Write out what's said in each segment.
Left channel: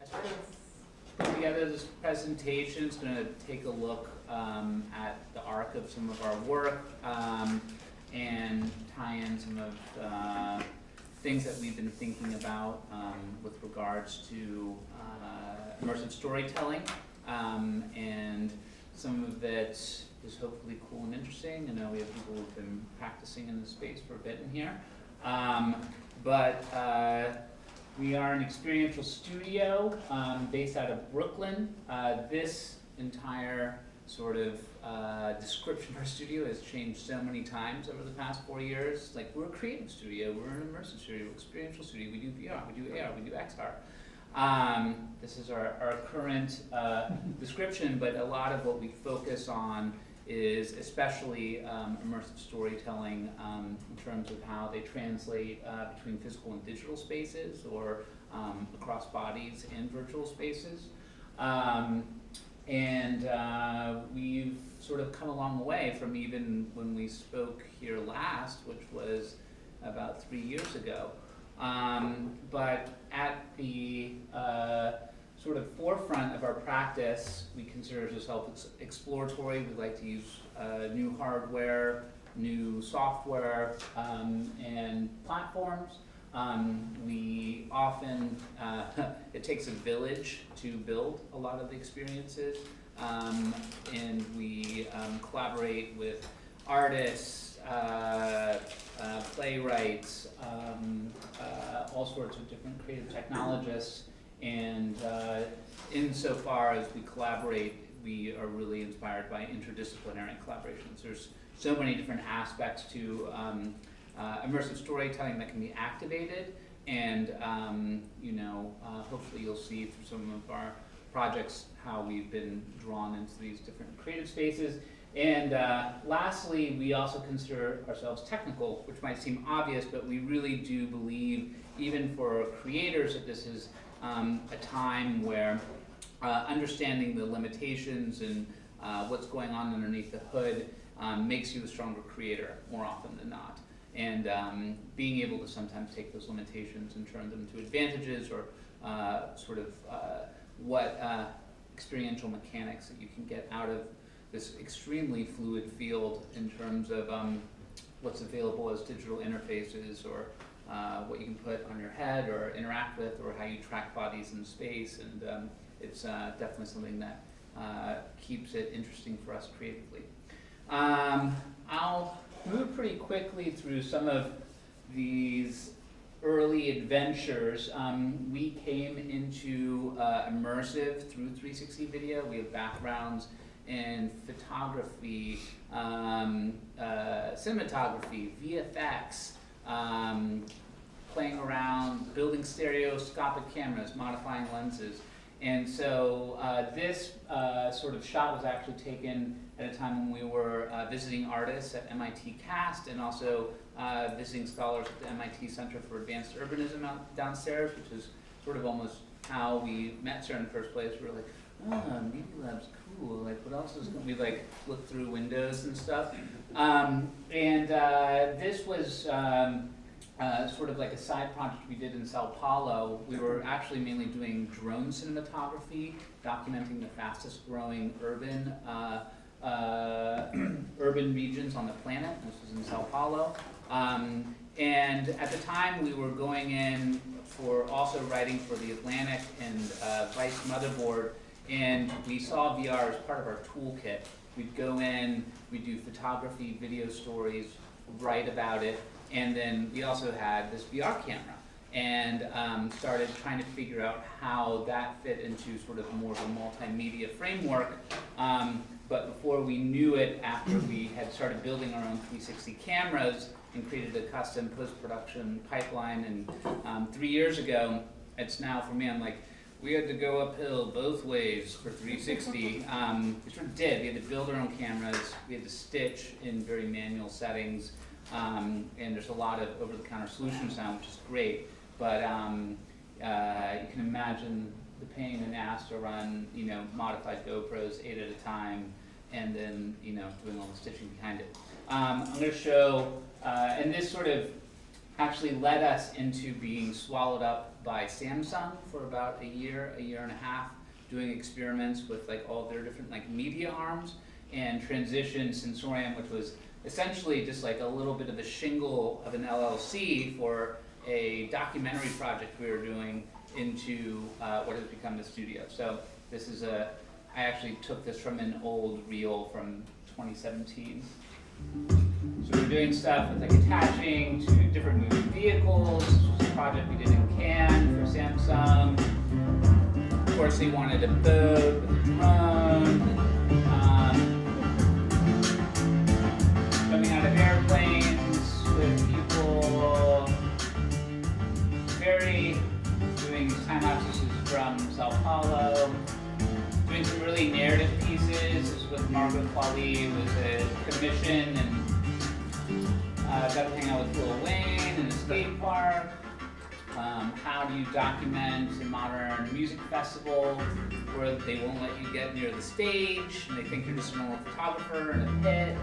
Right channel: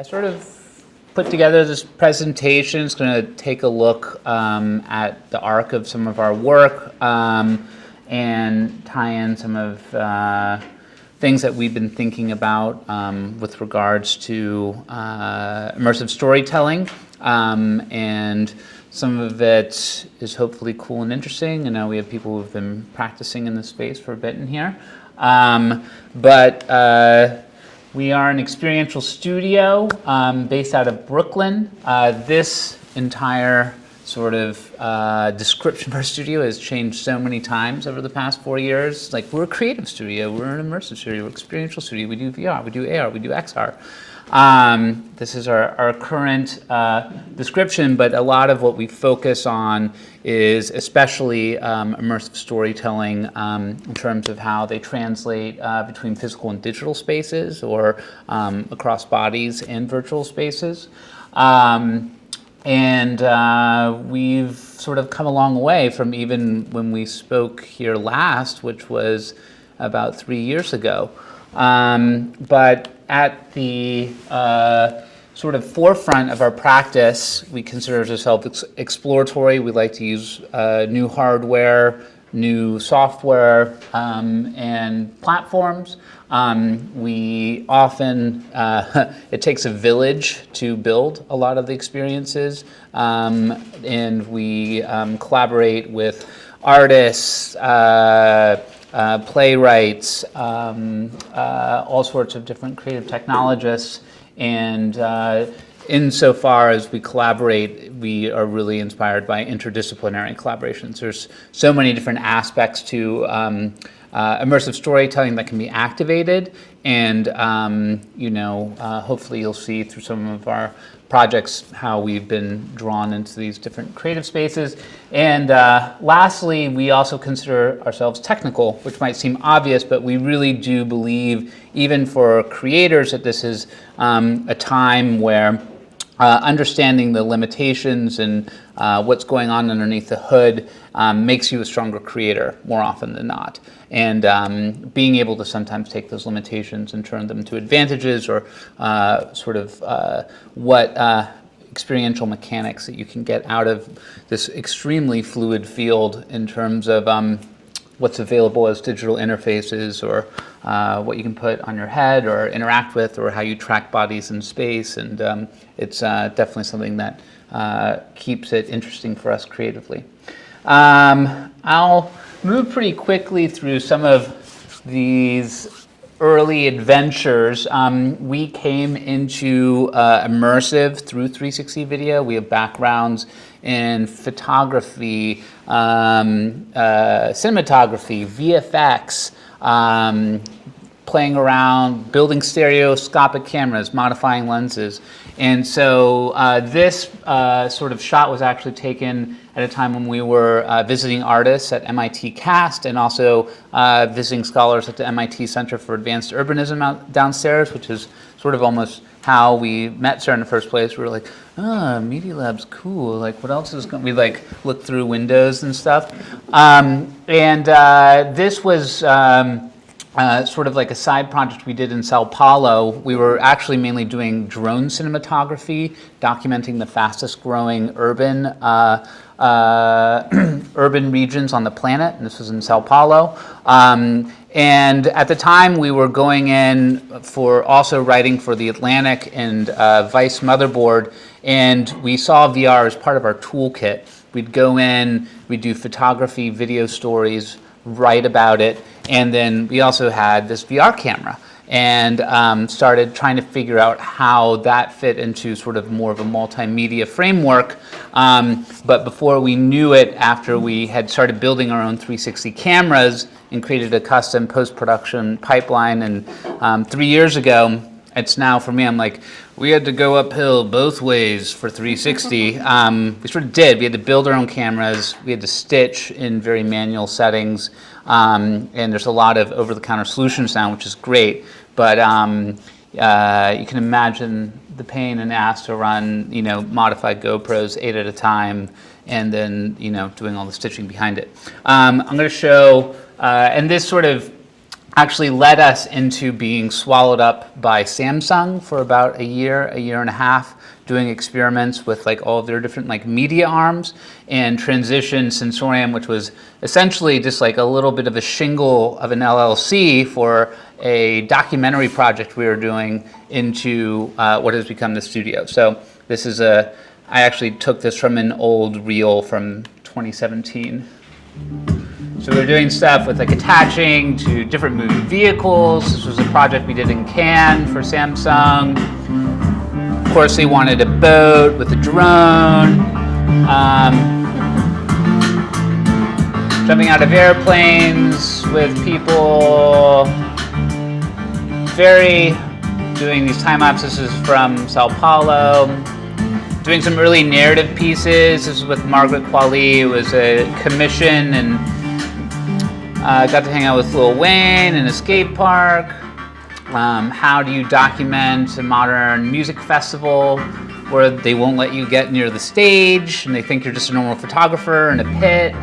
I sort of put together this presentation. It's going to take a look at the arc of some of our work and tie in some of things that we've been thinking about with regards to immersive storytelling. And some of it is hopefully cool and interesting. And now we have people who've been practicing in this space for a bit in here. We are an experiential studio based out of Brooklyn. This entire sort of description of our studio has changed so many times over the past 4 years. Like, we're a creative studio, we're an immersive studio, we're an experiential studio, we do VR, we do AR, we do XR. This is our current description, but a lot of what we focus on is especially immersive storytelling in terms of how they translate between physical and digital spaces, or across bodies and virtual spaces. We've sort of come a long way from even when we spoke here last, which was about 3 years ago. But at the sort of forefront of our practice, we consider ourselves exploratory. We like to use new hardware, new software, and platforms. We often, it takes a village to build a lot of the experiences, and we collaborate with artists, playwrights, all sorts of different creative technologists, and insofar as we collaborate, we are really inspired by interdisciplinary collaborations. There's so many different aspects to immersive storytelling that can be activated, and hopefully you'll see through some of our projects how we've been drawn into these different creative spaces. And lastly, we also consider ourselves technical, which might seem obvious, but we really do believe, even for creators, that this is a time where understanding the limitations and what's going on underneath the hood makes you a stronger creator more often than not. And being able to sometimes take those limitations and turn them to advantages, or what experiential mechanics that you can get out of this extremely fluid field in terms of what's available as digital interfaces, or what you can put on your head or interact with, or how you track bodies in space. And it's definitely something that keeps it interesting for us creatively. I'll move pretty quickly through some of these early adventures. We came into immersive through 360 video. We have backgrounds in photography, cinematography, VFX, playing around, building stereoscopic cameras, modifying lenses. And so this sort of shot was actually taken at a time when we were visiting artists at MIT CAST, and also visiting scholars at the MIT Center for Advanced Urbanism out downstairs, which is sort of almost how we met Sarah in the first place. We were like, Media Lab's cool. Like, what else is going? We like looked through windows and stuff. This was sort of like a side project we did in Sao Paulo. We were actually mainly doing drone cinematography, documenting the fastest growing urban regions on the planet, and this was in Sao Paulo. And at the time, we were going in for also writing for The Atlantic and Vice Motherboard, and we saw VR as part of our toolkit. We'd go in, we'd do photography, video stories, write about it, and then we also had this VR camera, and started trying to figure out how that fit into sort of more of a multimedia framework. But before we knew it, after we had started building our own 360 cameras and created a custom post-production pipeline, and 3 years ago, it's now, for me, I'm like, we had to go uphill both ways for 360. We sort of did. We had to build our own cameras. We had to stitch in very manual settings. And there's a lot of over-the-counter solutions now, which is great. But you can imagine the pain and ass to run, modified GoPros 8 at a time, and then, doing all the stitching behind it. I'm going to show, and this sort of actually led us into being swallowed up by Samsung for about a year and a half, doing experiments with like all of their different like media arms, and transitioned Sensorium, which was essentially just like a little bit of a shingle of an LLC for a documentary project we were doing, into what has become the studio. So this is I actually took this from an old reel from 2017. So we're doing stuff with like attaching to different moving vehicles. This was a project we did in Cannes for Samsung. Of course, they wanted a boat with a drone. Jumping out of airplanes with people. Doing these time lapses. This is from Sao Paulo. Doing some early narrative pieces. This is with Margaret Qualley. It was a commission, and got to hang out with Lil Wayne in a skate park. How do you document a modern music festival where they won't let you get near the stage and they think you're just a normal photographer in a pit?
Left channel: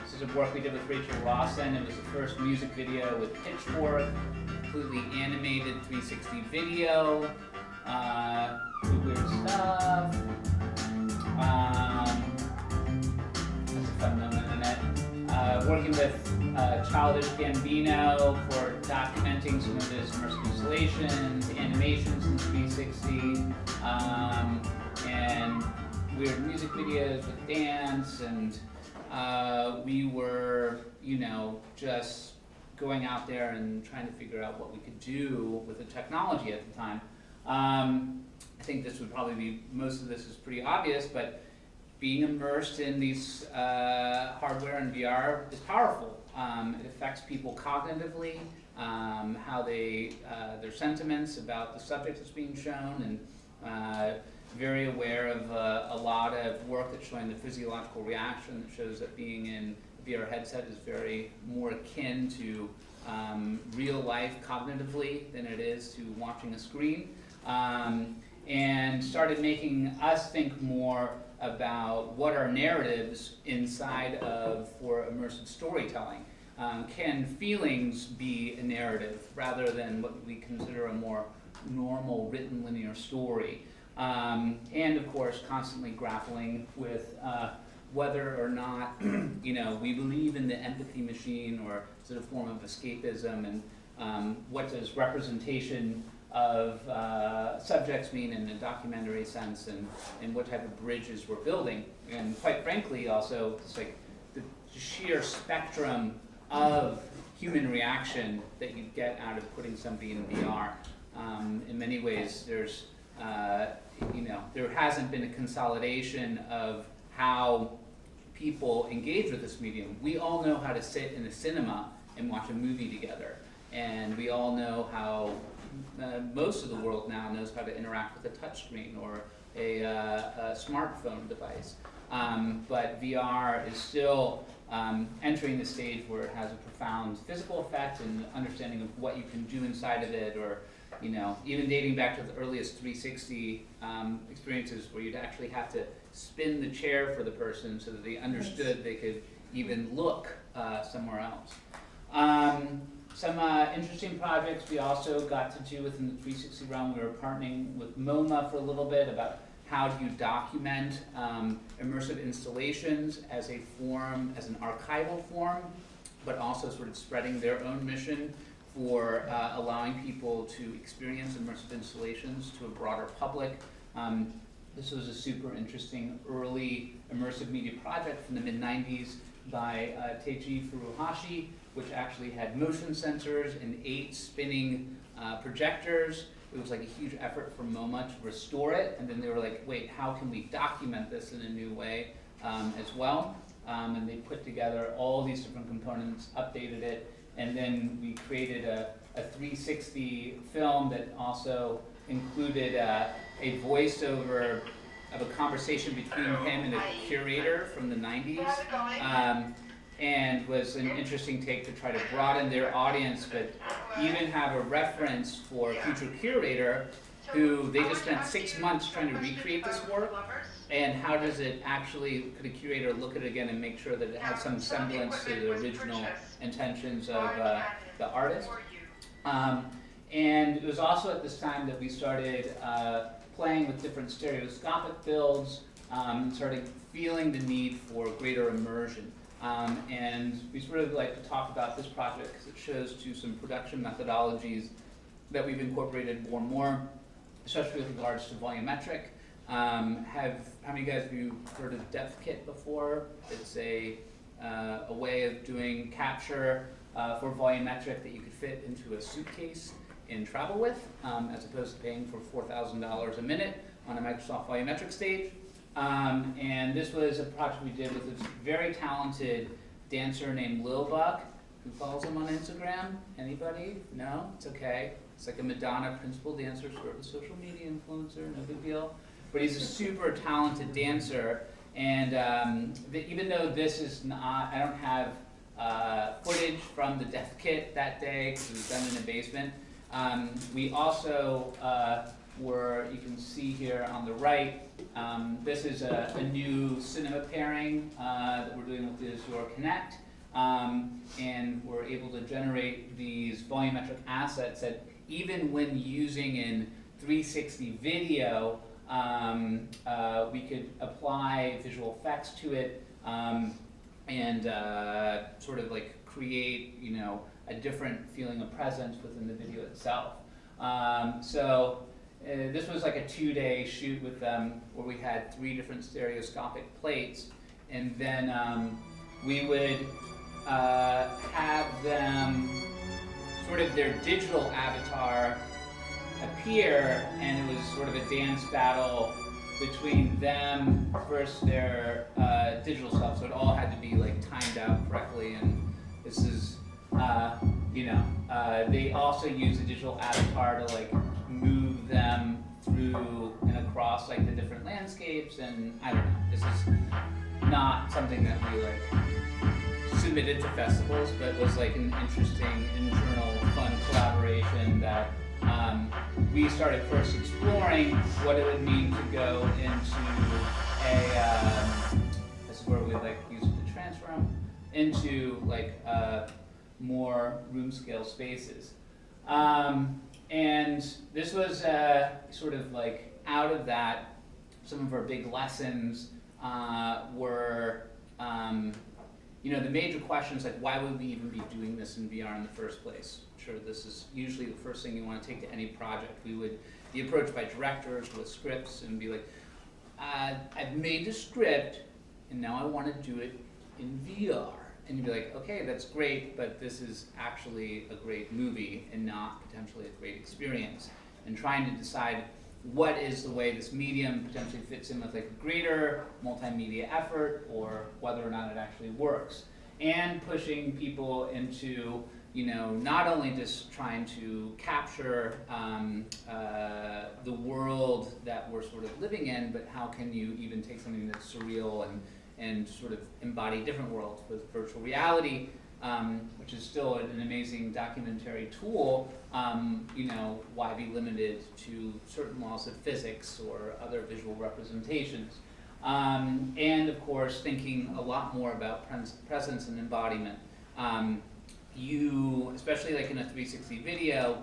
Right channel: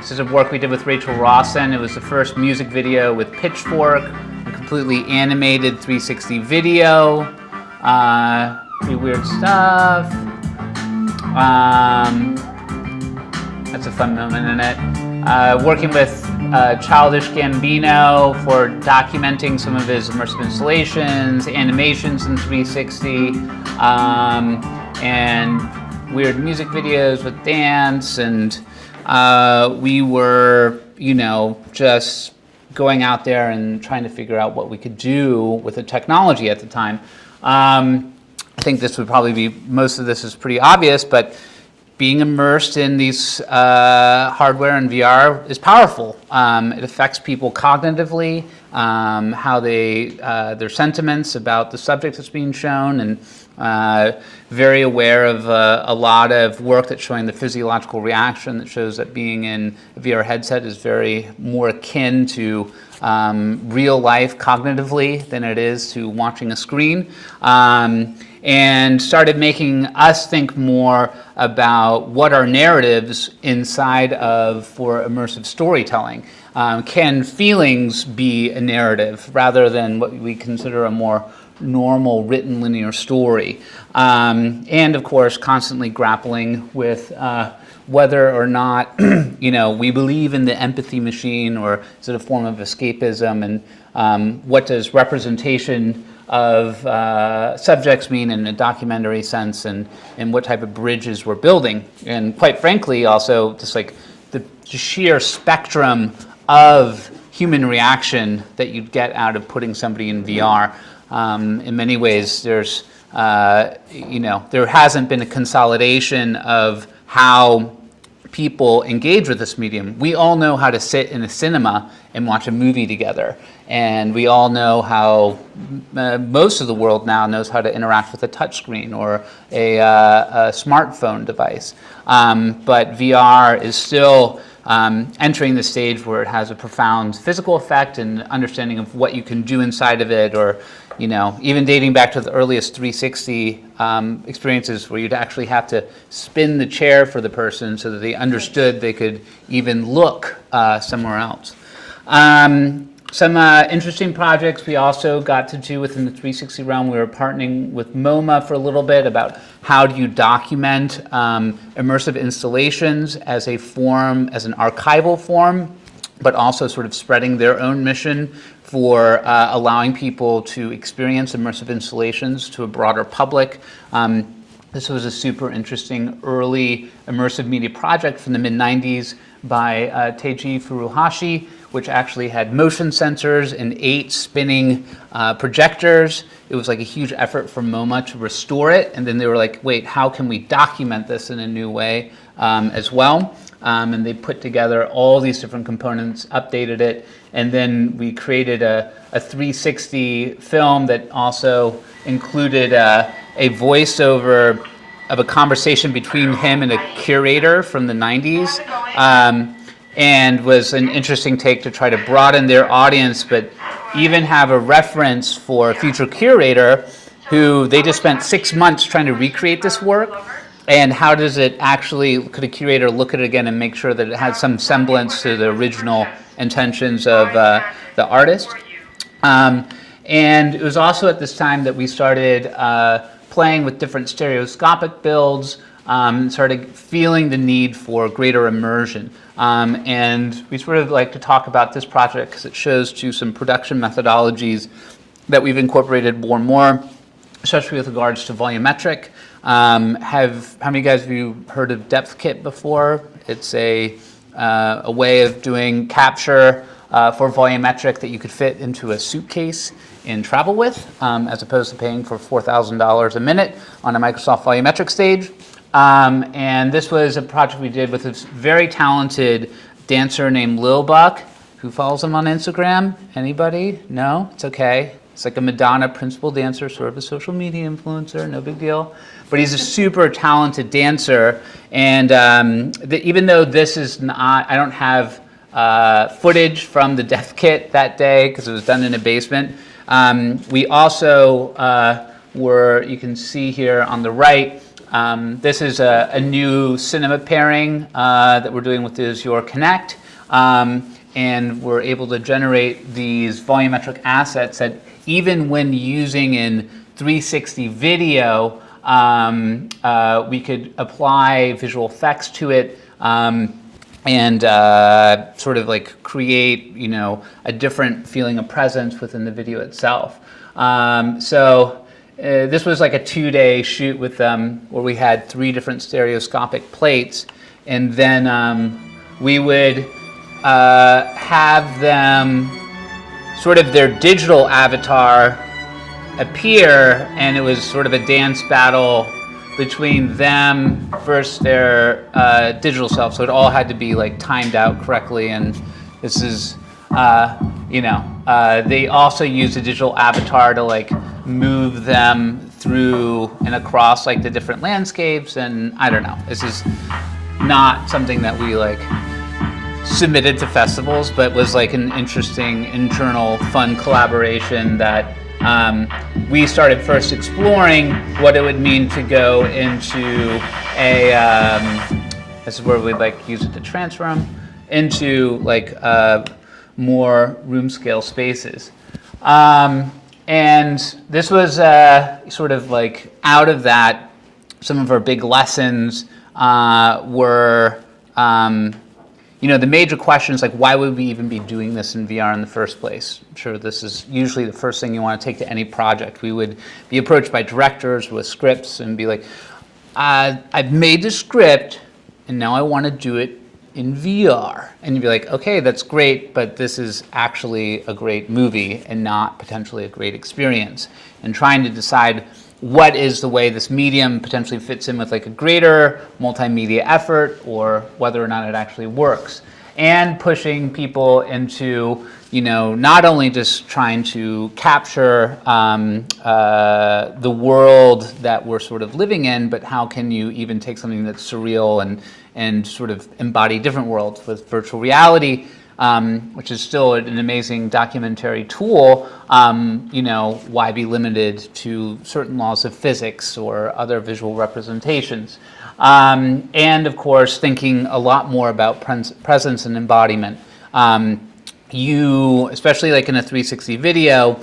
This is a work we did with Rachel Rawson. It was the first music video with Pitchfork, a completely animated 360 video. Pretty weird stuff. That's a fun moment in it. Working with Childish Gambino for documenting some of his immersive installations, animations in 360, and weird music videos with dance. And we were, just going out there and trying to figure out what we could do with the technology at the time. I think this would probably be, most of this is pretty obvious, but being immersed in these hardware and VR is powerful. It affects people cognitively, how their sentiments about the subject that's being shown, and very aware of a lot of work that's showing the physiological reaction that shows that being in a VR headset is very more akin to real life cognitively than it is to watching a screen. And started making us think more about what are narratives inside of for immersive storytelling. Can feelings be a narrative rather than what we consider a more normal written linear story? And of course, constantly grappling with whether or not we believe in the empathy machine, or is it a form of escapism, and what does representation of subjects mean in a documentary sense, and what type of bridges we're building. And quite frankly, also just like the sheer spectrum of human reaction that you'd get out of putting somebody in VR. In many ways, there's, there hasn't been a consolidation of how people engage with this medium. We all know how to sit in a cinema and watch a movie together. And we all know how most of the world now knows how to interact with a touchscreen or a smartphone device. But VR is still entering the stage where it has a profound physical effect and understanding of what you can do inside of it, or even dating back to the earliest 360 experiences where you'd actually have to spin the chair for the person so that they understood they could even look somewhere else. Some interesting projects we also got to do within the 360 realm. We were partnering with MoMA for a little bit about how do you document immersive installations as a form, as an archival form, but also sort of spreading their own mission for allowing people to experience immersive installations to a broader public. This was a super interesting early immersive media project from the mid-90s by Teiji Furuhashi, which actually had motion sensors and 8 spinning projectors. It was like a huge effort for MoMA to restore it, and then they were like, wait, how can we document this in a new way as well? And they put together all these different components, updated it, and then we created a 360 film that also included a voiceover of a conversation between him and a curator from the 90s. And was an interesting take to try to broaden their audience, but even have a reference for a future curator who they just spent 6 months trying to recreate this work. And how does it actually, could a curator look at it again and make sure that it has some semblance to the original intentions of the artist. And it was also at this time that we started playing with different stereoscopic builds, started feeling the need for greater immersion. And we sort of like to talk about this project because it shows to some production methodologies that we've incorporated more and more, especially with regards to volumetric. How many guys of you heard of Depth Kit before? It's a way of doing capture for volumetric that you could fit into a suitcase and travel with, as opposed to paying for $4,000 a minute on a Microsoft volumetric stage. And this was a project we did with this very talented dancer named Lil Buck. Who follows him on Instagram? Anybody? No? It's okay. It's like a Madonna principal dancer, sort of a social media influencer, no big deal. But he's a super talented dancer. And even though this is not, I don't have footage from the Depth Kit that day because it was done in a basement. We also you can see here on the right, this is a new cinema pairing that we're doing with the Azure Connect. And we're able to generate these volumetric assets that even when using in 360 video, we could apply visual effects to it and sort of like create, a different feeling of presence within the video itself. This was like a 2-day shoot with them where we had 3 different stereoscopic plates, and then we would have them sort of their digital avatar appear, and it was sort of a dance battle between them versus their digital self. So it all had to be like timed out correctly, and this is, they also use a digital avatar to like move them through and across like the different landscapes, and I don't know. This is not something that we like submitted to festivals, but was like an interesting internal fun collaboration that we started first exploring what it would mean to go into this is where we'd like use it to transfer them into like more room scale spaces. And this was sort of like out of that, some of our big lessons were the major questions like why would we even be doing this in VR in the first place? I'm sure this is usually the first thing you want to take to any project. We would be approached by directors with scripts and be like, I've made the script and now I want to do it in VR. And you'd be like, okay, that's great, but this is actually a great movie and not potentially a great experience. And trying to decide what is the way this medium potentially fits in with like a greater multimedia effort, or whether or not it actually works. And pushing people into, not only just trying to capture the world that we're sort of living in, but how can you even take something that's surreal and sort of embody different worlds with virtual reality, which is still an amazing documentary tool. Why be limited to certain laws of physics or other visual representations? And of course, thinking a lot more about presence and embodiment. You, especially like in a 360 video,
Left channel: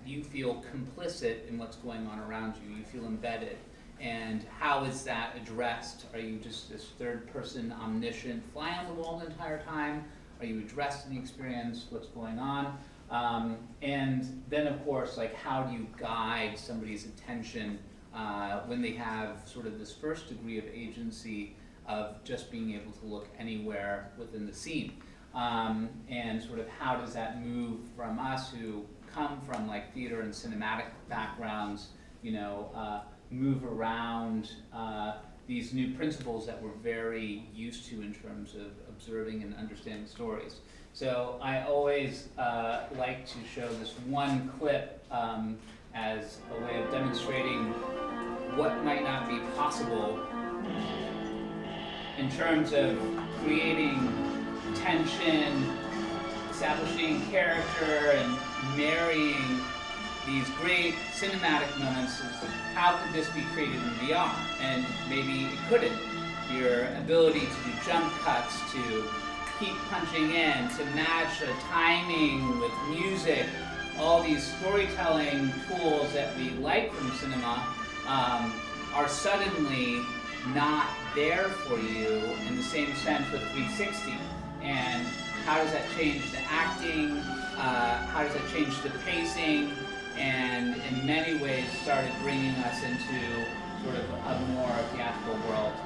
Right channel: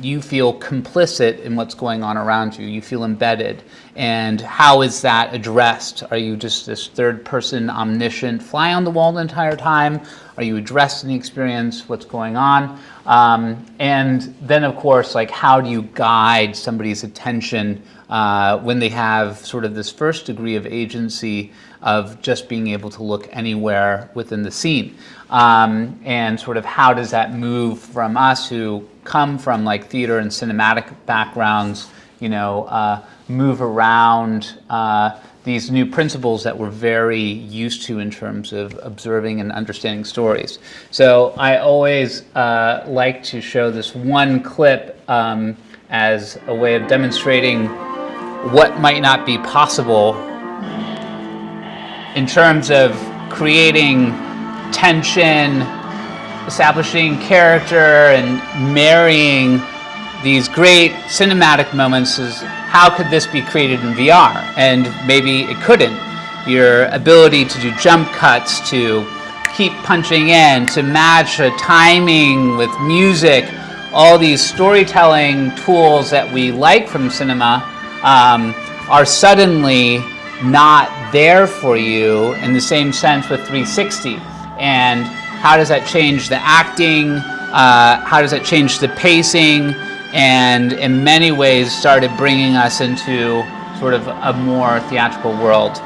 you feel complicit in what's going on around you. You feel embedded. And how is that addressed? Are you just this third person omniscient fly on the wall the entire time? Are you addressed in the experience? What's going on? And then of course, like how do you guide somebody's attention when they have sort of this first degree of agency of just being able to look anywhere within the scene? And sort of how does that move from us who come from like theater and cinematic backgrounds, move around these new principles that we're very used to in terms of observing and understanding stories. So I always like to show this one clip as a way of demonstrating what might not be possible in terms of creating tension, establishing character, and marrying these great cinematic moments. Is how could this be created in VR? And maybe it couldn't. Your ability to do jump cuts, to keep punching in to match a timing with music, all these storytelling tools that we like from cinema are suddenly not there for you in the same sense with 360. And how does that change the acting? How does that change the pacing? And in many ways started bringing us into sort of a more theatrical world.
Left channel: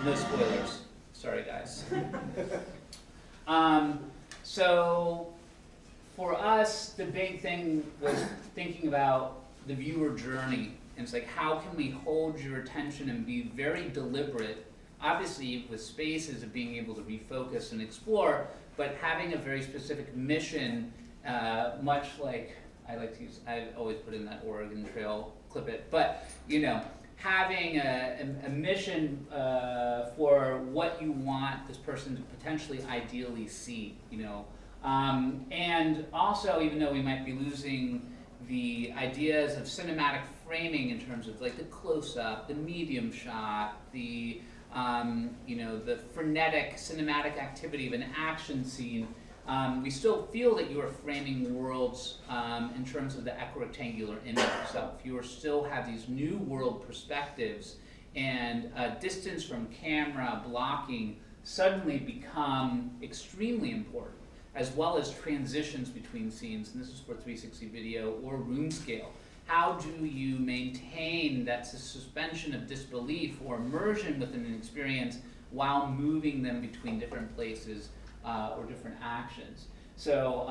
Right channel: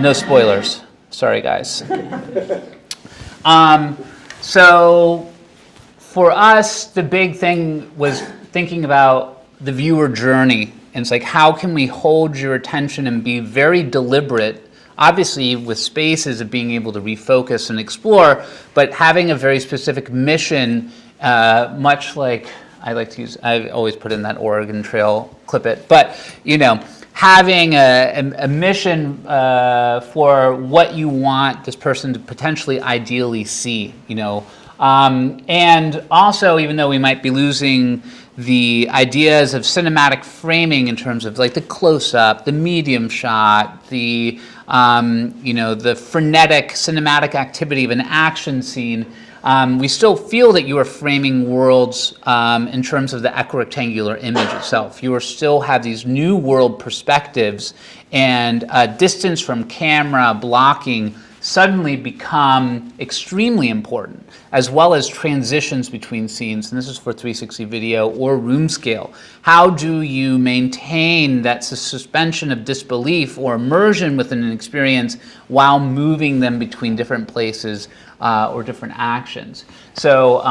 No spoilers. Sorry, guys. So for us, the big thing was thinking about the viewer journey. And it's like, how can we hold your attention and be very deliberate, obviously with spaces of being able to refocus and explore, but having a very specific mission, much like I always put in that Oregon Trail, clip it, but having a mission for what you want this person to potentially ideally see, and also, even though we might be losing the ideas of cinematic framing in terms of like the close-up, the medium shot, the the frenetic cinematic activity of an action scene, we still feel that you are framing worlds in terms of the equirectangular image itself. You still have these new world perspectives, and distance from camera, blocking, suddenly become extremely important, as well as transitions between scenes. And this is for 360 video or room scale. How do you maintain that suspension of disbelief or immersion within an experience while moving them between different places or different actions? So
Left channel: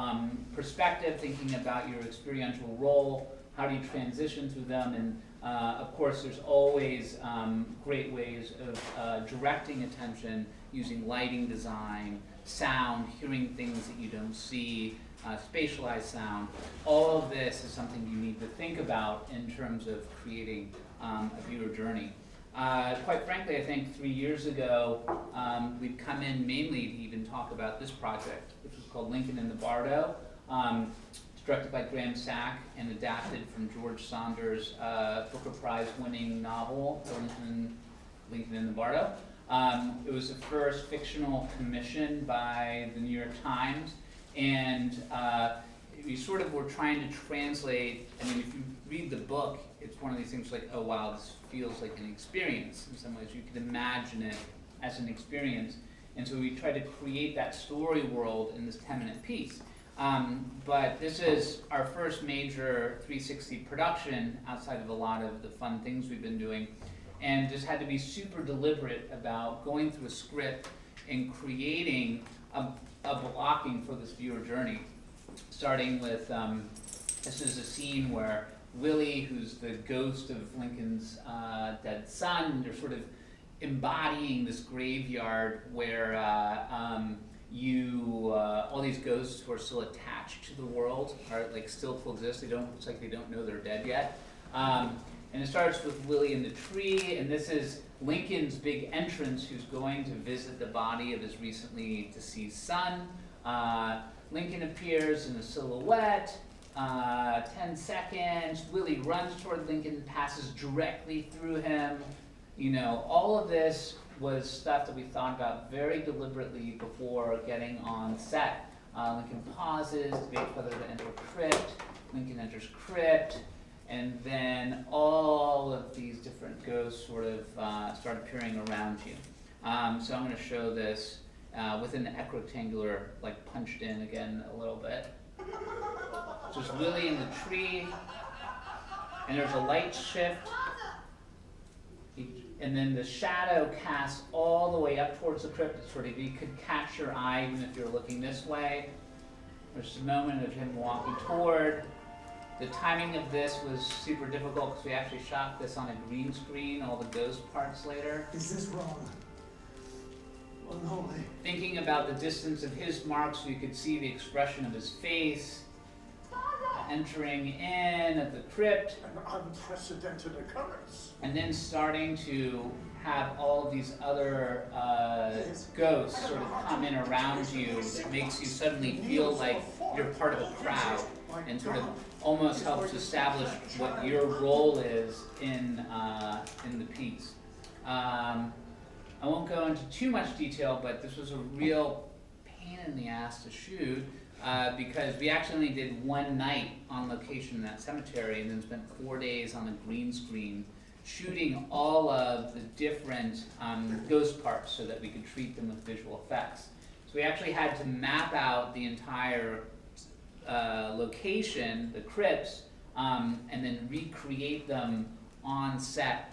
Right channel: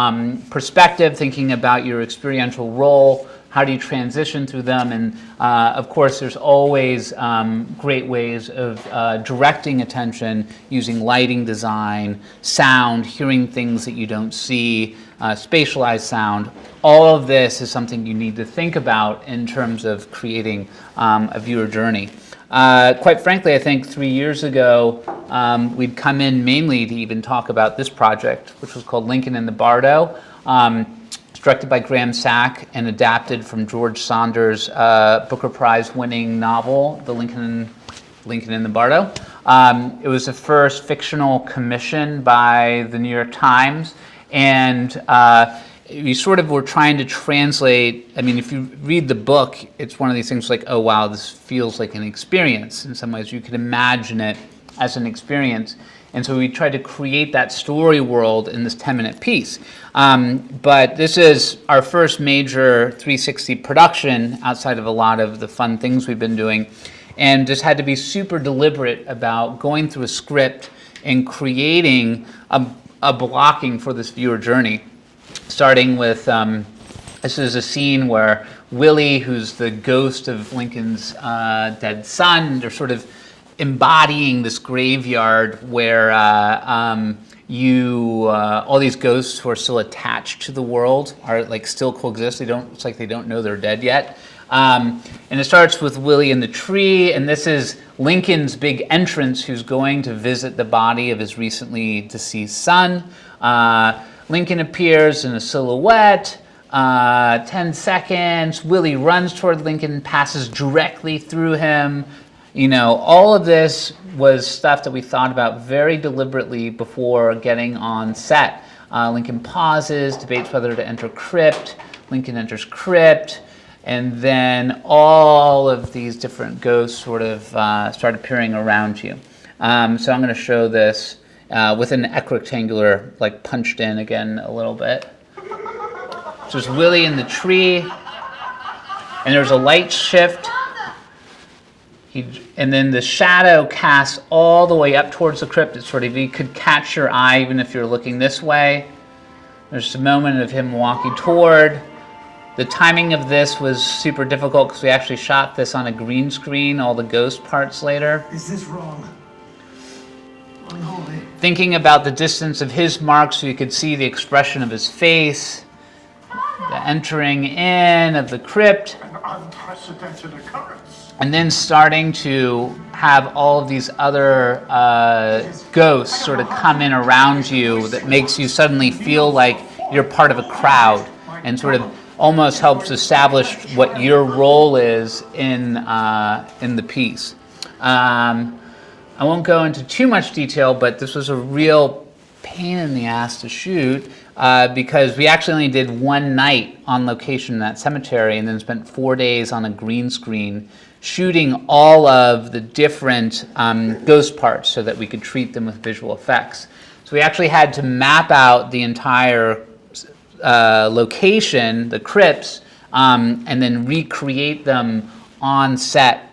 perspective, thinking about your experiential role, how do you transition through them? And of course, there's always great ways of directing attention using lighting design, sound, hearing things that you don't see, spatialized sound. All of this is something you need to think about in terms of creating a viewer journey. Quite frankly, I think 3 years ago, we'd come in mainly to even talk about this project, which was called Lincoln in the Bardo. It's directed by Graham Sack and adapted from George Saunders' Booker Prize winning novel, The Lincoln in the Bardo. It was the first fictional commission by the New York Times, and we sort of were trying to translate. I mean, if you read the book, it's one of these things like, oh wow, this feels like an experience. In some ways, you could imagine it as an experience. And so we tried to create that story world in this 10-minute piece. But this is our first major 360 production outside of a lot of the fun things we've been doing. And just had to be super deliberate about going through a script and creating a blocking for this viewer journey. Starting with, this is a scene where Willie, who's the ghost of Lincoln's dead son, they're sort of embodying this graveyard where all these ghosts who are still attached to the world are like still coexist. It's like they don't know they're dead yet. And it starts with Willie in the tree, and this is Lincoln's big entrance, who's going to visit the body of his recently deceased son. Lincoln appears in a silhouette. 10 seconds. Willie runs toward Lincoln, passes directly through him. All of this was stuff that we thought about very deliberately before getting on set. Lincoln pauses, debates whether to enter crypt. Lincoln enters crypt. And then all of these different ghosts sort of start appearing around you. So I'm going to show this with an equirectangular, like punched in again a little bit. So there's Willie in the tree. And there's a light shift. And then the shadow casts all the way up towards the crypt. It's sort of, you could catch your eye even if you're looking this way. There's a moment of him walking toward. The timing of this was super difficult because we actually shot this on a green screen, all the ghost parts later. Is this wrong? Unholy. Thinking about the distance of his mark so you could see the expression of his face. The entering in of the crypt. An unprecedented occurrence. And then starting to have all of these other ghosts sort of come in around you that makes you suddenly feel like you're part of a crowd and sort of almost helps establish what your role is in the piece. I won't go into too much detail, but this was a real pain in the ass to shoot because we actually only did one night on location in that cemetery and then spent 4 days on a green screen shooting all of the different ghost parts so that we could treat them with visual effects. So we actually had to map out the entire location, the crypts, and then recreate them on set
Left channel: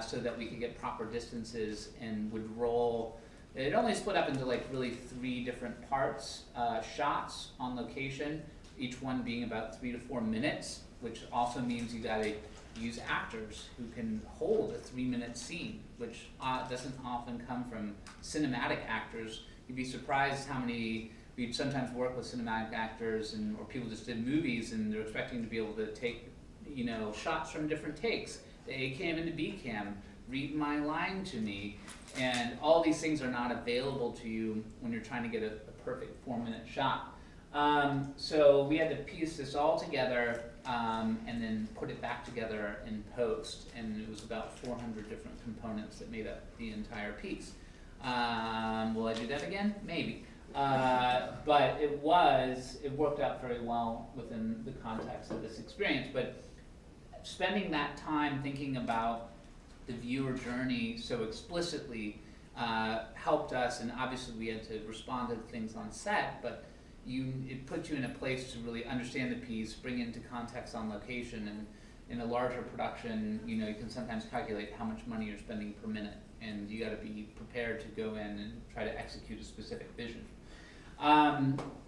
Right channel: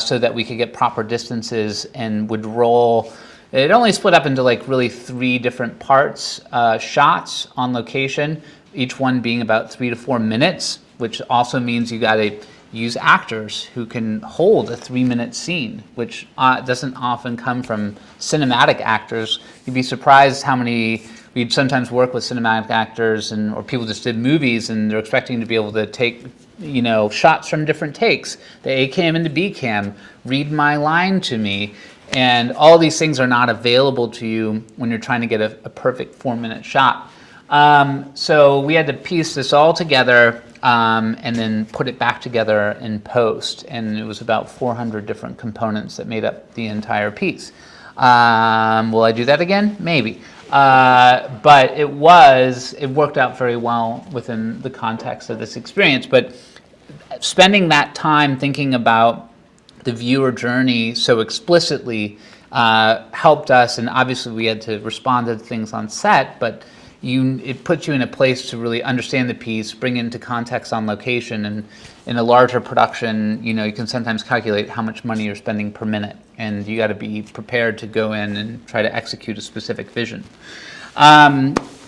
so that we could get proper distances and would roll. It only split up into like really 3 different parts, shots on location, each one being about 3 to 4 minutes, which also means you got to use actors who can hold a 3-minute scene, which doesn't often come from cinematic actors. You'd be surprised how many. We'd sometimes work with cinematic actors or people just did movies and they're expecting to be able to take, shots from different takes, the A cam into B cam, read my line to me. And all these things are not available to you when you're trying to get a perfect 4-minute shot. So we had to piece this all together and then put it back together in post. And it was about 400 different components that made up the entire piece. Will I do that again? Maybe. But it worked out very well within the context of this experience. But spending that time thinking about the viewer journey so explicitly helped us, and obviously we had to respond to things on set, but it puts you in a place to really understand the piece, bring it into context on location, and in a larger production, you can sometimes calculate how much money you're spending per minute, and you got to be prepared to go in and try to execute a specific vision.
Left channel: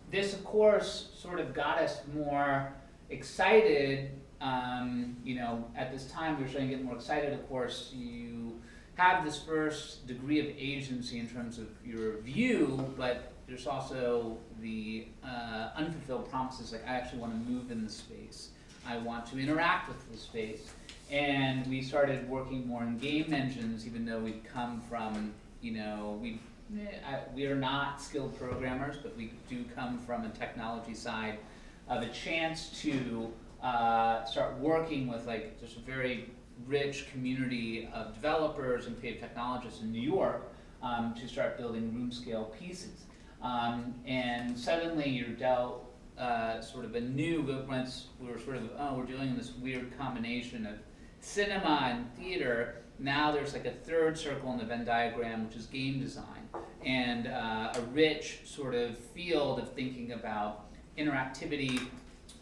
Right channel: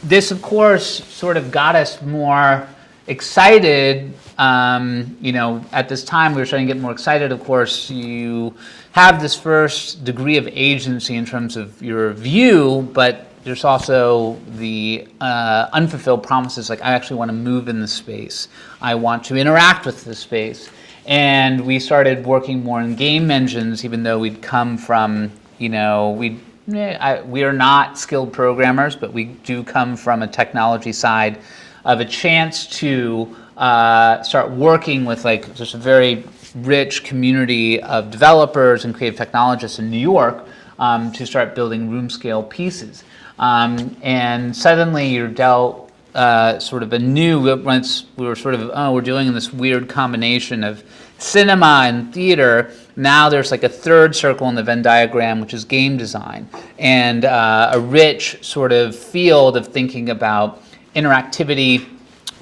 This, of course, sort of got us more excited. At this time, we were starting to get more excited. Of course, you have this first degree of agency in terms of your view, but there's also the unfulfilled promises, like I actually want to move in the space. I want to interact with the space. And we started working more in game engines, even though we'd come from, we are not skilled programmers, but we do come from a technology side of a chance to start working with just a very rich community of developers and creative technologists in New York to start building room scale pieces. And suddenly you're dealt sort of a new, once we were sort of, we're doing this weird combination of cinema and theater. Now there's like a third circle in the Venn diagram, which is game design, and a rich sort of field of thinking about interactivity.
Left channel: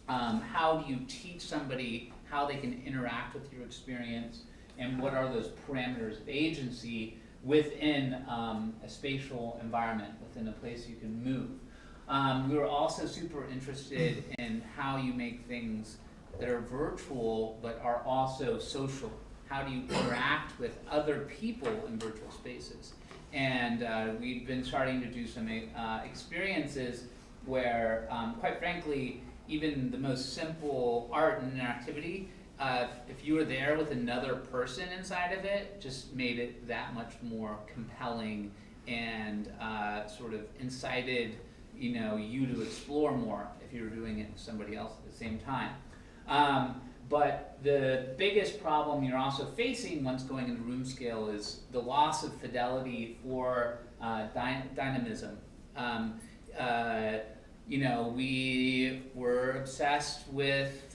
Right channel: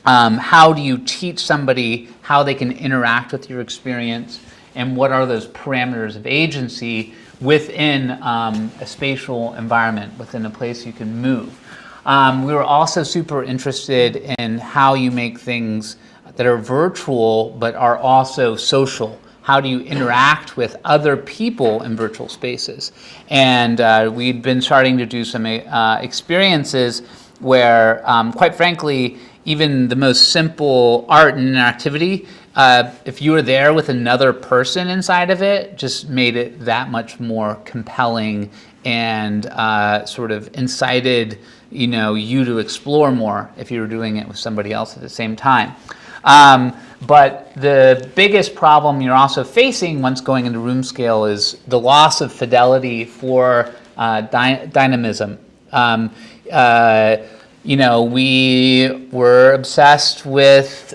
How do you teach somebody how they can interact with your experience, and what are those parameters of agency within a spatial environment, within a place you can move. We were also super interested in how you make things that are virtual but are also social. How do you interact with other people in virtual spaces? And we'd been starting to do some experiences where, quite frankly, even the most simple art and interactivity, if you were there with another person inside of it, just made it that much more compelling and sort of incited you to explore more if you were doing it with somebody else at the same time. But the biggest problem you're also facing once going into room scale is the loss of fidelity for dynamism. We were obsessed with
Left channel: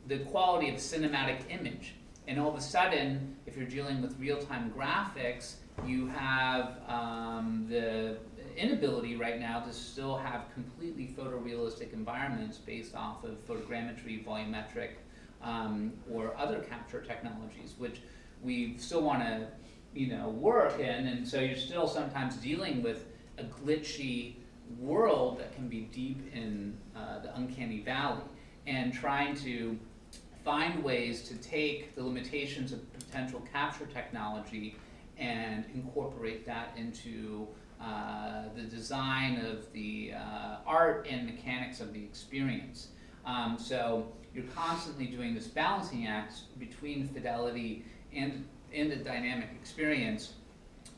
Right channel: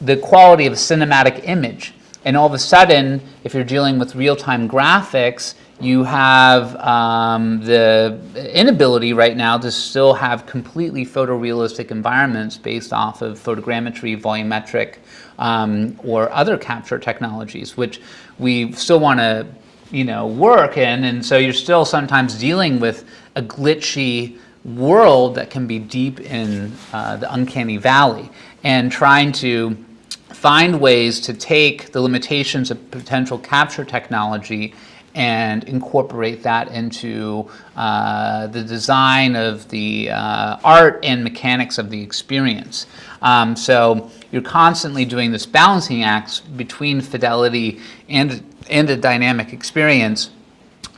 the quality of a cinematic image. And all of a sudden, if you're dealing with real-time graphics, you have the inability right now to still have completely photorealistic environments based off of photogrammetry, volumetric, or other capture technologies, which we still want to, work in. And so you're still sometimes dealing with a glitchy world that can be deep in the uncanny valley, and trying to find ways to take the limitations of potential capture technology and incorporate that into the design of the art and mechanics of the experience. So you're constantly doing this balancing act between fidelity and a dynamic experience.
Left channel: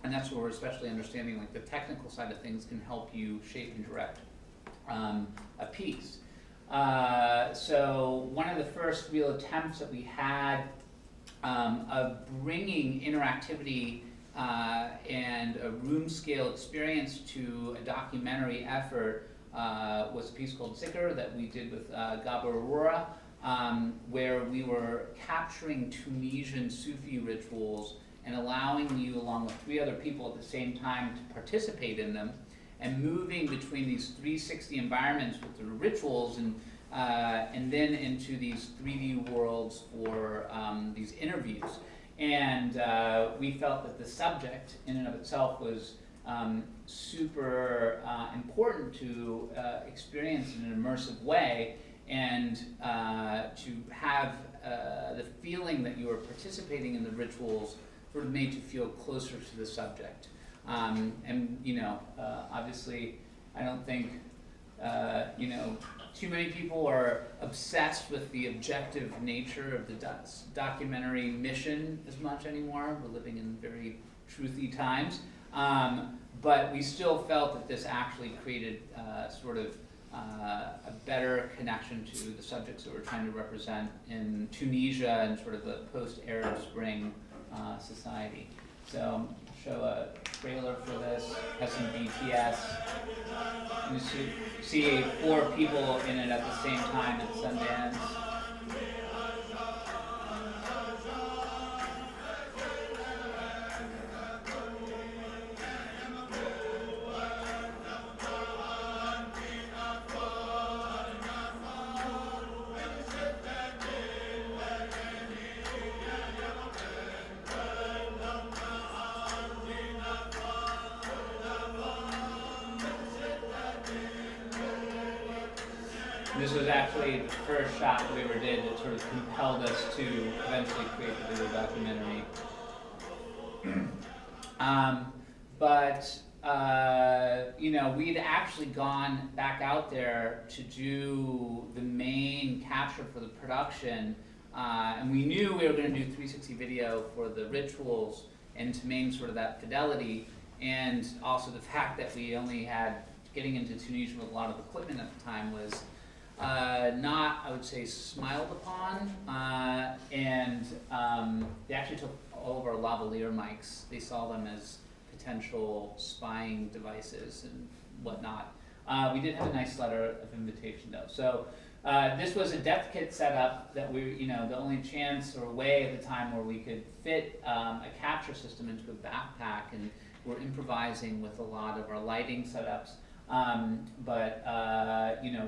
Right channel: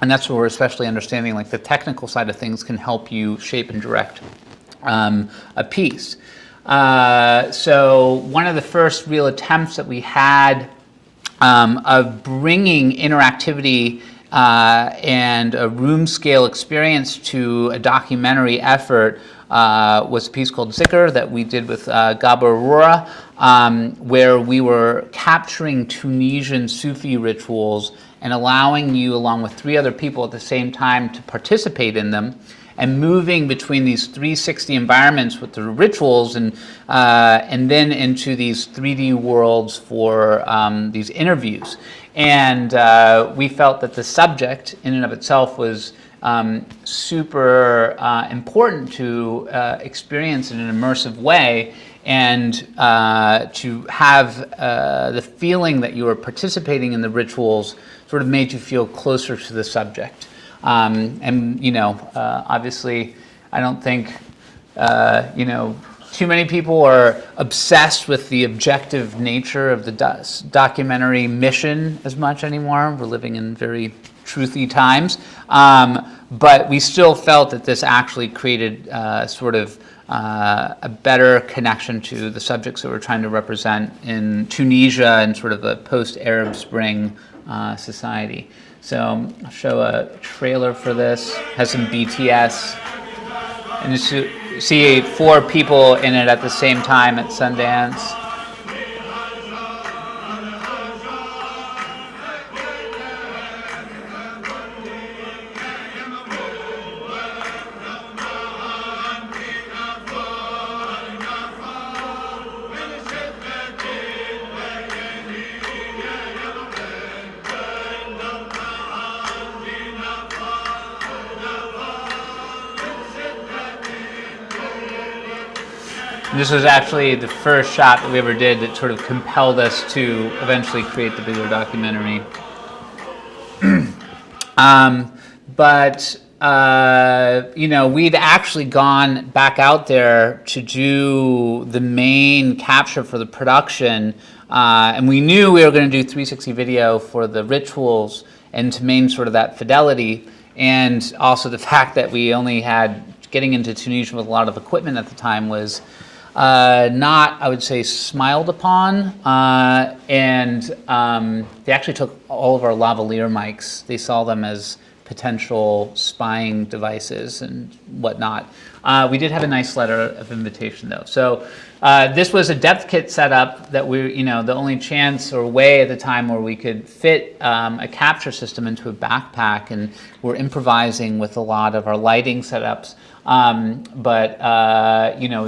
And that's where we're especially understanding the technical side of things can help you shape and direct a piece. So one of the first real attempts that we had of bringing interactivity and a room scale experience to a documentary effort was a piece called Zikr that we did with Gabor Aurora, where we were capturing Tunisian Sufi rituals and allowing you, along with 3 other people at the same time, to participate in them, and moving between these 360 environments with the rituals and then into these 3D worlds for these interviews. And we felt that the subject in and of itself was super important to experience in an immersive way, and to have the feeling that you were participating in the rituals sort of made you feel closer to the subject. And, obviously, I don't think, too many people are obsessed with the objective nature of the documentary mission as much anymore. We're living in very truthy times. But we still felt that this actually created sort of a better connection to the subjects that we're trying to represent in Tunisia and sort of a post-Arab Spring society. So I'll show a trailer for this. Has some BTS. And you see 4 people in it at the same time at Sundance. This was actually the first shot that we ever did that sort of compelled us to eventually create the video documentary. We'd actually gone back out there to do the main capture for the production, and we knew we were going to do 360 video for the rituals and to maintain sort of that fidelity, and also the fact that we only had, getting into Tunisia with a lot of equipment at the time was not, I would say, smiled upon, and they actually took all of our lavalier mics. They saw them as potential spying devices and whatnot. We did have a nice letter of invitation, though. So this was a depth kit setup that we, the only chance or way at the time where we could fit a capture system into a backpack, and we're improvising with a lot of our lighting setups.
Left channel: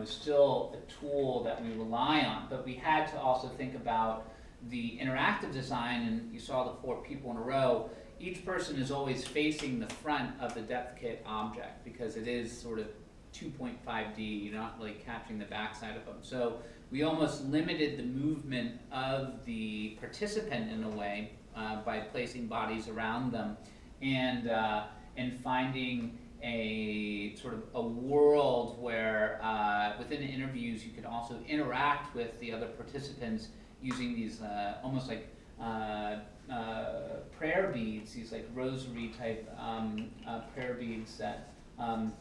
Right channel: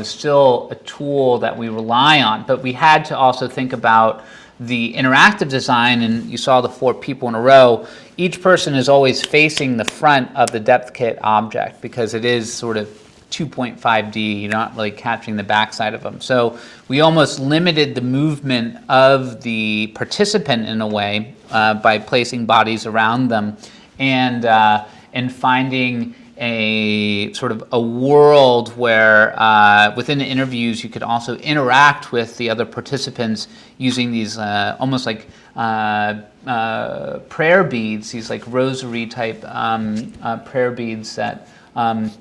It's still a tool that we rely on. But we had to also think about the interactive design, and you saw the 4 people in a row. Each person is always facing the front of the depth kit object because it is sort of 2.5D. You're not really capturing the backside of them. So we almost limited the movement of the participant in a way by placing bodies around them and finding a sort of a world where within the interviews you could also interact with the other participants using these almost like prayer beads, these like rosary type prayer beads that Igal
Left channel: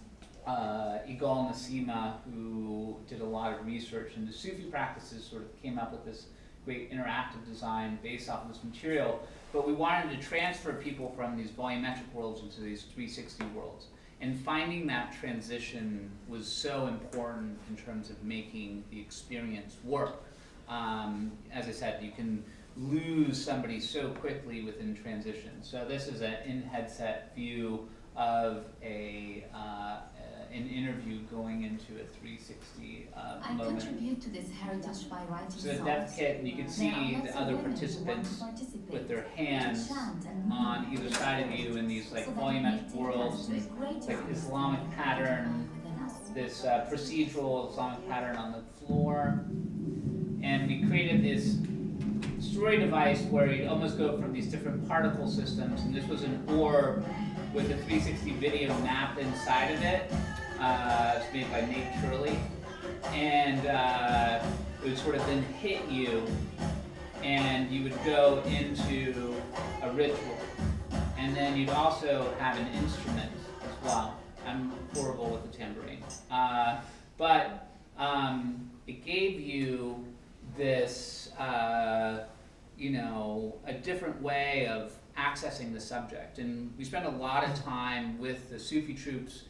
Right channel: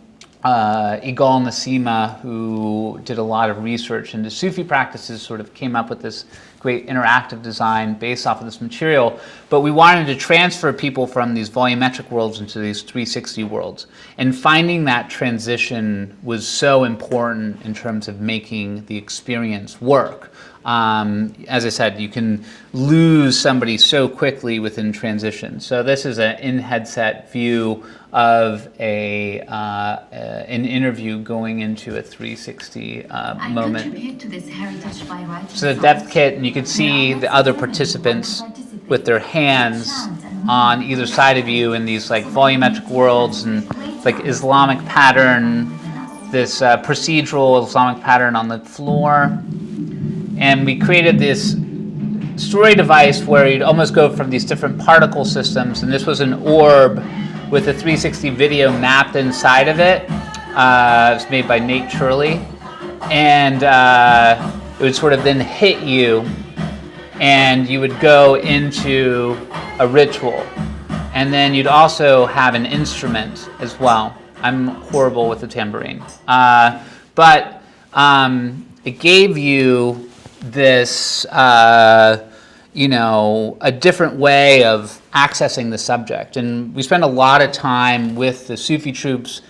Nasima, who did a lot of research into Sufi practices, sort of came up with this great interactive design based off of this material. But we wanted to transfer people from these volumetric worlds into these 360 worlds. And finding that transition was so important in terms of making the experience work. As I said, you can lose somebody so quickly within transition. So this is an in-headset view of an interview going into a 360 moment. So the depth kit, and you can see the other participants with their hands on either side of you in these like volumetric worlds and like Islamic pattern, this procedural Islamic pattern on the floor. And we created this story device where you'd almost go from these different particle systems, and this was an orb with a 360 video mapped inside of it. It was made by Nate Turley. And it would sort of then hit you, and you would go into a ritual. And then you'd also have an instrument as well. I'm horrible with the tambourine. But it gave you this, a different way of accessing the subject. And we spent a lot of time with the Sufi troops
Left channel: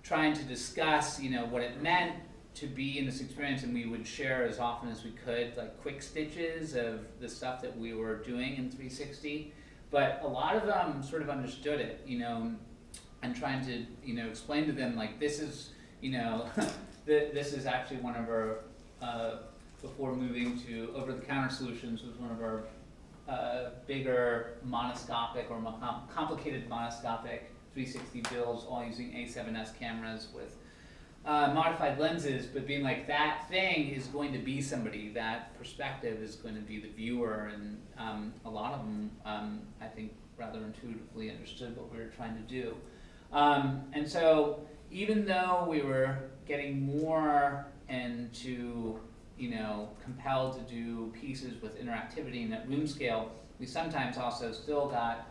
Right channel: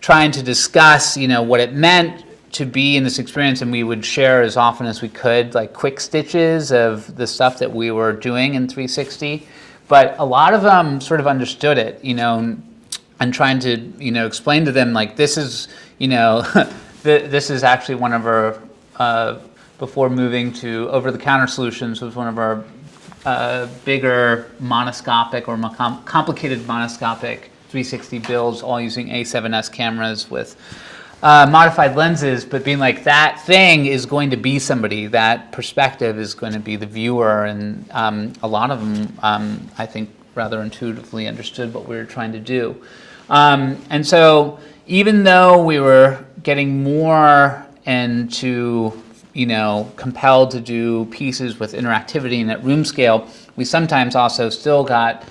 trying to discuss, what it meant to be in this experience, and we would share as often as we could, like quick stitches of the stuff that we were doing in 360. But a lot of them sort of understood it, and trying to, explain to them, like, this is, this is actually one of our, before moving to over-the-counter solutions, was one of our bigger monoscopic or complicated monoscopic 360 builds, all using A7S cameras with modified lenses, but being like, that thing is going to be somebody, that perspective is going to be the viewer, and a lot of them, I think, rather intuitively understood what we were trying to do. And so even though we were getting more into, compelled to do pieces with interactivity and at room scale, we sometimes also still got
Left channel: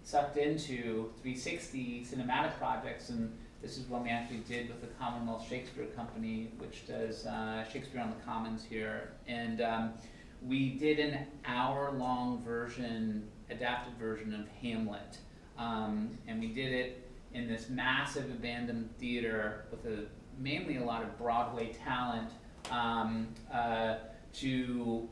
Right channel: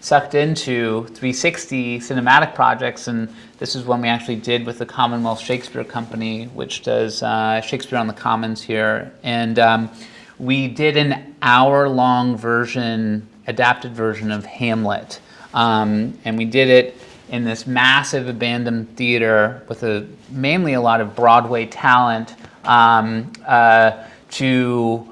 sucked into 360 cinematic projects, and this is one we actually did with the Commonwealth Shakespeare Company, which does Shakespeare on the Commons here. And we did an hour-long version, adapted version of Hamlet. And we did it in this massive abandoned theater with mainly a lot of Broadway talent to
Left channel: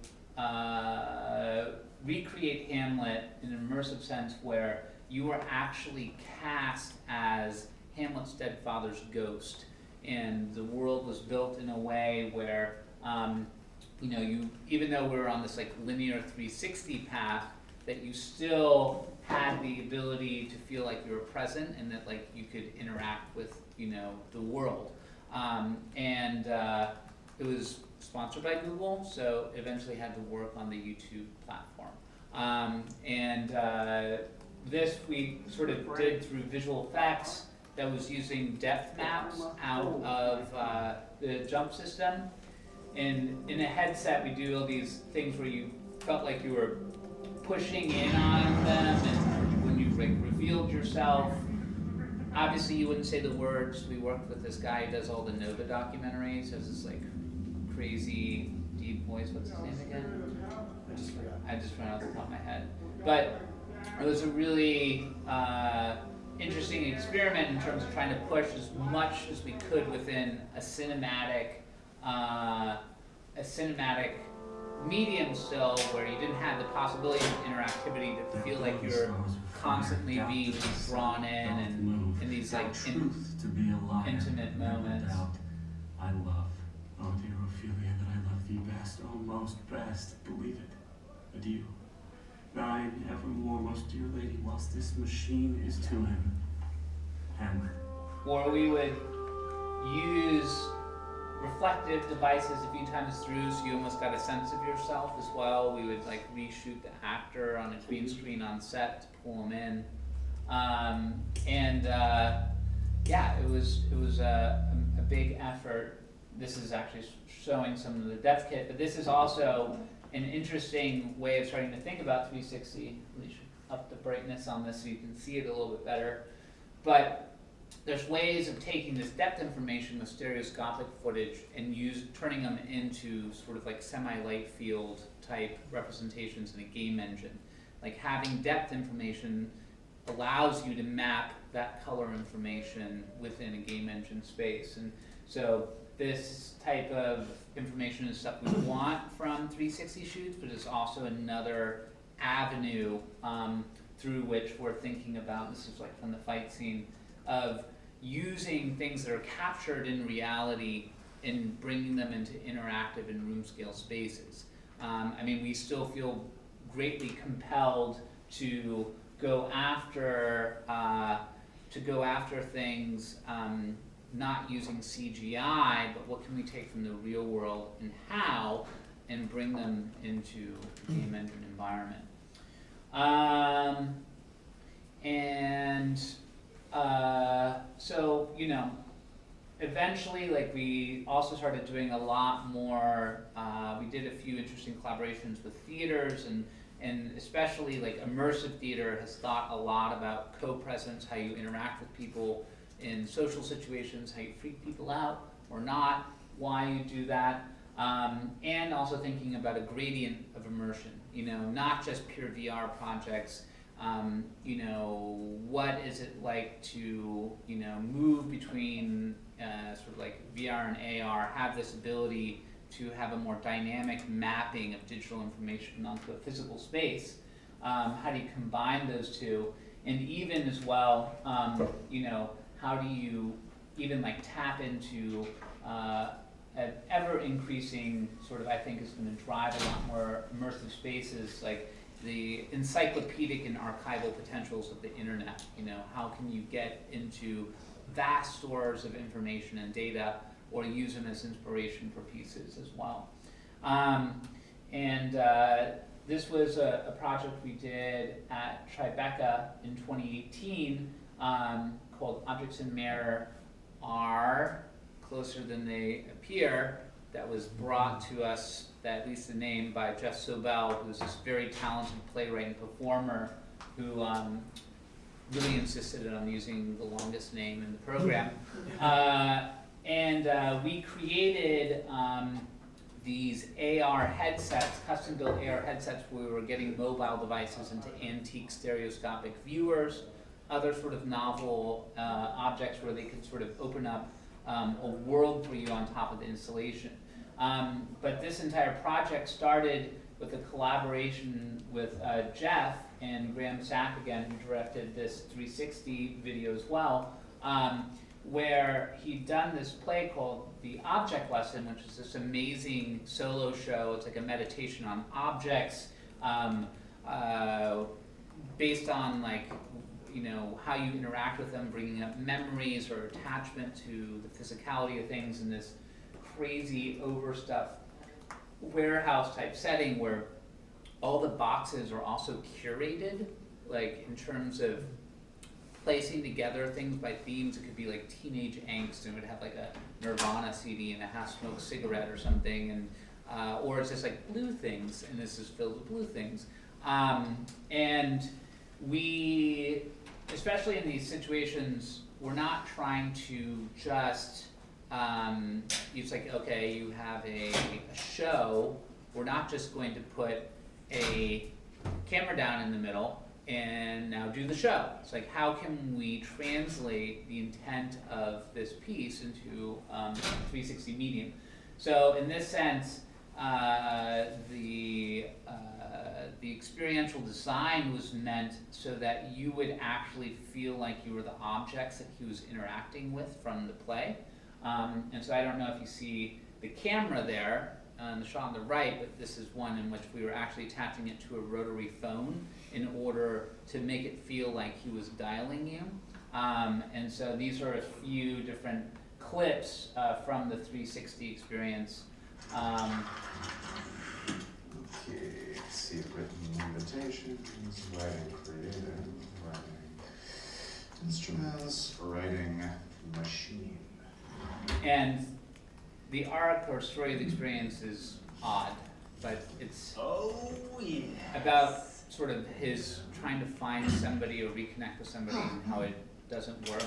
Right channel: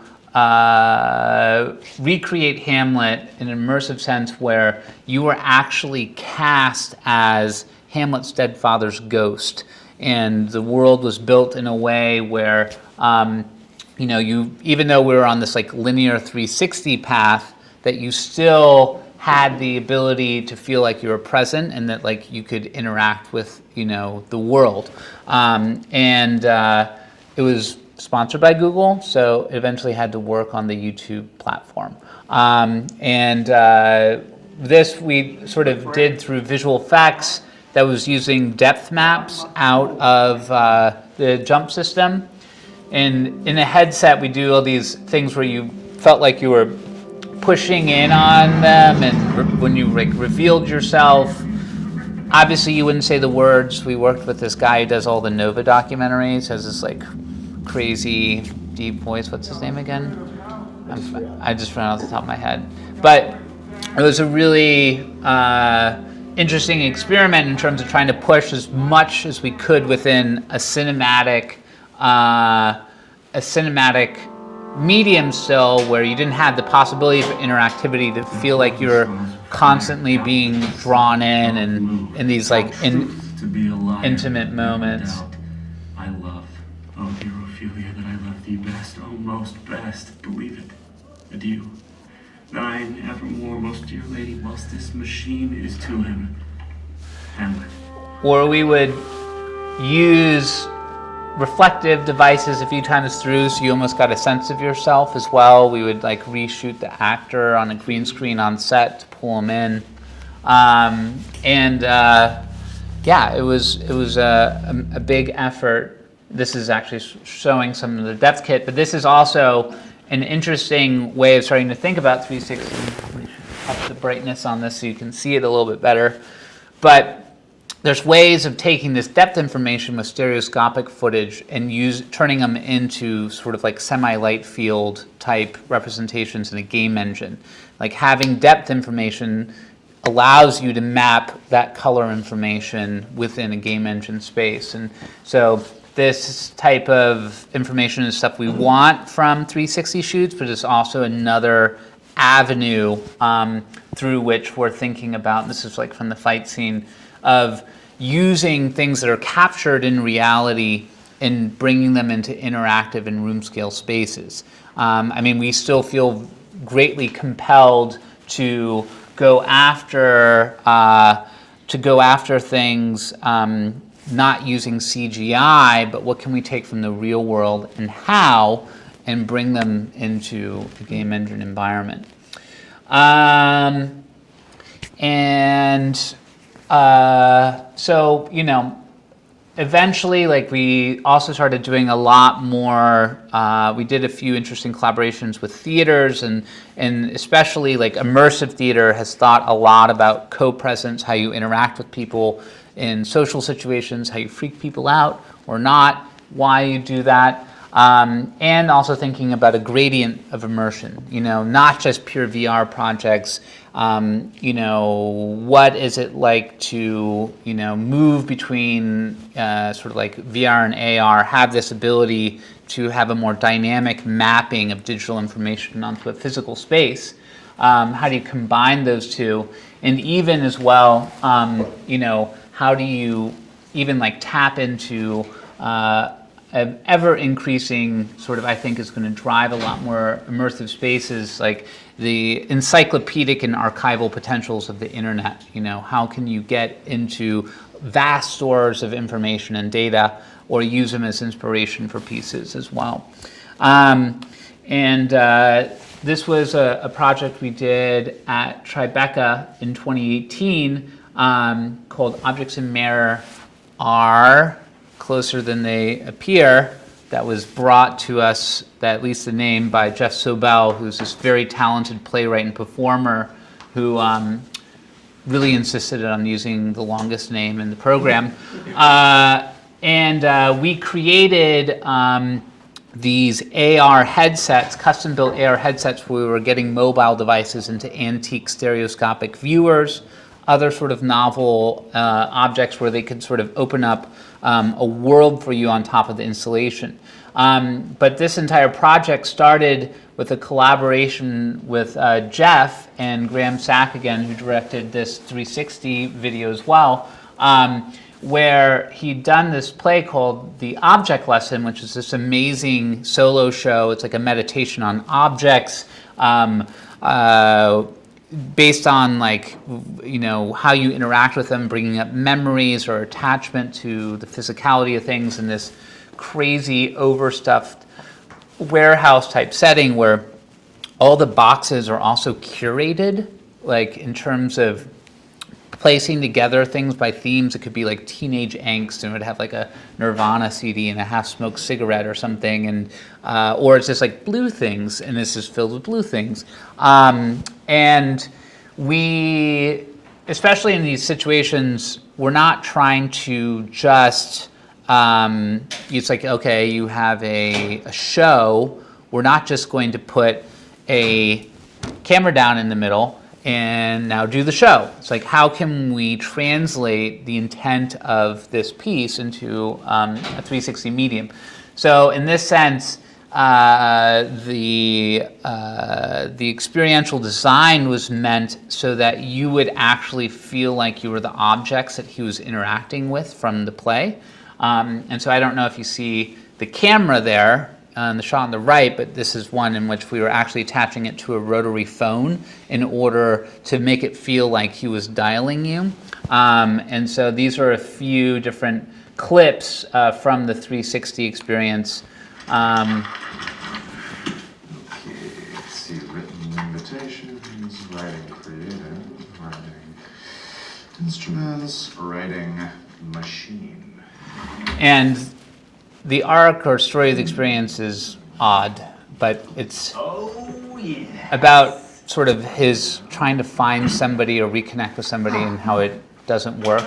recreate Hamlet in an immersive sense where you were actually cast as Hamlet's dead father's ghost, and the world was built in a way where you, even though we were on this like linear 360 path, that you still had the ability to feel like you were present and that like you could interact with the world, and it was sponsored by Google, so it eventually had to work on the YouTube platform. This we sort of did through visual effects that was using depth maps out of the jump system. And in a headset, we do all these things where you felt like you were pushing in on them, and when you like revealed yourself, obviously you wouldn't say the words. We worked with this guy who does all the Nova documentaries, has this like crazy deep voice. What's his name again? I just ran off the top of my head. But it was a really interesting experiment in terms of trying to push as much as we could within a cinematic medium still, where you didn't have the possibility for interactivity to feel like you're constantly being drawn in these like intimate moments. I love, oh dear Ophelia, that I love thee best, oh most best, believe it, adieu. Thine evermore, most dear lady, whilst this machine is to him. Hamlet. Or we would use reflective devices a few times through, so you almost got a sense of yourself as well. We would like reshoot the actor on a green screen on set to pull him in, it was a big effort. This is actually showing some of the depth kit, but this is also an interesting way of starting to think about 360. Let me up the brightness on this so you can see it a little bit better. But there's ways of taking this depth information with stereoscopic footage and turning them into sort of like semi-light field type representations in a game engine. Like having depth information allows you to map that color information within a game engine space. And so this type of information is stuff we want from 360 shoots, but it's also another avenue through which we're thinking about, and this is like from the fight scene, of using things that are captured in reality and bringing them into interactive and room scale spaces. We still feel greatly compelled to go after things not using CGI, but what can we take from the real world and how, and bring them into the game engine environment. Eventually, like, we also started doing a lot more, we did a few interesting collaborations with theaters, and especially like immersive theater has thought a lot about co-presence, how you interact with people in social situations, how you freak people out or not, why you do that. And also thinking about a gradient of immersion, not just pure VR projects. What is it like to, move between sort of like VR and AR, have this ability to have a more dynamic mapping of digital information onto a physical space? How do you combine those two? And even as well, how do you even like tap into an ever-increasing sort of, I think, is going to drive a lot more immersive spaces, like the encyclopedic and archival potentials of the internet. How can you get into vast stores of information and data, or use them as inspiration for pieces as well? This was a project we did at Tribeca in 2018 called Objects in Mirror Are Closer Than They Appear, that was brought to us, at least the name, by Jeff Sobel, who's this very talented playwright and performer who really insisted on using the longest name in the program. We created these AR headsets, custom-built AR headsets, where we were getting mobile devices into antique stereoscopic viewers, other sort of novel objects where they could sort of open up a world for you on top of the installation. But this entire project started with a collaboration with Jeff and Graham Sack again, who directed this 360 video as well, where he'd done this play called The Object Lesson, which is this amazing solo show. It's like a meditation on objects, based on how you interact with them, bringing up memories or attachment to the physicality of things in this crazy overstuffed warehouse type setting where all the boxes are also curated, like in terms of placing together things by themes. It could be like teenage angst, and it would have like a Nirvana CD and a half-smoked cigarette or something, and or it's just like blue things, and this is filled with blue things. And we, especially in these situations, we're not trying to just, it's like, okay, you have a show. We're not just going to put a camera down in the middle and now do the show. It's like, how can we translate the intent of this piece into a 360 medium? So in this sense, the experiential design was meant so that you would actually feel like you were the objects that he was interacting with from the play. And so I don't know if you see the camera there on the shot on the right, but this is one in which we were actually attaching it to a rotary phone in order to make it feel like he was dialing you. And so these are a few different clips from the 360 experience. Okay, let's see, written invitations, writing creative, writing instruments, writing machine. And the arc or story of the experience is odd, but it's about sort of his trying to find somebody or reconnect with somebody and how it doesn't work.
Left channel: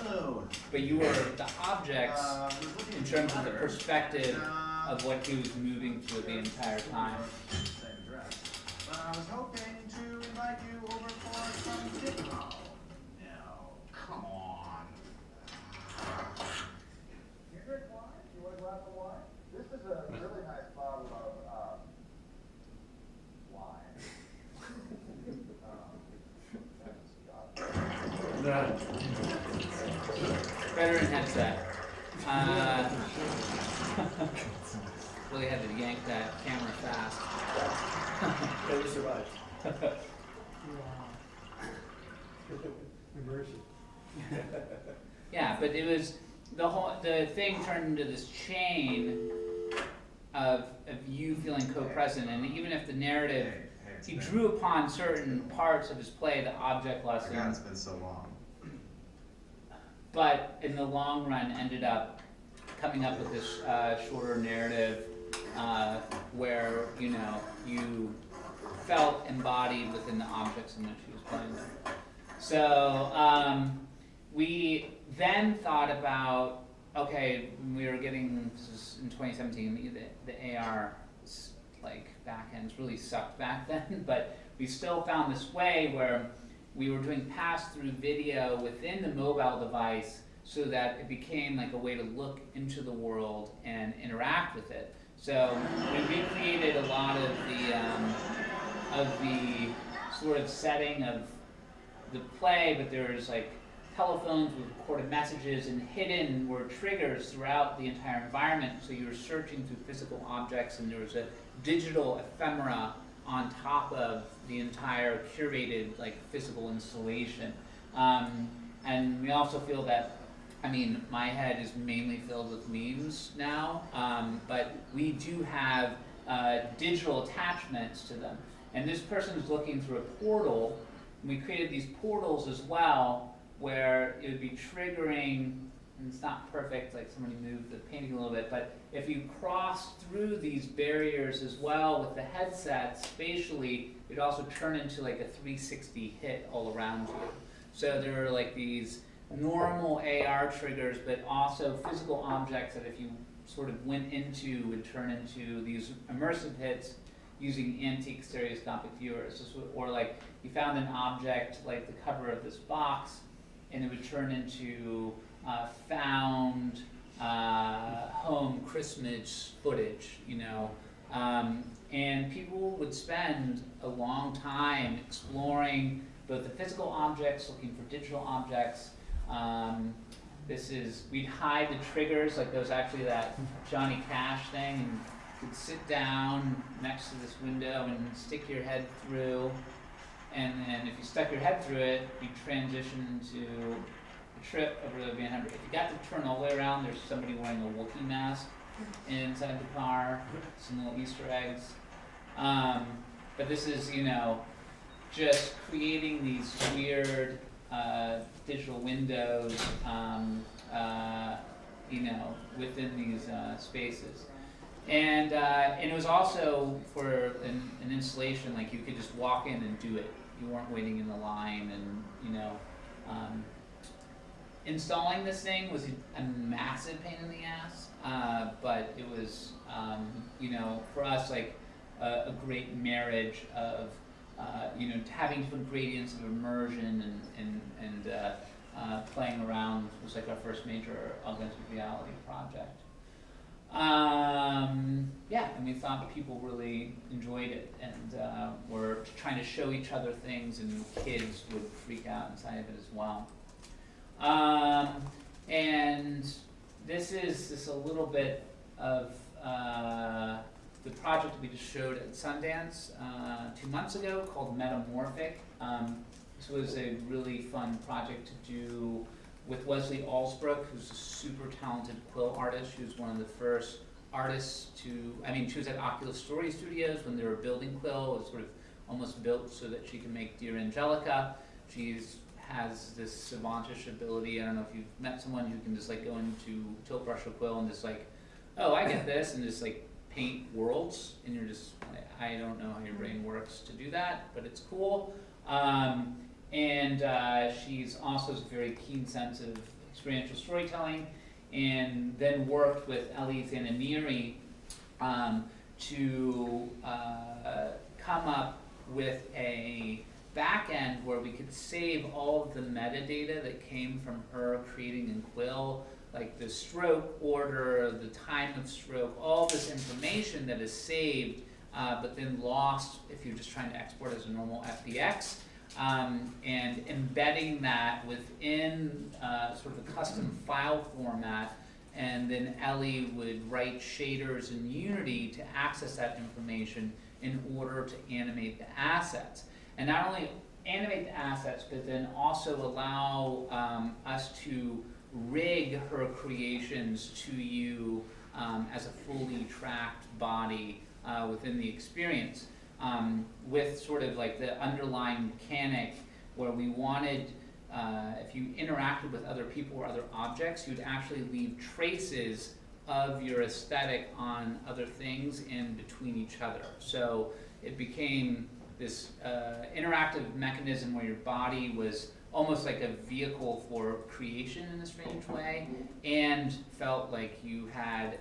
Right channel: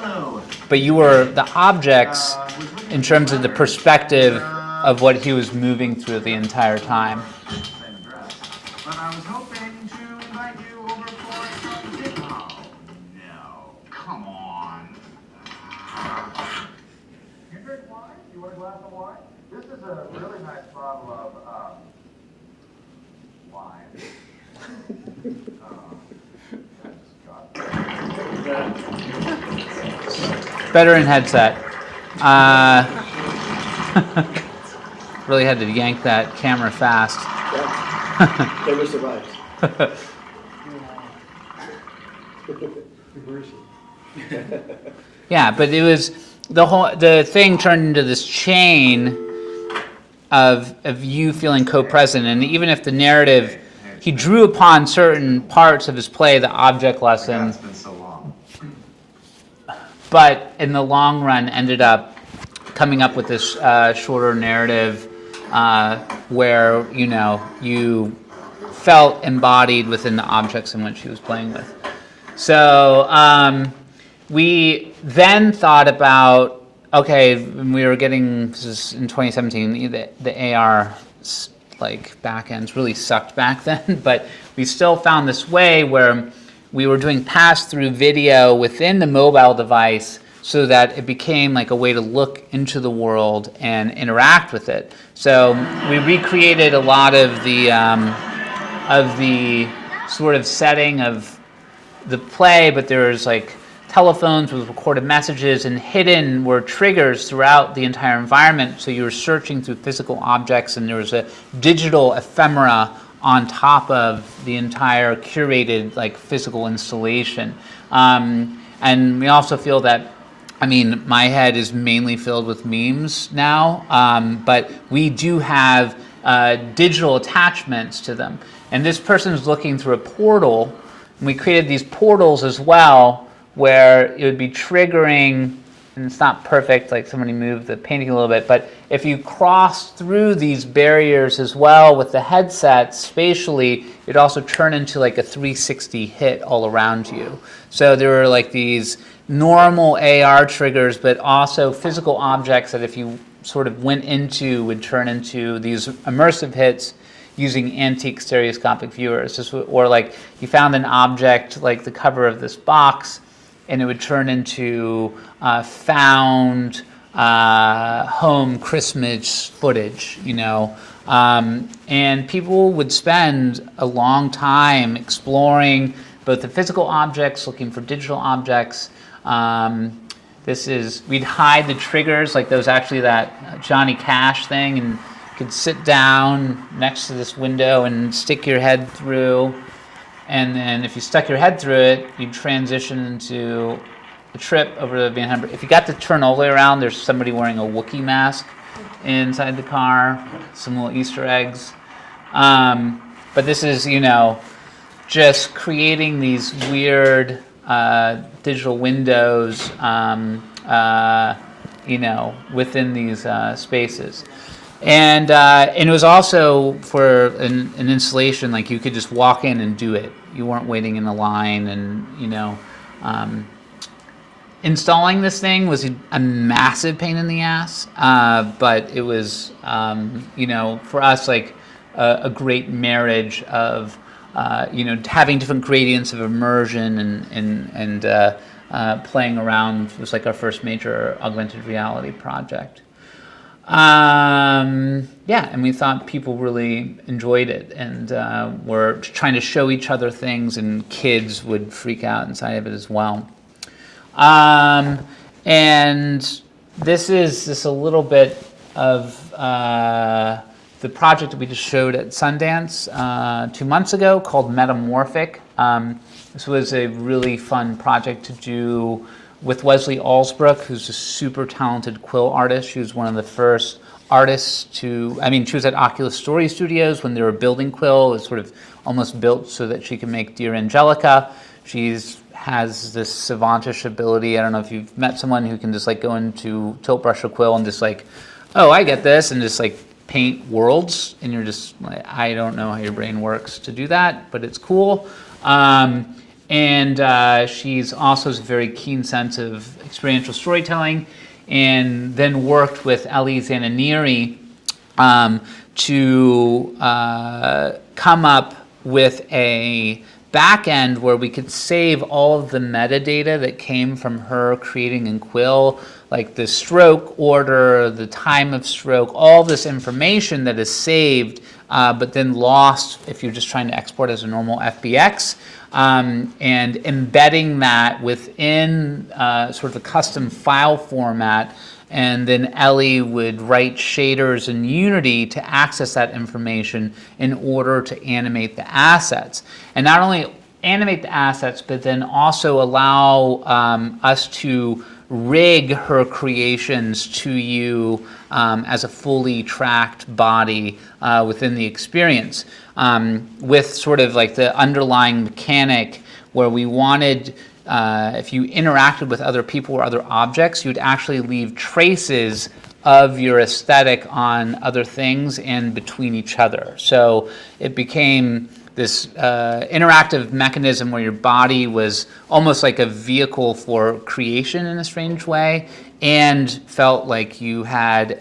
But you were the objects in terms of the perspective of what he was moving through the entire time. But I was hoping to invite you over for some dinner. Oh, no. Come on. You drink wine? You want a glass of wine? This is a really nice bottle of wine. Better in headset. Really had to yank that camera fast. Yeah. Never survives. Yeah, but it was the thing turned into this chain of you feeling co-present, and even if the narrative, he drew upon certain parts of his play, the object lesson, It's been so long. but in the long run ended up coming up with this shorter narrative where you felt embodied within the objects in which he was playing with. So we then thought about okay, when we were getting, this is in 2017, the AR like backends really sucked back then, but we still found this way where we were doing pass-through video within the mobile device so that it became like a way to look into the world and interact with it. So we recreated a lot of the sort of setting of the play, but there's like telephones with recorded messages, and hidden were triggers throughout the entire environment. So you were searching through physical objects, and there was a digital ephemera on top of the entire curated like physical installation. And we also feel that, I mean, my head is mainly filled with memes now, but we do have digital attachments to them. And this person's looking through a portal, and we created these portals as well, where it would be triggering, and it's not perfect, like somebody moved the painting a little bit, but if you cross through these barriers as well with the headset spatially, it'd also turn into like a 360 hit all around you. So there were like these normal AR triggers, but also physical objects that if you sort of went into would turn into these immersive hits using antique stereoscopic viewers. Or like you found an object like the cover of this box, and it would turn into found home Christmas footage, you know. And people would spend a long time exploring both the physical objects, looking for digital objects. We'd hide the triggers, like there was actually that Johnny Cash thing, and you could sit down next to this window and stick your head through. And then if you stuck your head through it, you'd transition into a trip over the Van Humber. If you got to turn all the way around, there's somebody wearing a Wookiee mask inside the car, some little Easter eggs. But this is, you know, just creating these weird digital windows, you know, within these spaces. And it was also for an installation, like you could just walk in and do it. You weren't waiting in a line, and, you know, installing this thing was a massive pain in the ass, but it was, you know, for us, like a great marriage of, you know, having different gradients of immersion and playing around. It was like our first major augmented reality project. Yeah, and we thought people really enjoyed it, and were trying to show each other things, and kids would freak out inside of it as well. And this is just a little bit of the project that we just showed at Sundance 2 months ago called Metamorphic. This was a really fun project to do with Wesley Alsbrook, who's a super talented quill artist. She was one of the first artists to, I mean, she was at Oculus Story Studios when they were building quill. It was sort of almost built so that she could make Dear Angelica. Has this savantish ability. I don't know if you've met someone who can just like go into tilt brush a quill and just like, oh, I get this, and just like paint worlds, and you're just like, I don't know how your brain works to do that, but it's cool. And she's also has a very keen sense of experiential storytelling, and then worked with Ellie Zananiri to come up with a back end where we could save all of the metadata that came from her creating in Quill, like the stroke order, the time of stroke, all this information that is saved, but then lost if you're just trying to export as a normal FBX. And embedding that within sort of a custom file format, and then Ellie would write shaders in Unity to access that information in order to animate the assets. And not only animate the assets, but then also allow us to rig her creations to you as a fully tracked body within the experience, with sort of like the underlying mechanic where we wanted, if you interacted with other people or other objects, you'd actually leave traces of your aesthetic on other things and between each other. So it became this interactive mechanism where your body was almost like a vehicle for creation in a strange way, and felt like you had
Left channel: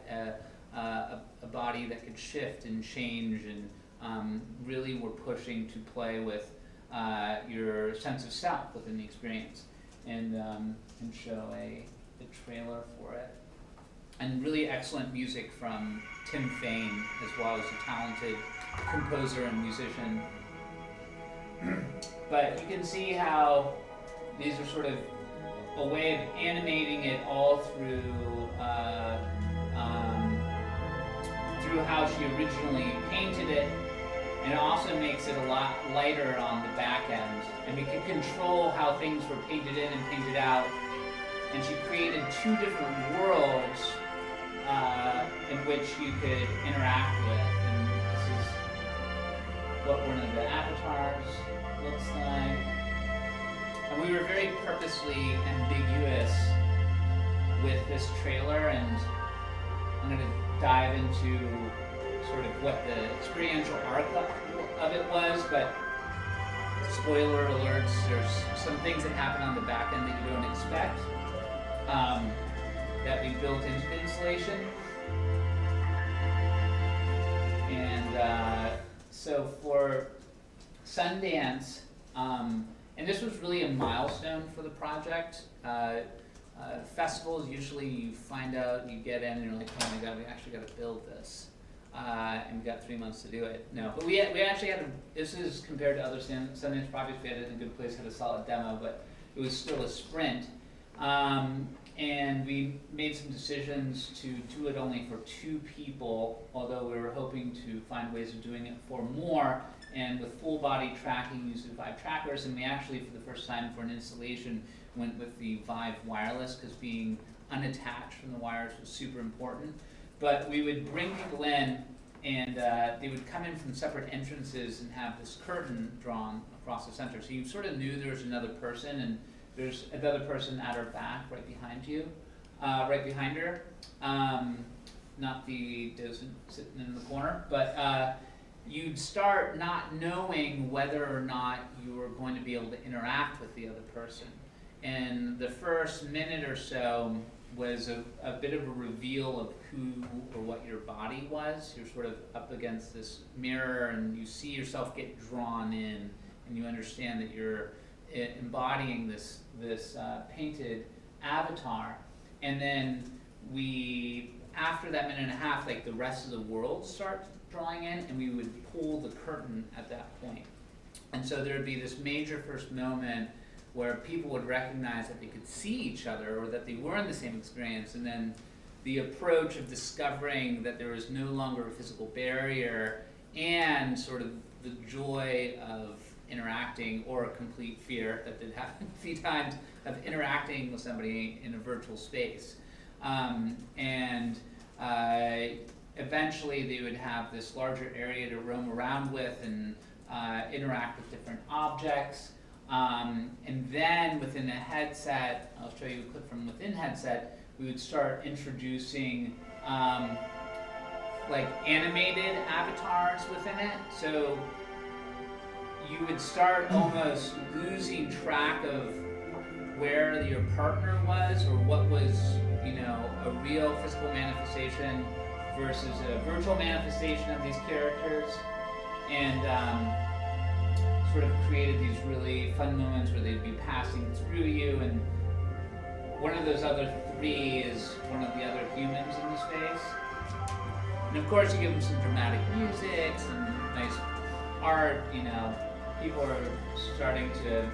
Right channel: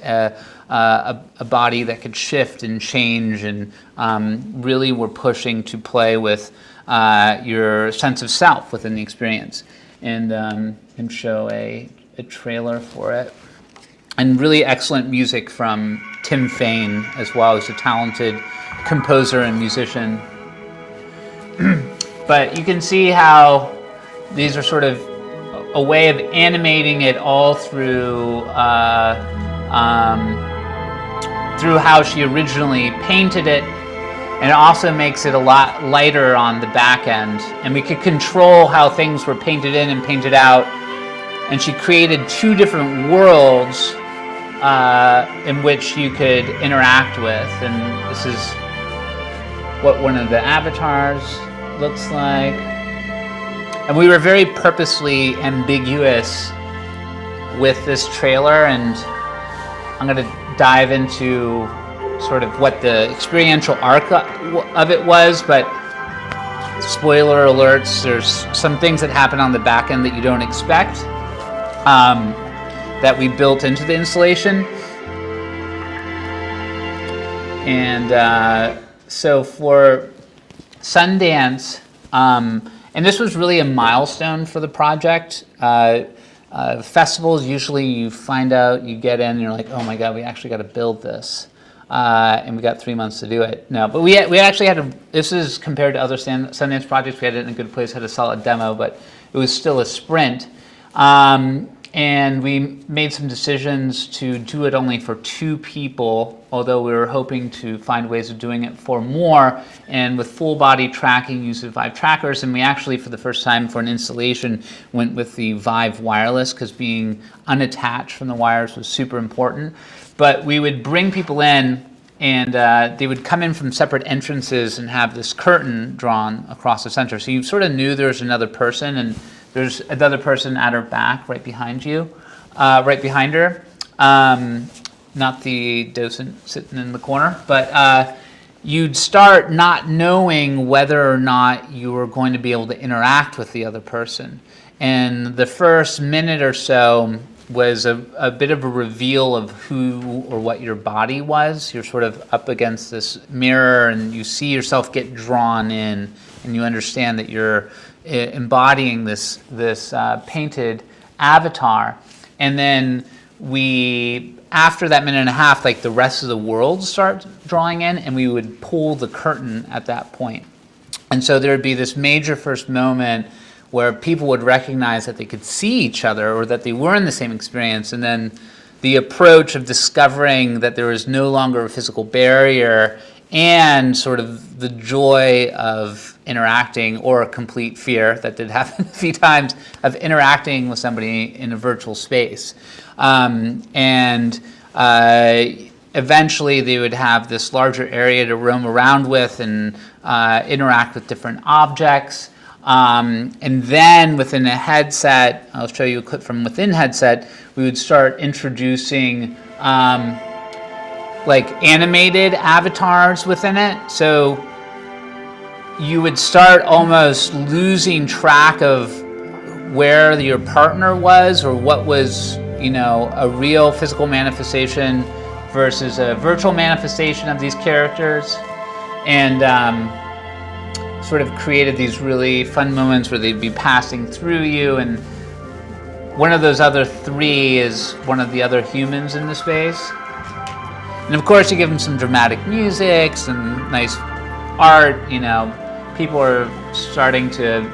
a body that could shift and change, and really were pushing to play with your sense of self within the experience, and show a trailer for it. And really excellent music from Tim Fain as well, as a talented composer and musician. But you can see how these are sort of a way of animating it all through through how she originally painted it, and it also makes it a lot lighter on the back end. And we could control how things were painted in and painted out. And she created two different worlds in which you could interact with. And this is what one of the avatars looks like. And we were very purposely ambiguous with this trailer, and I'm going to dive into sort of what the experiential arc of it was, but spoiler alerts, there's some things that happen on the back end that you don't expect, that we built into the installation. And so for Sundance, and this was really a milestone for the project. Festivals, usually you find out, you get in, and you're like, oh my God, we actually got to build this. And we got 3 months to do it. No, but we actually had this is compared to other Sundance projects, we had it in a good place, had a solid demo, but it was still a sprint. And we made some decisions to do it only for 2 people, although we were hoping to find ways of doing it for more, and with full body tracking, use of Vive trackers. And we actually, for the first time for an installation, went with the Vive wireless, because being unattached from the wires was super important. But we would bring people in, and they would come in from separate entrances and have this curtain drawn across the center. So you sort of knew there was another person, and there's another person at her back, right behind you, right behind her. Not the docent sitting in the corner, but you'd start not knowing whether or not you were going to be able to interact with the other person. And the first minute or so was a bit of a reveal of who or what your body was. You're sort of up against this mirror, and you see yourself get drawn in, and you understand that you're embodying this painted avatar. And then after that minute and a half, like the rest of the world start drawing in, and we would pull the curtain at that point. And so there would be this major first moment where people would recognize that they could see each other, or that they were in the same experience, and then the approach of discovering that there was no longer a physical barrier, and sort of the joy of interacting, or a complete fear, that did happen a few times, of interacting with somebody in a virtual space. Eventually they would have this larger area to roam around with and interact with different objects. And then within a headset, I'll show you a clip from within headset, we would start introducing like animated avatars within it. So you would start almost losing track of where your partner was, or what was, a real physical manifestation versus a virtual manifestation of these characters. And sort of created these really fun moments where they'd be passing through you, and one of those other 3 is one of the other humans in the space. And of course you give them some dramatic music, some nice art, people are starting to,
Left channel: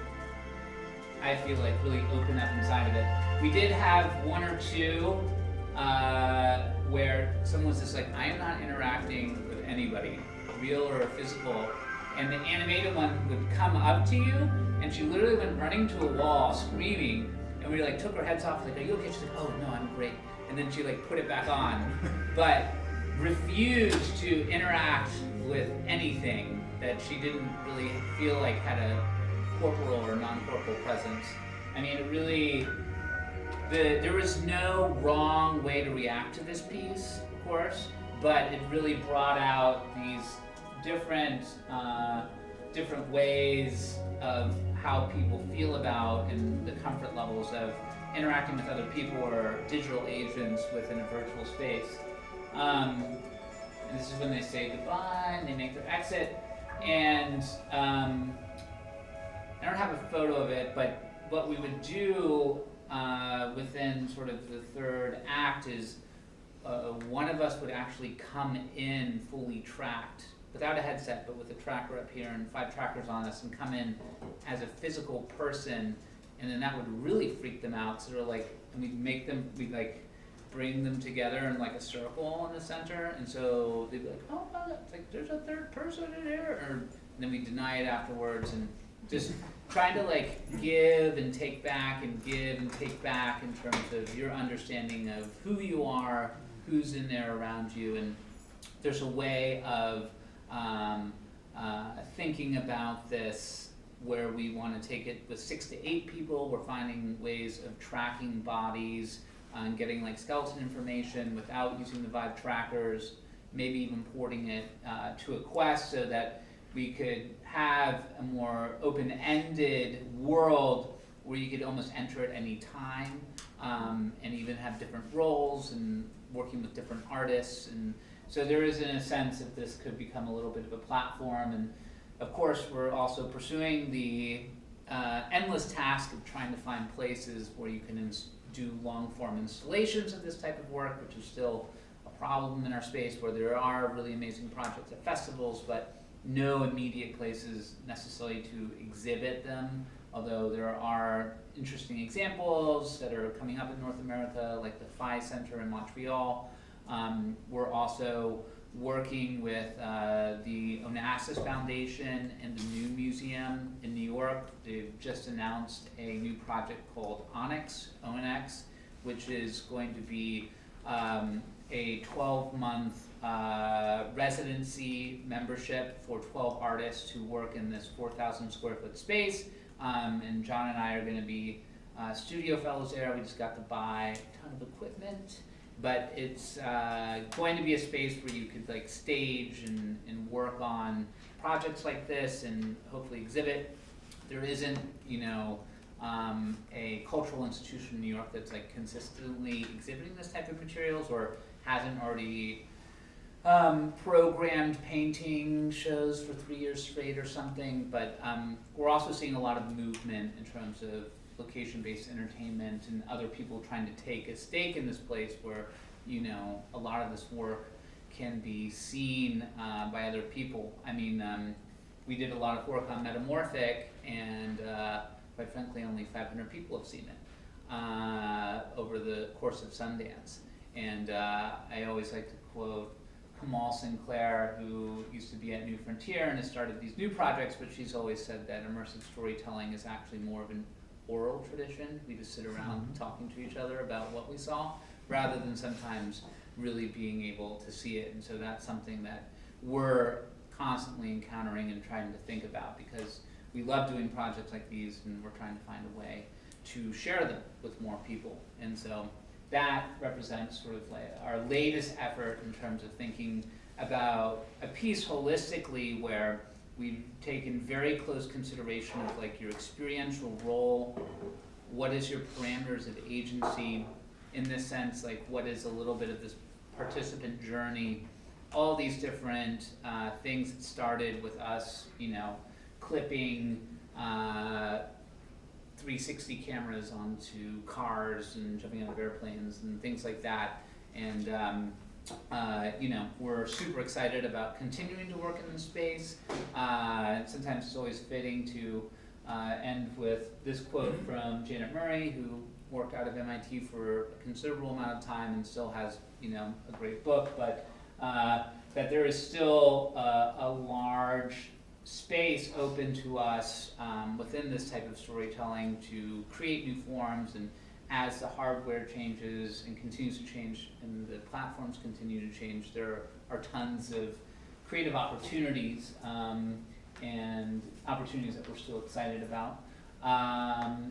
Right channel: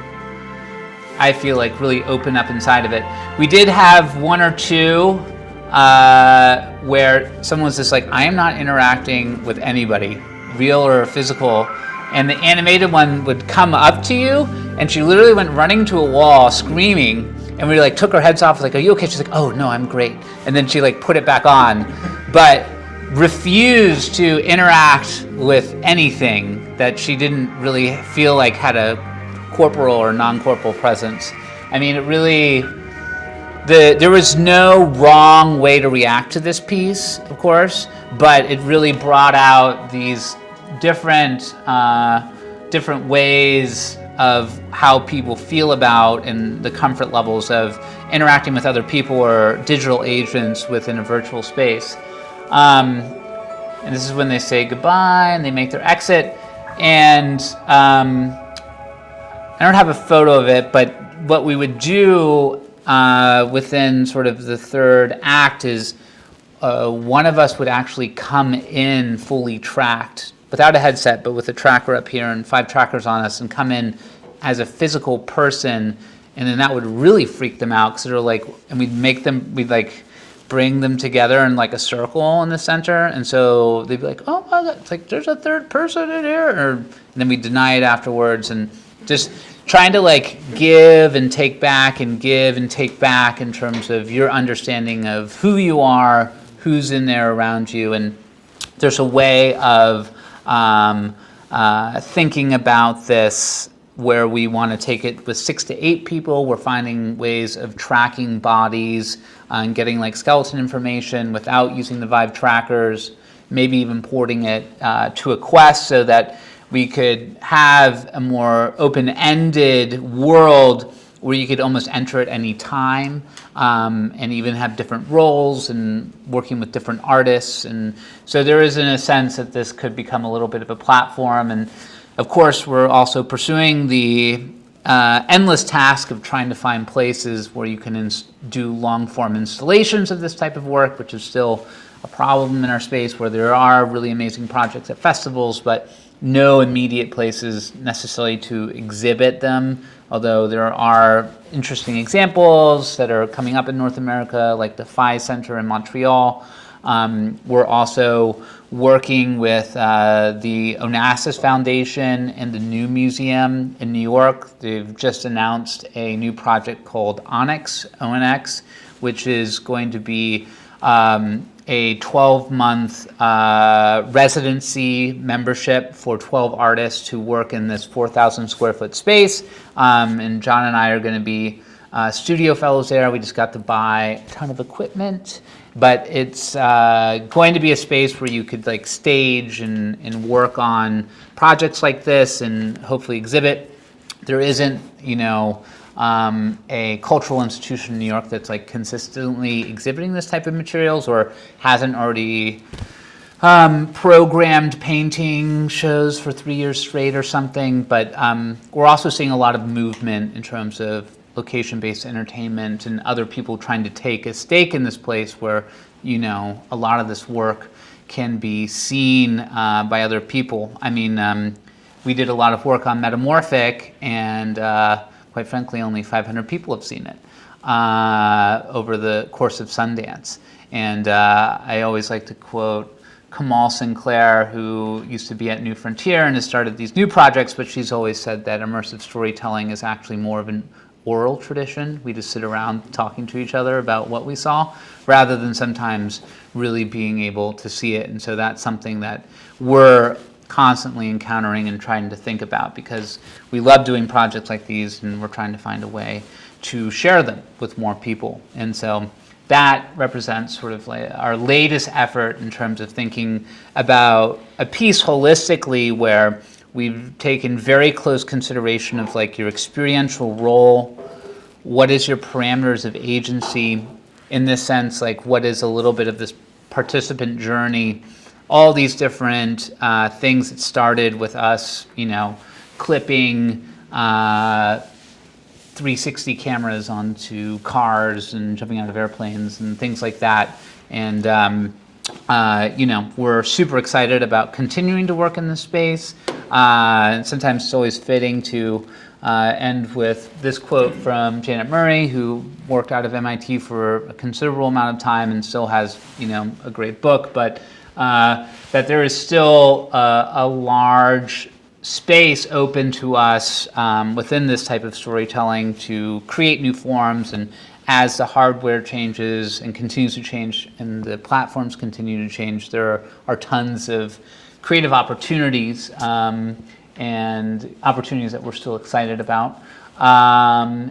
I feel like, really open up inside of it. We did have 1 or 2 where someone was just like, I am not interacting with anybody, real or physical. And the animated one would come up to you, and she literally went running to a wall screaming, and we took her heads off, like, are you okay? She's like, oh no, I'm great. And then she put it back on, but refused to interact with anything that she didn't really feel like had a corporal or non-corporal presence. I mean, it really, there was no wrong way to react to this piece, of course, but it really brought out these different ways of how people feel about and the comfort levels of interacting with other people or digital agents within a virtual space. And this is when they say goodbye and they make their exit. And I don't have a photo of it, but what we would do within sort of the third act is one of us would actually come in fully tracked, without a headset, but with a tracker up here and 5 trackers on us, and come in as a physical person, and then that would really freak them out because they're like, and we'd like bring them together in like a circle in the center, and so they'd be like, oh my God, it's like there's a third person in here, and then we deny it afterwards, and just trying to like give and take back and give and take back in terms of your understanding of who you are, who's in there around you, and there's a way of thinking about this where we want to take it with 6 to 8 people. We're finding ways of tracking bodies and getting like skeleton information without using the Vive trackers, maybe even porting it to a Quest so that we could have a more open-ended world where you could almost enter at any time, and even have different roles and working with different artists. And so there is, in a sense, that this could become a little bit of a platform. And of course, we're also pursuing the endless task of trying to find places where you can do long-form installations of this type of work, which is still a problem in our space, where there are really amazing projects at festivals, but no immediate places necessarily to exhibit them, although there are interesting examples that are coming up in North America, like the Phi Center in Montreal. We're also working with the Onassis Foundation and the New Museum in New York. They've just announced a new project called Onyx, ONX, which is going to be a 12-month residency membership for 12 artists to work in this 4,000 square foot space. And John and I are going to be studio fellows there. We just got to buy a ton of equipment, but it's going to be a space where you could like stage and work on projects like this and hopefully exhibit. There isn't, a cultural institution in New York that's like consistently exhibiting this type of materials or hasn't already programmed painting shows for 3 years straight or something. But we're also seeing a lot of movement in terms of location-based entertainment and other people trying to take a stake in this place where, a lot of this work can be seen by other people. I mean, we did a lot of work on Metamorphic, and quite frankly, only 500 people have seen it over the course of Sundance. And I always like to quote Kamal Sinclair, who used to be at New Frontier and has started these new projects, but she's always said that immersive storytelling is actually more of an oral tradition. We just sit around talking to each other about what we saw, rather than sometimes really being able to see it. And so that's something that we're constantly encountering and trying to think about, because we love doing projects like these and we're trying to find a way to share them with more people. And so that represents sort of like our latest effort in terms of thinking about a piece holistically, where we've taken very close consideration of like your experiential role, what is your parameters of agency, in this sense, like what is a little bit of this participant journey, all these different things that started with us, clipping 360 cameras onto cars and jumping out of airplanes and things like that. And, we're super excited about continuing to work in this space. And sometimes it's always fitting to end with this quote from Janet Murray, who worked out of MIT for a considerable amount of time and still has, a great book, but that there is still a large space open to us within this type of storytelling to create new forms. And as the hardware changes and continues to change and the platforms continue to change, there are tons of creative opportunities and opportunities that we're still excited about. Yeah,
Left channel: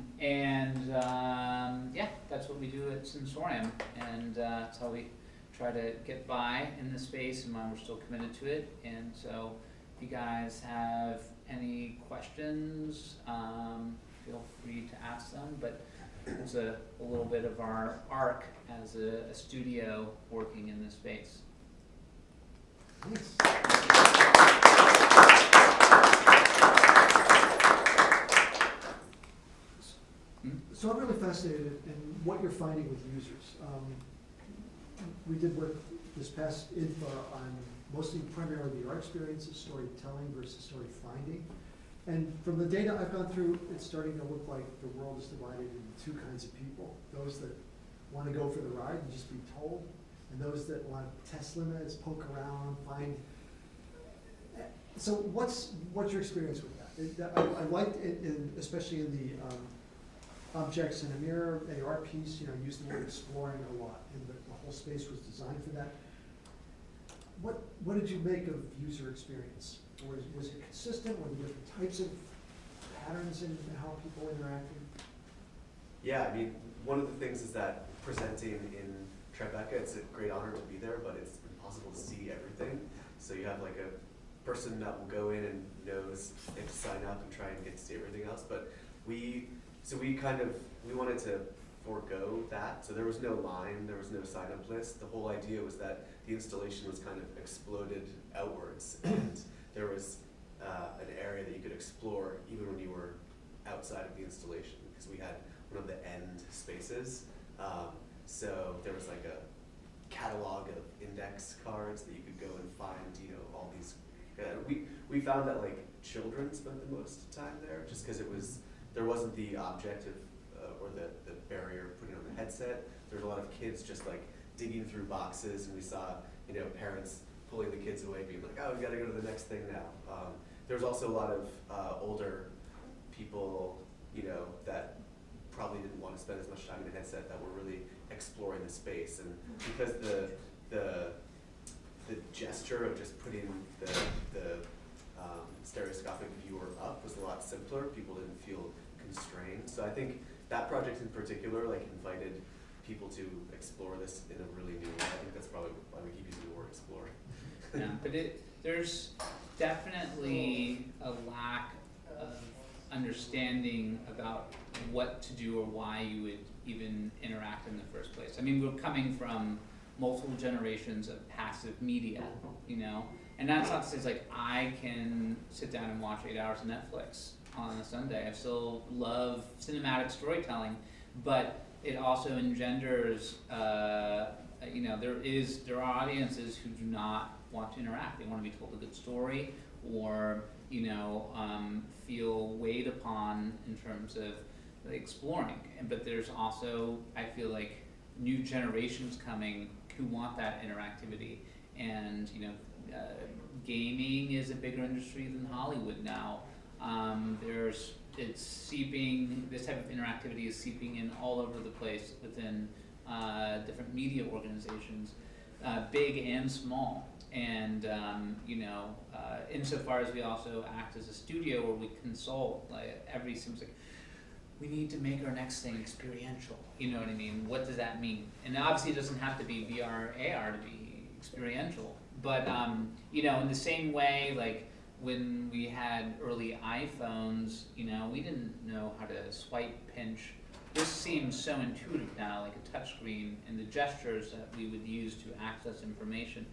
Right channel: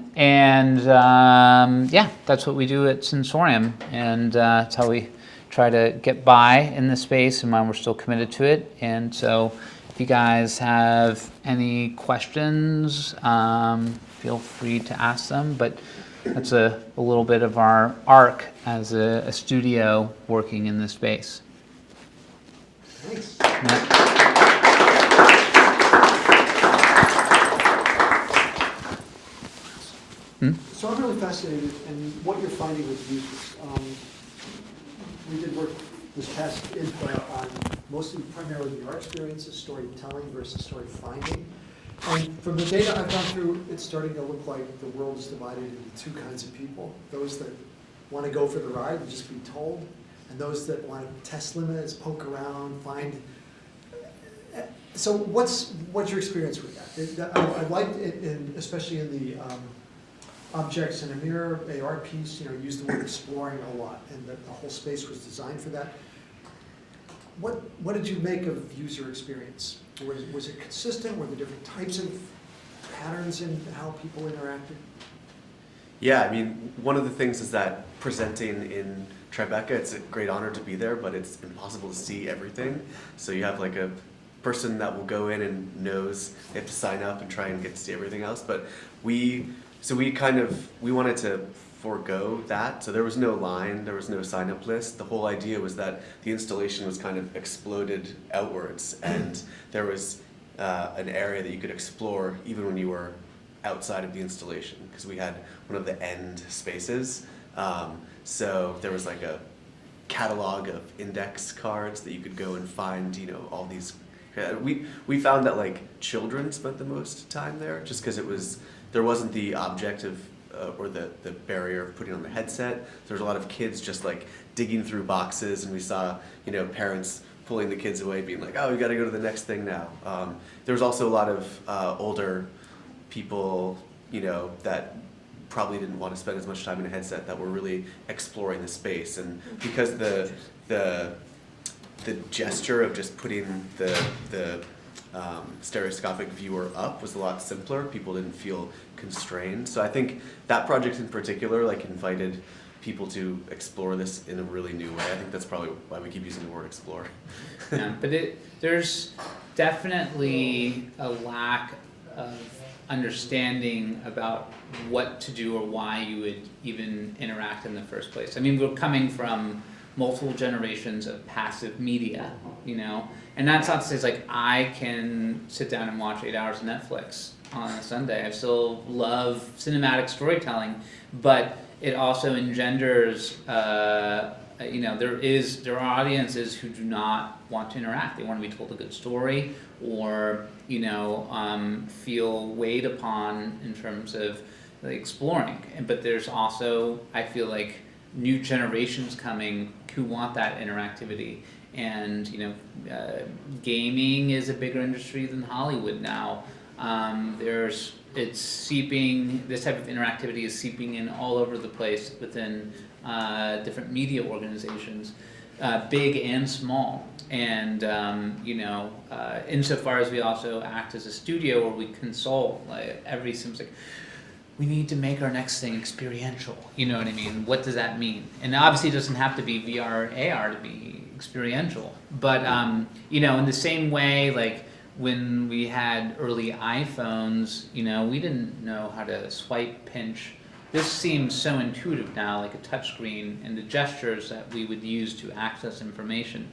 that's what we do at Sensorium, and that's how we try to get by in this space and why we're still committed to it. And so If you guys have any questions, feel free to ask them, but that's a little bit of our arc as a studio working in this space. Thanks. So I'm really fascinated in what you're finding with users. We did work this past info on mostly primarily your experiences, storytelling versus story finding. And from the data I've gone through, it's starting to look like the world is divided into two kinds of people. Those that want to go for the ride and just be told, and those that want to test limits, poke around, find. So what's your experience with that? I liked it, especially in the objects in a mirror, AR piece, used the word exploring a lot, and the whole space was designed for that. What did you make of user experience? Was it consistent? Were there different types of patterns in how people interacted? Yeah, I mean, one of the things is that presenting in Tribeca, it's a great honor to be there, but it's impossible to see everything. So you have like a person that will go in and knows they have to sign up and try and get to see everything else. But we wanted to forego that. So there was no line, there was no sign up list. The whole idea was that the installation was kind of exploded outwards, and there was an area that you could explore even when you were outside of the installation, because we had one of the end spaces. So there was like a catalog of index cards that you could go and find, all these. We found that like children spent the most time there, just because there wasn't the object of or the barrier of putting on the headset. There was a lot of kids just like digging through boxes, and we saw parents pulling the kids away, being like, "Oh, we got to go to the next thing now." There was also a lot of older people, that probably didn't want to spend as much time in a headset, that were really exploring the space. And because the gesture of just putting the stereoscopic viewer up was a lot simpler, people didn't feel constrained. So I think that project in particular invited people to explore this in a really new way. I think that's probably why we keep using the word explore. Yeah, but there's definitely a lack of understanding about what to do or why you would even interact in the first place. I mean, we're coming from multiple generations of passive media, and that's not to say it's I can sit down and watch 8 hours of Netflix on a Sunday. I still love cinematic storytelling, but it also engenders, there are audiences who do not want to interact. They want to be told a good story, or feel weighed upon in terms of exploring. But there's also, I feel like, new generations coming who want that interactivity. And gaming is a bigger industry than Hollywood now. It's seeping. This type of interactivity is seeping in all over the place within different media organizations, big and small. And insofar as we also act as a studio where we consult, seems like we need to make our next thing experiential. You know what I mean? What does that mean? And obviously, it doesn't have to be VR or AR to be experiential. But in the same way, when we had early iPhones, we didn't know how to swipe, pinch. This seems so intuitive now, like a touchscreen, and the gestures that we would use to access information.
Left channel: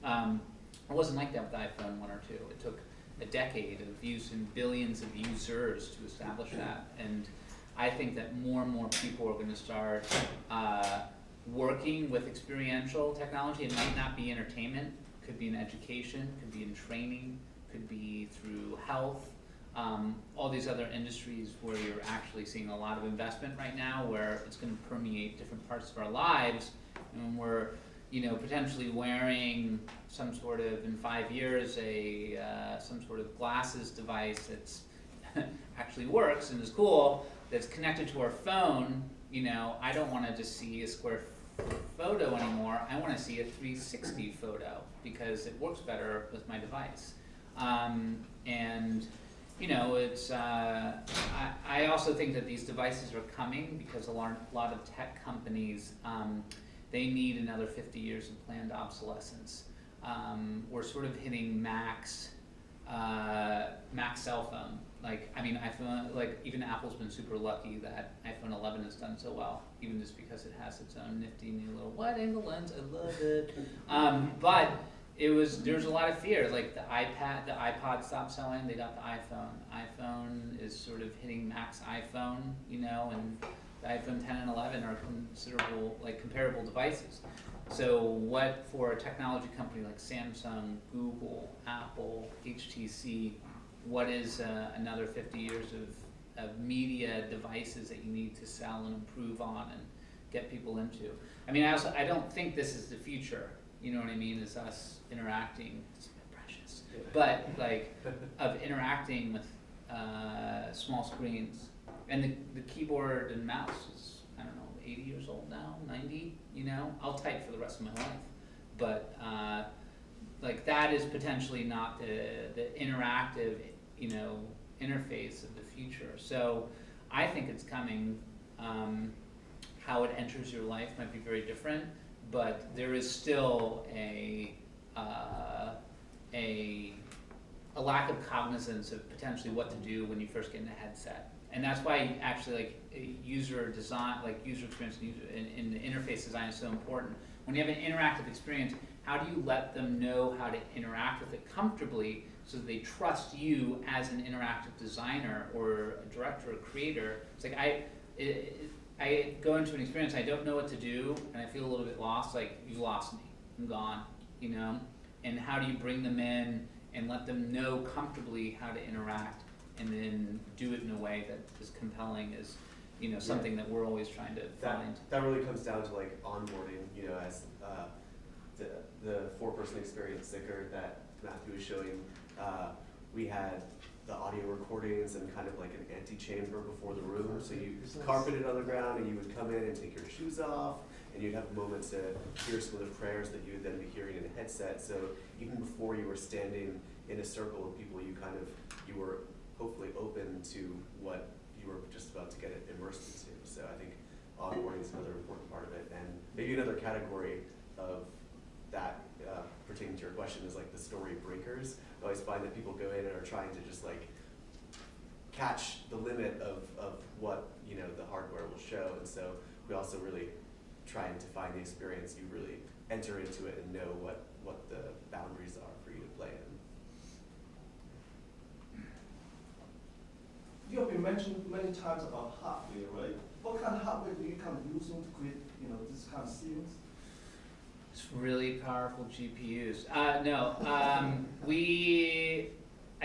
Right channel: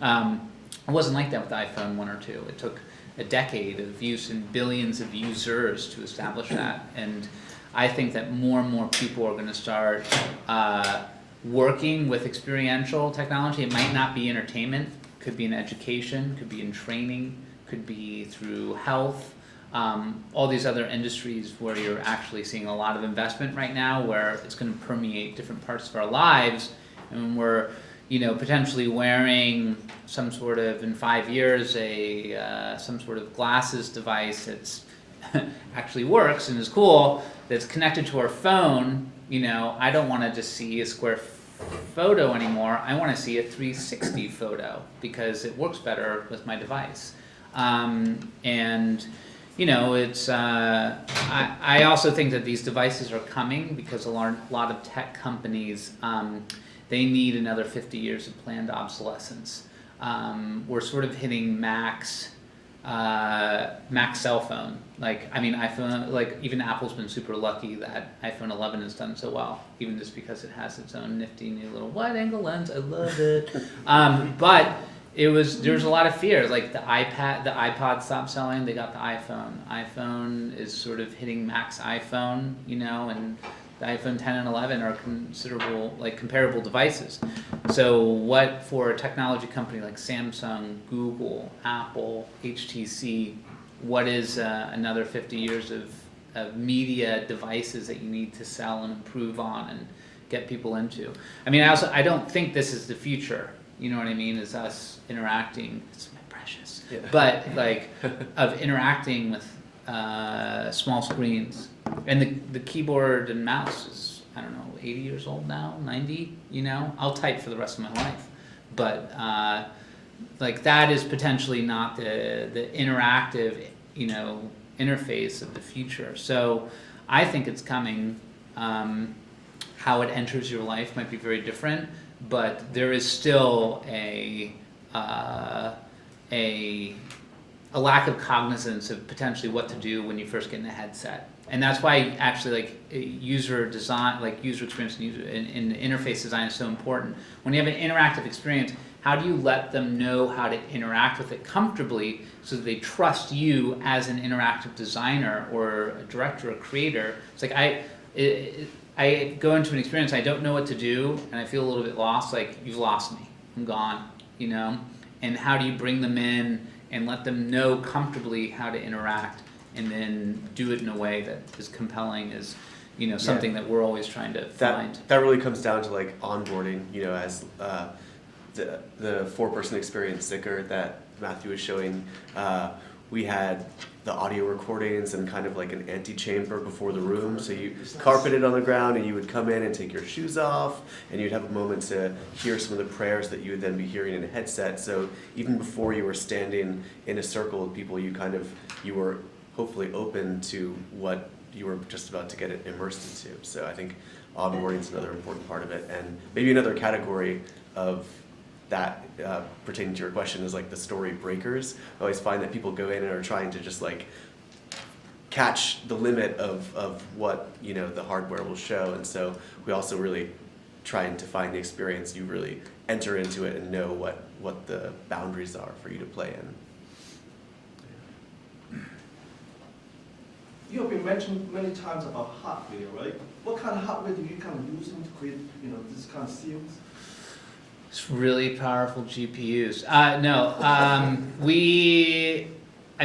It wasn't like that with iPhone 1 or 2. It took a decade of use and billions of users to establish that. And I think that more and more people are going to start working with experiential technology. It might not be entertainment, could be in education, could be in training, could be through health, all these other industries where you're actually seeing a lot of investment right now, where it's going to permeate different parts of our lives, and we're potentially wearing some sort of, in 5 years, some sort of glasses device that's actually works and is cool, that's connected to our phone. I don't want to just see a square photo anymore. I want to see a 360 photo because it works better with my device. It's I also think that these devices are coming because a lot of tech companies, they need another 50 years of planned obsolescence. We're sort of hitting max Mac cell phone. Like, I mean, iPhone, like, even Apple's been super lucky that iPhone 11 has done so well, even just because it has its own nifty new little wide angle lens. I love it. But there's a lot of fear. Like, the iPod stopped selling, they got the iPhone. iPhone is sort of hitting Mac's iPhone, you know, and the iPhone 10 and 11 are comparable devices. So what for a technology company like Samsung, Google, Apple, HTC, what is another 50 years of media devices that you need to sell and improve on and get people into? I mean, I don't think this is the future, you know what I mean, is us interacting, it's my precious, Yeah. but like, of interacting with small screens. And the keyboard and mouse is, I don't know, 80 years old now, 90, you know? I'll type for the rest of my life. But like, that is potentially not the interactive, you know, interface of the future. So I think it's coming. How it enters your life might be very different, but there is still a lack of cognizance of potentially what to do when you first get in a headset. And that's why actually, like, user design, like user experience and interface design is so important. When you have an interactive experience, how do you let them know how to interact with it comfortably so that they trust you as an interactive designer or a director or creator? It's like I go into an experience, I don't know what to do, and I feel a little bit lost, like, you've lost me, I'm gone, you know? And how do you bring them in and let them know comfortably how to interact, and then do it in a way that is compelling, is, you know, something that we're always trying to find. That really comes down to like onboarding, you know, as the 4-person experience sticker that Matthew was showing. We had the audio recordings and kind of like an antechamber before the room, so you carpeted on the ground and you would come in and take your shoes off, and you'd have a moment to hear some of the prayers that you would then be hearing in a headset. So even before you were standing in a circle with people, you were hopefully open to what you were just about to get immersed into. So I think onboarding is another important part of it. And maybe another category of that pertaining to your question is like the story breakers. I always find that people go in and are trying to just like catch the limit of what, you know, the hardware will show. And so we also really trying to find the experience you really enter into it and know what the boundaries are for you to play in. You have been mentioned many times about hardware, right? What kind of hardware do you kind of use to create, you know, this kind of scenes? It's really powerful GPUs. I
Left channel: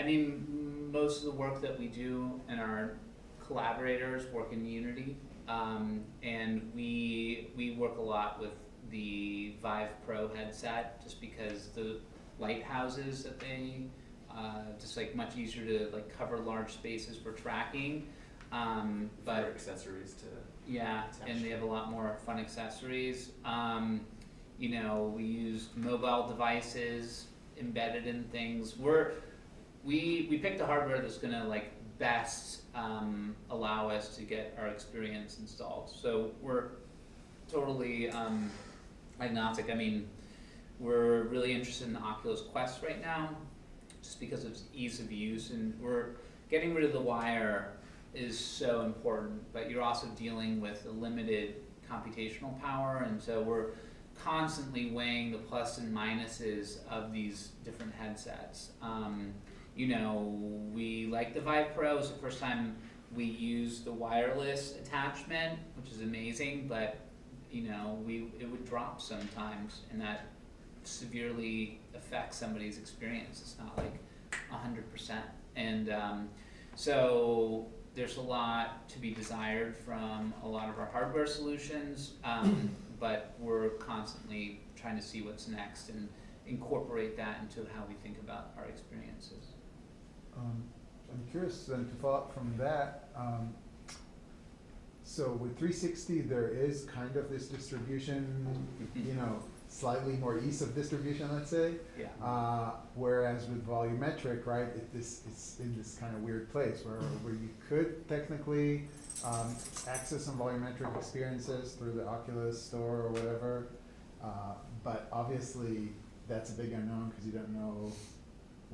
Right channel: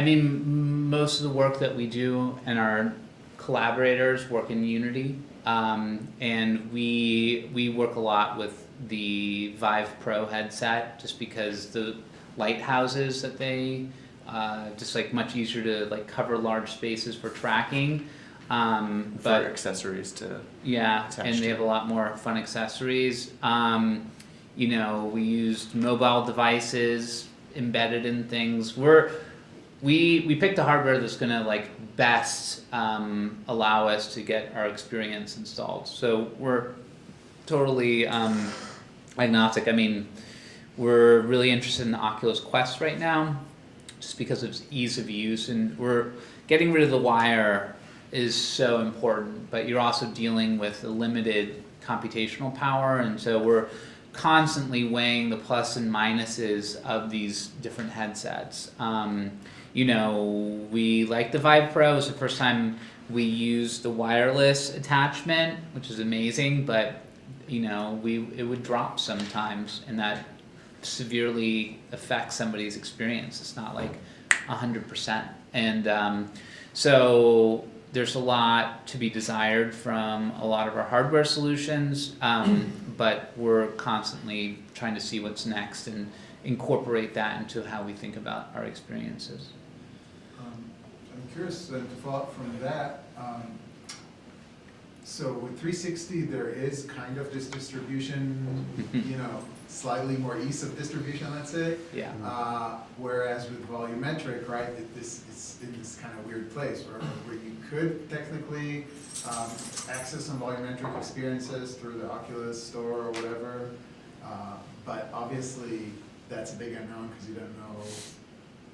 mean, most of the work that we do and our collaborators work in Unity, and we work a lot with the Vive Pro headset, just because the lighthouses that they just like much easier to like cover large spaces for tracking. For accessories to and they have a lot more fun accessories. You know, we used mobile devices embedded in things. We picked the hardware that's gonna like best allow us to get our experience installed. So we're totally agnostic. I mean, we're really interested in the Oculus Quest right now, just because of its ease of use, and we're getting rid of the wire is so important, but you're also dealing with a limited computational power, and so we're constantly weighing the plus and minuses of these different headsets. You know, we like the Vive Pro. It was the first time we used the wireless attachment, which is amazing, but you know, it would drop sometimes, and that severely affects somebody's experience. It's not like 100%. And so there's a lot to be desired from a lot of our hardware solutions, but we're constantly trying to see what's next and incorporate that into how we think about our experiences. I'm curious to follow up from that. So with 360, there is kind of this distribution, you know, slightly more ease of distribution, let's say. Yeah. Whereas with volumetric, right, this is in this kind of weird place where you could technically access some volumetric experiences through the Oculus store or whatever, but obviously that's a big unknown because you don't know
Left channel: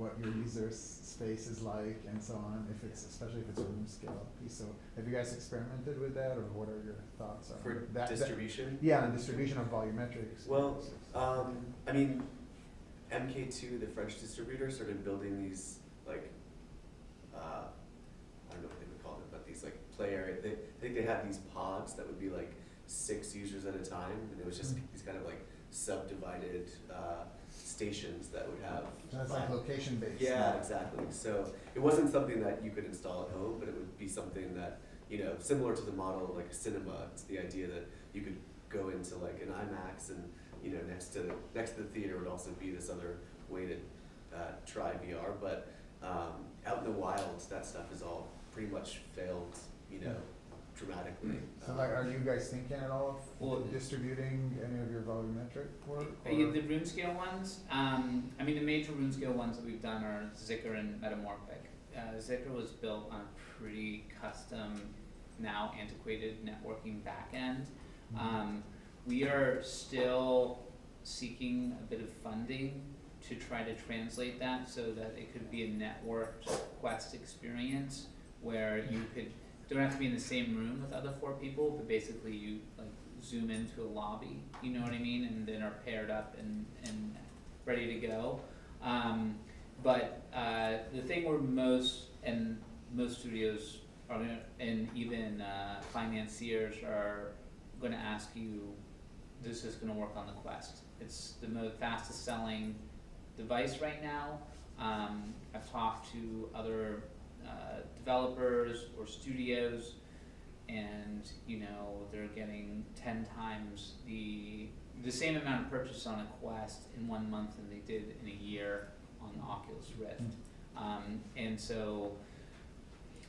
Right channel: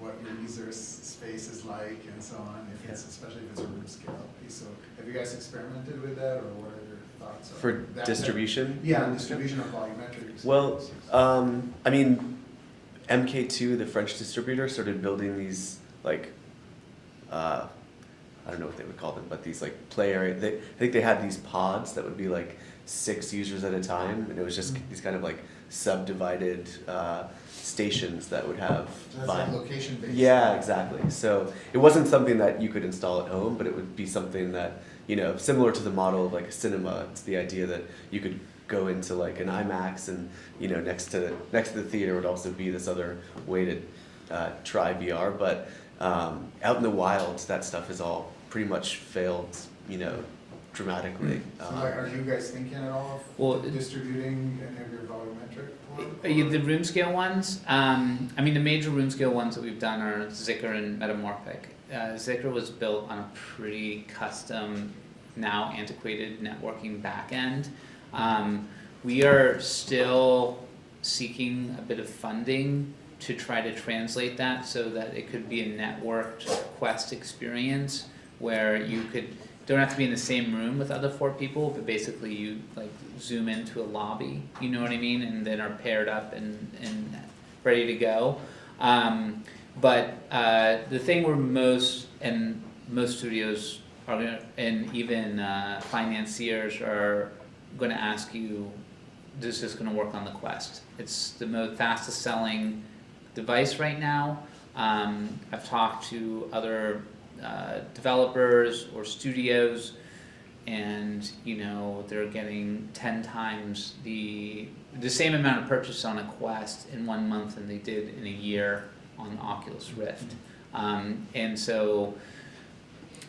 what your user space is like and so on, if it's, especially if it's a room scale piece. So have you guys experimented with that, or what are your thoughts on For that? distribution? Yeah, distribution of volumetric Well, experiences. I mean, MK2, the French distributor, started building these like, I don't know what they would call them, but these like play area. I think they had these pods that would be like 6 users at a time, and it was just these kind of like subdivided stations that would have That's five. like location based. Yeah, exactly. So it wasn't something that you could install at home, but it would be something that, you know, similar to the model of like a cinema. It's the idea that you could go into like an IMAX, and you know, next to the theater would also be this other way to try VR. But out in the wild, that stuff has all pretty much failed, you know, dramatically. So like, are you guys thinking at all of Well, distributing any of your volumetric work? The room scale ones, I mean, the major room scale ones that we've done are Zikr and Metamorphic. Zikr was built on a pretty custom, now antiquated networking backend. We are still seeking a bit of funding to try to translate that so that it could be a networked Quest experience where you don't have to be in the same room with other 4 people, but basically you like zoom into a lobby, you know what I mean, and then are paired up and ready to go. But the thing where most studios are gonna, and even financiers are gonna ask you, this is gonna work on the Quest. It's the fastest selling device right now. I've talked to other developers or studios, and you know, they're getting 10 times the same amount of purchase on a Quest in 1 month than they did in a year on the Oculus Rift. And so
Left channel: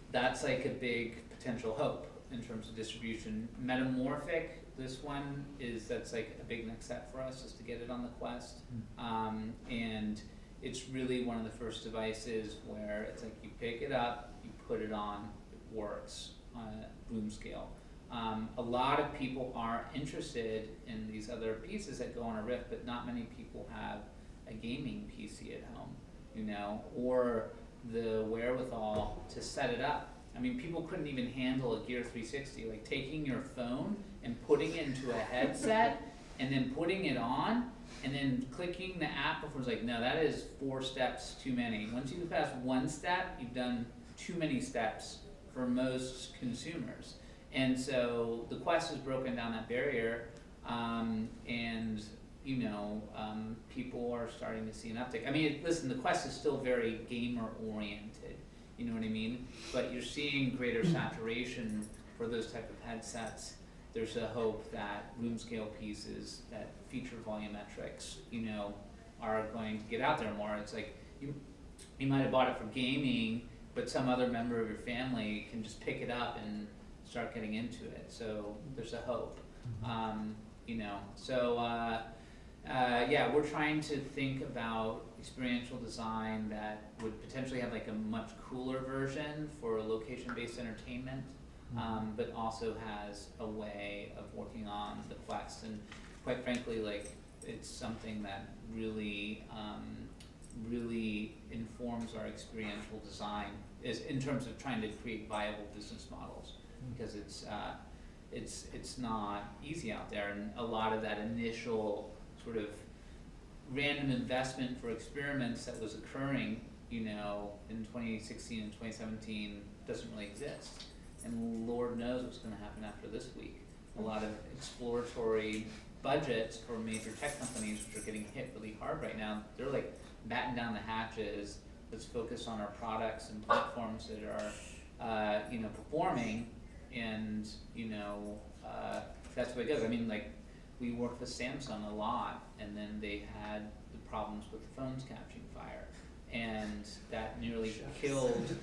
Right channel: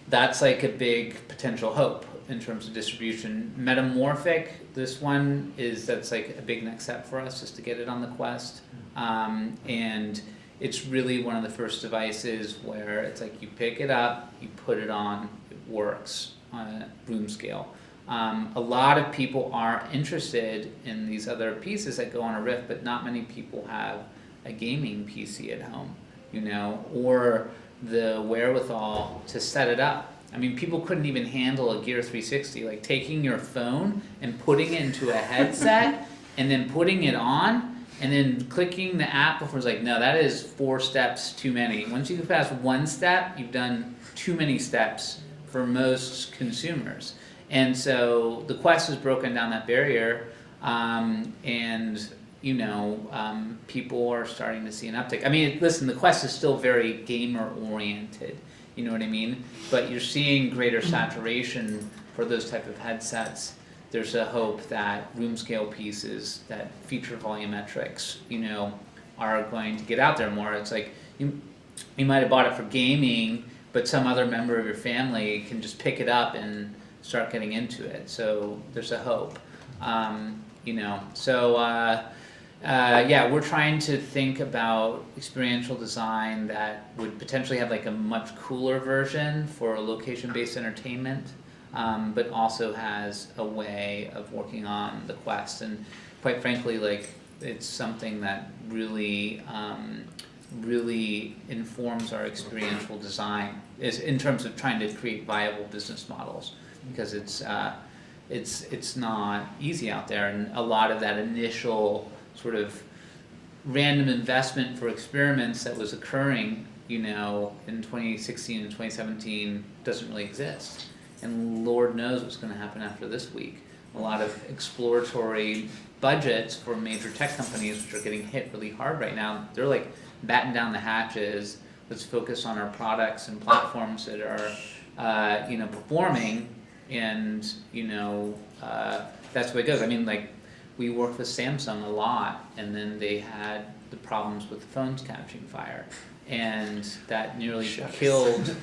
that's like a big potential hope in terms of distribution. Metamorphic, this one that's like a big next step for us, just to get it on the Quest. And it's really one of the first devices where it's like you pick it up, you put it on, it works on a room scale. A lot of people are interested in these other pieces that go on a Rift, but not many people have a gaming PC at home, you know, or the wherewithal to set it up. I mean, people couldn't even handle a Gear 360, like taking your phone and putting it into a headset and then putting it on and then clicking the app before. It's like, no, that is 4 steps too many. Once you pass 1 step, you've done too many steps for most consumers. And so the Quest has broken down that barrier, and you know, people are starting to see an uptick. I mean, listen, the Quest is still very gamer oriented, you know what I mean? But you're seeing greater saturation for those type of headsets. There's a hope that room scale pieces that feature volumetrics, you know, are going to get out there more. It's like you might have bought it for gaming, but some other member of your family can just pick it up and start getting into it. So there's a hope, you know. So yeah, we're trying to think about experiential design that would potentially have like a much cooler version for location-based entertainment, but also has a way of working on the Quest. And quite frankly, like, it's something that really really informs our experiential design is in terms of trying to create viable business models, because it's not easy out there, and a lot of that initial sort of random investment for experiments that was occurring, you know, in 2016 and 2017 doesn't really exist. And Lord knows what's going to happen after this week. A lot of exploratory budgets for major tech companies, which are getting hit really hard right now, they're like batten down the hatches. Let's focus on our products and platforms that are, you know, performing, and you know, that's the way it goes. I mean, like, we worked with Samsung a lot, and then they had the problems with the phones catching fire, and that nearly killed.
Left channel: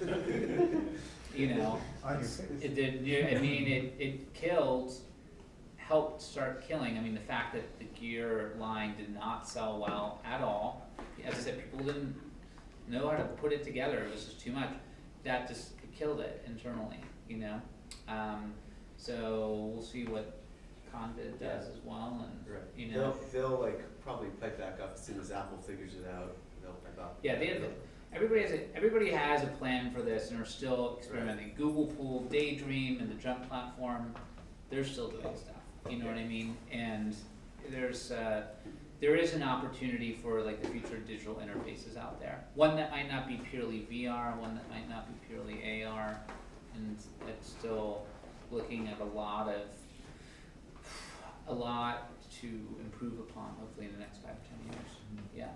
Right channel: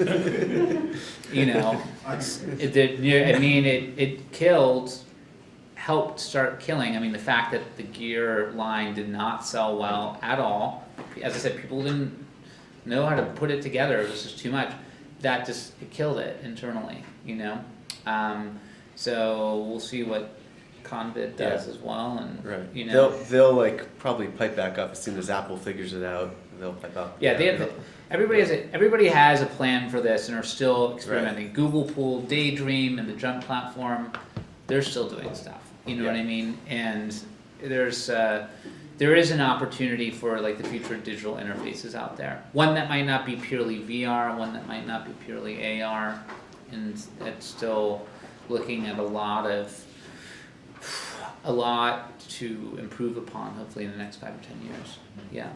You know, it killed, helped start killing. I mean, the fact that the Gear line did not sell well at all. As I said, people didn't know how to put it together. It was just too much. That just killed it internally, you know. So we'll see what Convid does as well, and Right. you know, They'll like probably pipe back up as soon as Apple figures it out. They'll pipe up. yeah, they have. everybody has a plan for this and are still experimenting. Google pulled Daydream and the Jump platform. They're still doing stuff. You know what I mean? And there is an opportunity for like the future of digital interfaces out there. One that might not be purely VR, one that might not be purely AR, and it's still looking at a lot to improve upon, hopefully in the next 5 or 10 years. Yeah.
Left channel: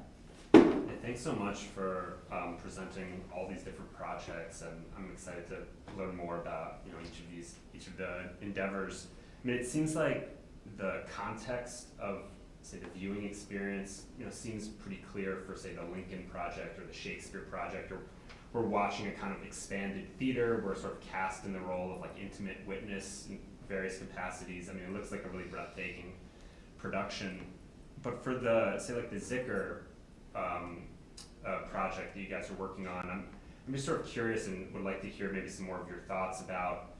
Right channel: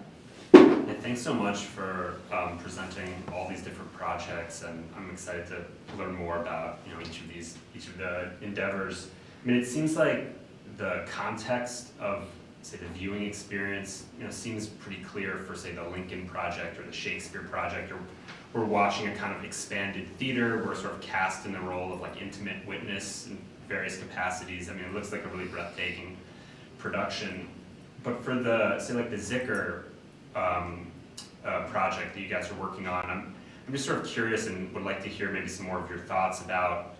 Yeah, thanks so much for presenting all these different projects, and I'm excited to learn more about each of the endeavors. I mean, it seems like the context of, say, the viewing experience, seems pretty clear for, say, the Lincoln Project or the Shakespeare Project, or we're watching a kind of expanded theater. We're sort of cast in the role of like intimate witness in various capacities. I mean, it looks like a really breathtaking production. But for the, say, like the Zicker project that you guys are working on, I'm just sort of curious and would like to hear maybe some more of your thoughts about,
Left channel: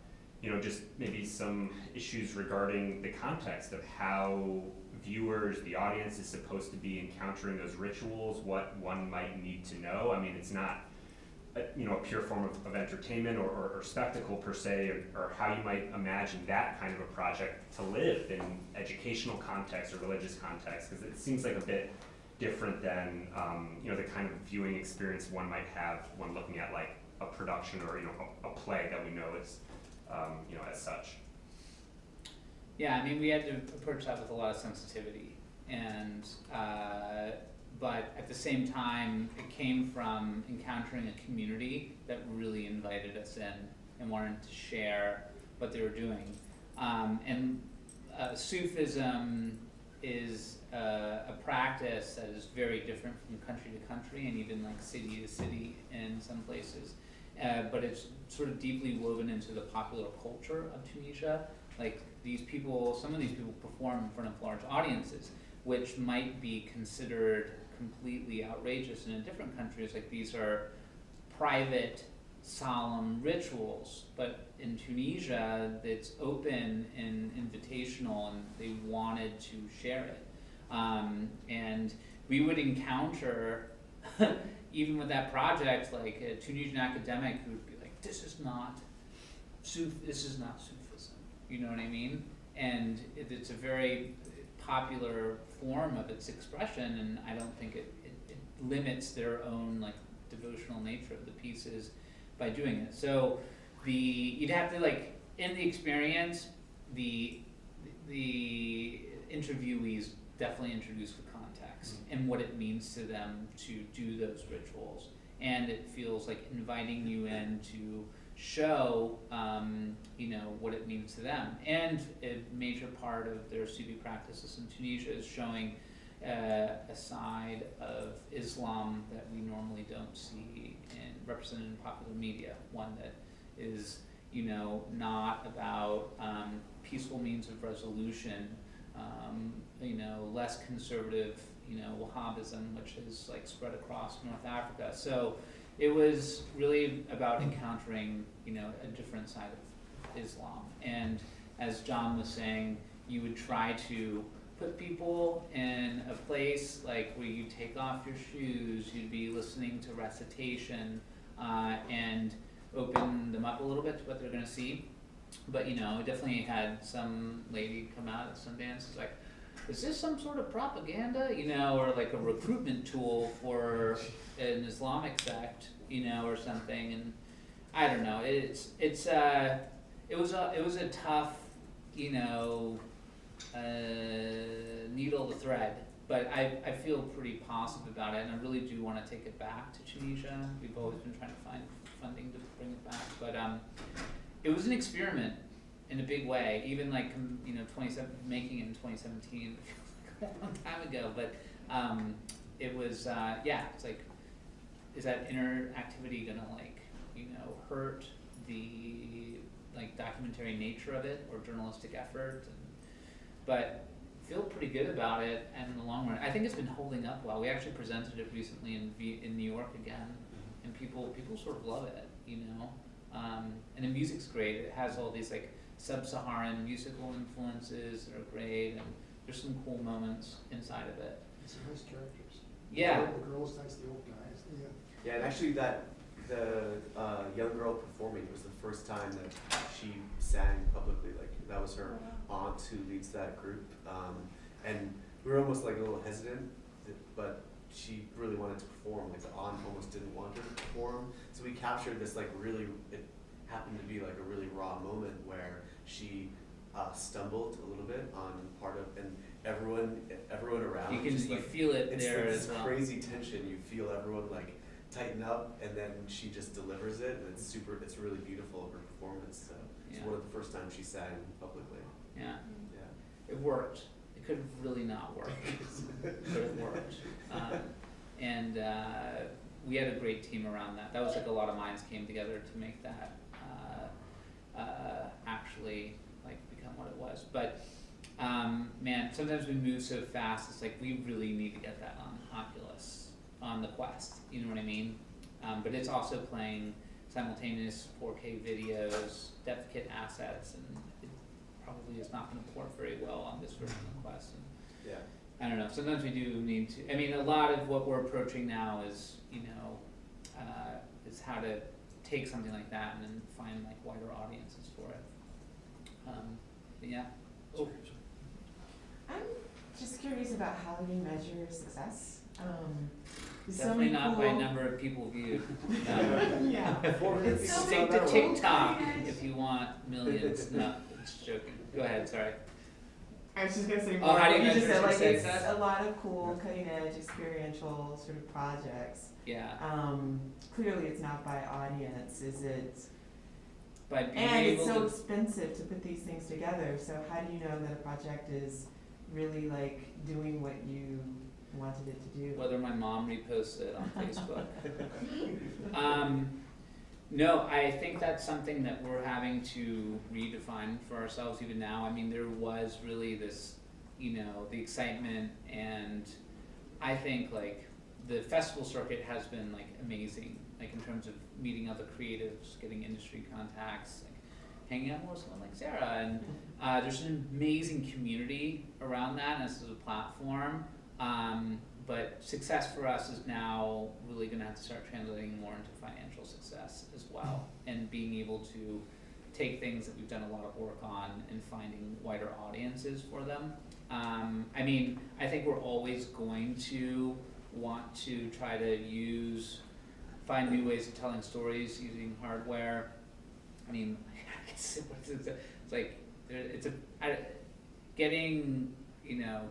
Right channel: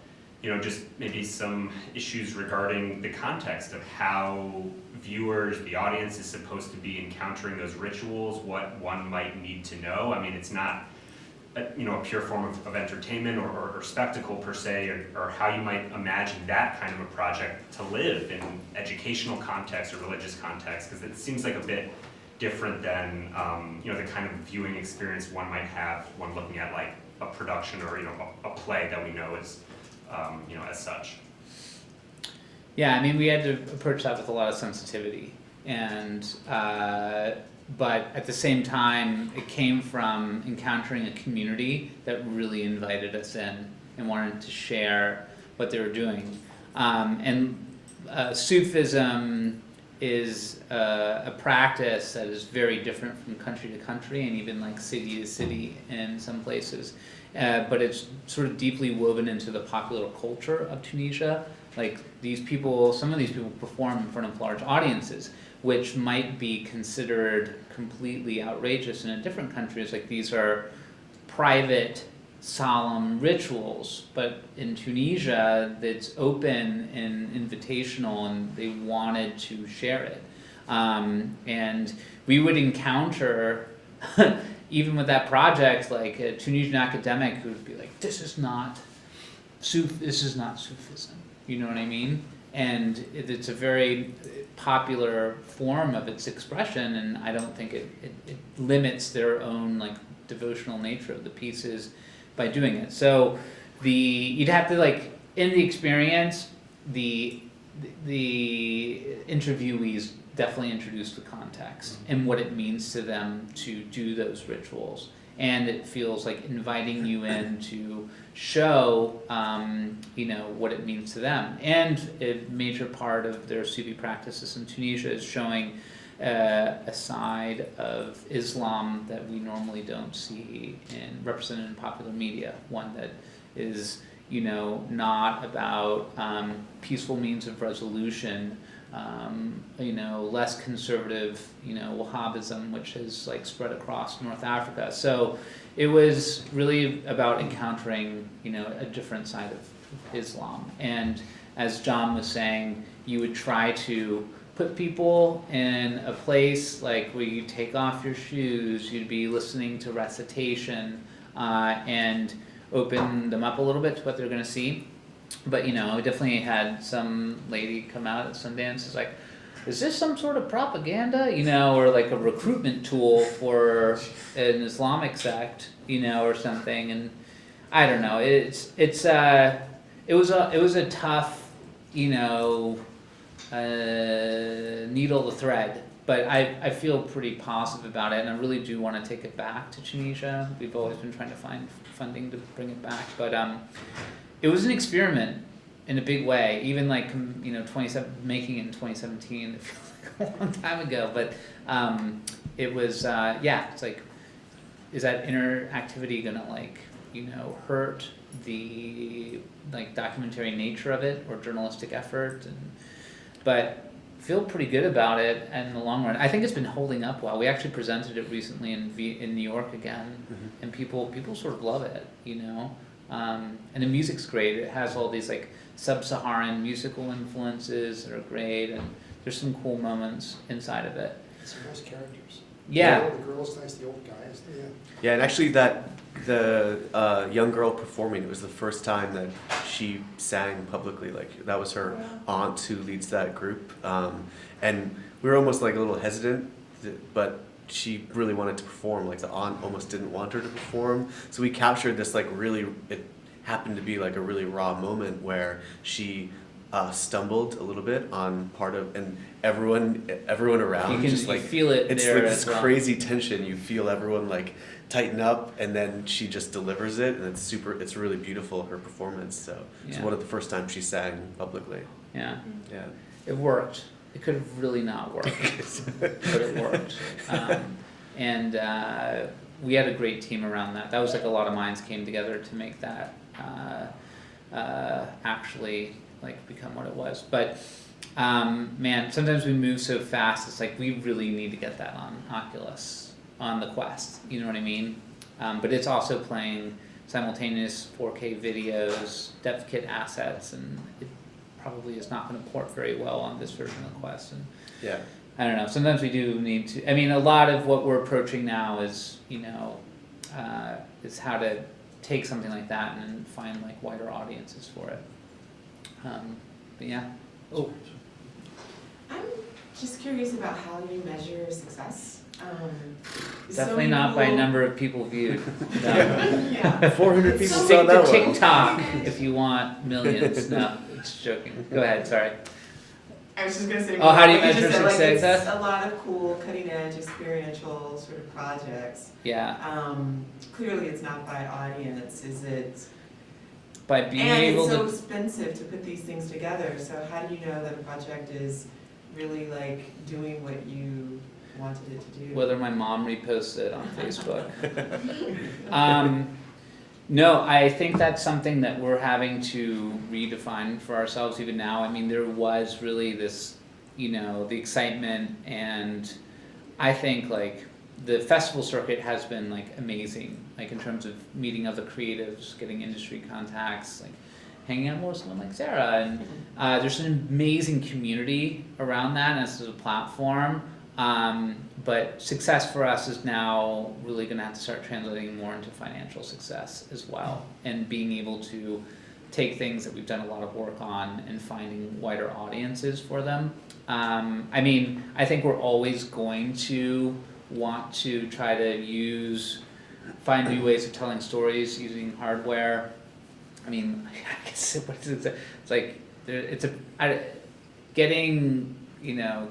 just maybe some issues regarding the context of how viewers, the audience is supposed to be encountering those rituals, what one might need to know. I mean, it's not a pure form of entertainment or spectacle per se, or how you might imagine that kind of a project to live in educational context or religious context, because it seems like a bit different than the kind of viewing experience one might have when looking at like a production or a play that we know is as such. Yeah, I mean, we had to approach that with a lot of sensitivity, and but at the same time, it came from encountering a community that really invited us in and wanted to share what they were doing. Sufism is a practice that is very different from country to country and even like city to city in some places. But it's sort of deeply woven into the popular culture of Tunisia. Like some of these people perform in front of large audiences, which might be considered completely outrageous in different countries. Like these are private, solemn rituals, but in Tunisia, it's open and invitational, and they wanted to share it. And we would encounter, even with that project, like a Tunisian academic who would be like, this is not Sufism. You know what I mean? And it's a very popular form of its expression, and I don't think it limits their own like devotional nature of the pieces by doing it. So you'd have to like, in the experience, the interviewees definitely introduce the context and what it means to them to do those rituals, and it feels like inviting you in to show what it means to them. And a major part of their Sufi practices in Tunisia is showing a side of Islam that we normally don't see represented in popular media, one that is not about peaceful means of resolution, less conservative, Wahhabism, which has like spread across North Africa. So it was really about encountering, a different side of Islam. And as John was saying, you would try to put people in a place like where you take off your shoes, you'd be listening to recitation, and open them up a little bit to what they're going to see. But we definitely had some lady come out at Sundance, is like, is this some sort of propaganda, or like a recruitment tool for an Islamic sect, or something? And I don't know. It was a tough, needle to thread. But I feel pretty positive about it, and I really do want to take it back to Tunisia. We've always been trying to find funding to bring it back, but it was an experiment in a big way. Even like making it in 2017, it feels like a long time ago. But it was it's like, is that interactivity gonna like hurt the like documentary nature of it or journalistic effort? But feel pretty good about it in the long run. I think it's been holding up well. We actually presented it recently in New York again, and people sort of love it, and the music's great. It has all these like sub-Saharan musical influences that are great, and there's some cool moments inside of it. It's some nice characters. Yeah. The girls nice, the old guys, yeah. Yeah, and actually the young girl performing, it was the first time that she sang publicly. Like that was her aunt who leads that group, and we were almost like a little hesitant, but she really wanted to perform. Like the aunt almost didn't want her to perform, so we captured this like really. It happened to be like a really raw moment where she stumbled a little bit on part of, and everyone around You can just you like feel it it's there like as this well. crazy tension. You feel everyone like tighten up, and then she just delivers it, and it's really beautiful, her performance. So it's Yeah. one of the first times she sang publicly. Yeah, Yeah. it worked. It could have really not worked, but it worked. And we had a great team around that. That was like a lot of minds came together to make that actually like become what it was. But man, sometimes we move so fast. It's like we really need to get that on Oculus, on the Quest. You know what I mean? But it's also playing simultaneous 4K videos, depth kit assets, and it probably is not going to port very well on this version of the Quest. And Yeah. I don't know. Sometimes we do need to. I mean, a lot of what we're approaching now is, is how to take something like that and find like wider audiences for it. But yeah. Oh, I'm just curious about how you measure success. So definitely many not by cool- number of people viewed. Yeah. 400 people So saw Take that the one. TikTok if you want millions. No, it's joking. Go ahead. Sorry. I was just gonna say. Oh, how do you what just measure said, like, success? it's a lot of cool, cutting edge, experiential sort of projects. Yeah. Clearly, it's not by audience. Is it? By being And able it's so to. expensive to put these things together. So how do you know that a project is really like doing what you wanted it to do? Whether my mom reposts it on Facebook. No, I think that's something that we're having to redefine for ourselves even now. I mean, there was really this, the excitement, and I think like the festival circuit has been like amazing, like in terms of meeting other creatives, getting industry contacts, like hanging out more with someone like Sarah, and there's an amazing community around that, and this is a platform. But success for us is now really going to have to start translating more into financial success as well, and being able to take things that we've done a lot of work on and finding wider audiences for them. I mean, I think we're always going to want to try to find new ways of telling stories using hardware. I mean, I guess it's like getting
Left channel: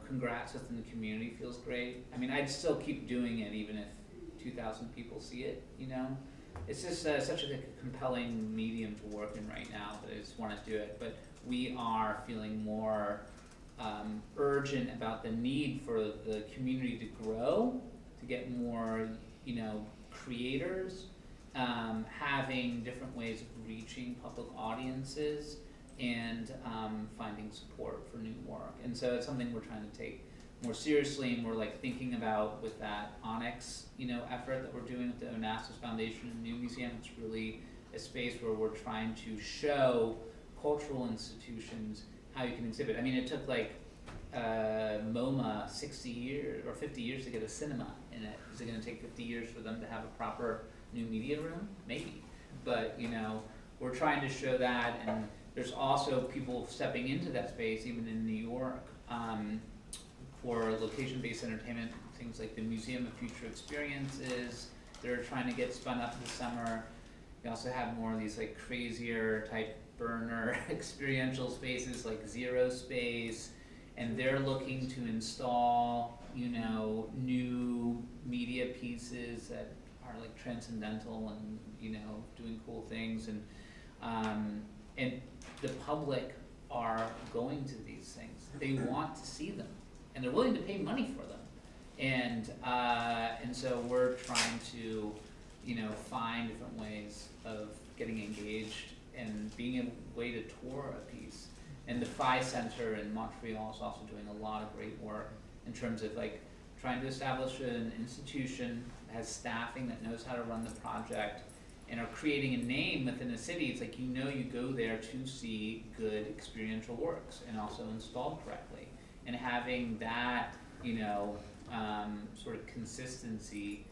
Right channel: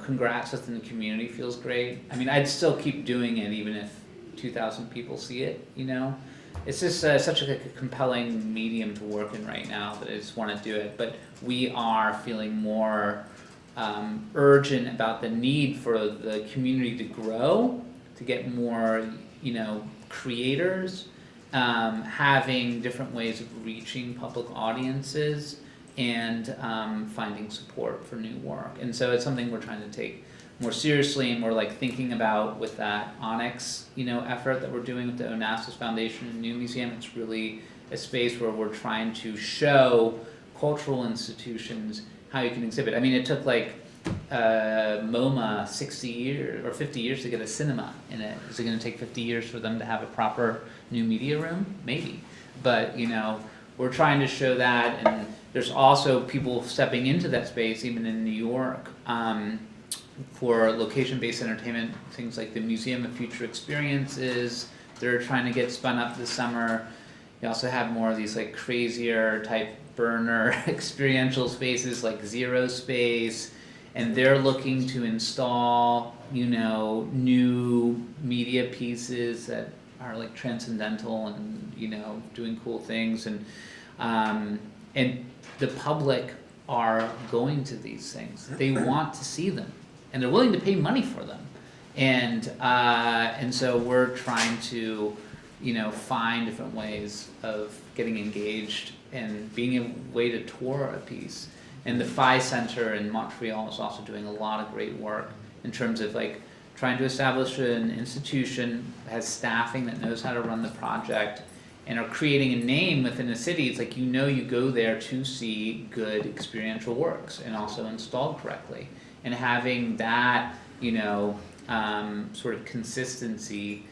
congrats within the community feels great. I mean, I'd still keep doing it even if 2,000 people see it, It's just such a compelling medium to work in right now that I just want to do it. But we are feeling more urgent about the need for the community to grow, to get more, creators, having different ways of reaching public audiences, and finding support for new work. And so it's something we're trying to take more seriously, and we're like thinking about with that Onyx, effort that we're doing with the Onassis Foundation and New Museum. It's really a space where we're trying to show cultural institutions how you can exhibit. I mean, it took like MoMA 60 years or 50 years to get a cinema in it. Is it going to take 50 years for them to have a proper new media room? Maybe. But, we're trying to show that, and there's also people stepping into that space, even in New York, for location-based entertainment, things like the Museum of Future Experiences. They're trying to get spun up this summer. You also have more of these like crazier type burner experiential spaces like Zero Space, and they're looking to install, new media pieces that are like transcendental and, doing cool things, and the public are going to these things. They want to see them, and they're willing to pay money for them. And so we're trying to, find different ways of getting engaged and being a way to tour a piece. And the Phi Center in Montreal is also doing a lot of great work in terms of like trying to establish an institution that has staffing that knows how to run the project, and are creating a name within a city. It's like, you go there to see good experiential works and also installed correctly. And having that, sort of consistency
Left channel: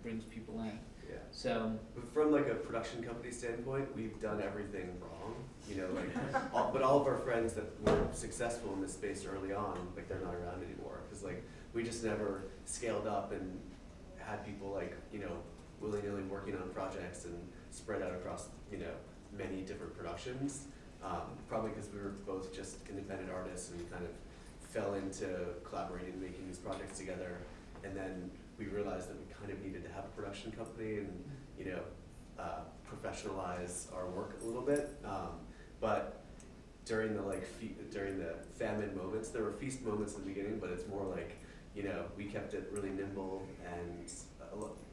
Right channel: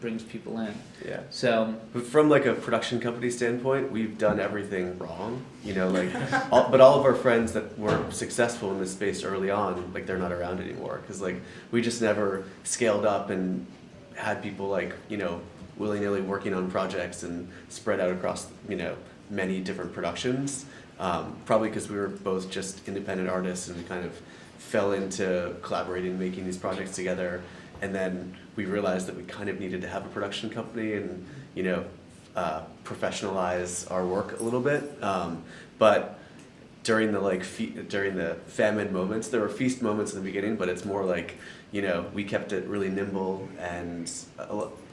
brings people in. Yeah. So, But from like a production company standpoint, we've done everything wrong, you know, like, but all of our friends that were successful in this space early on, like they're not around anymore, because like we just never scaled up and had people like, you know, willy-nilly working on projects and spread out across, you know, many different productions. Probably because we were both just independent artists and kind of fell into collaborating, making these projects together, and then we realized that we kind of needed to have a production company and, you know, professionalize our work a little bit. But during the during the famine moments, there were feast moments in the beginning, but it's more like, you know, we kept it really nimble, and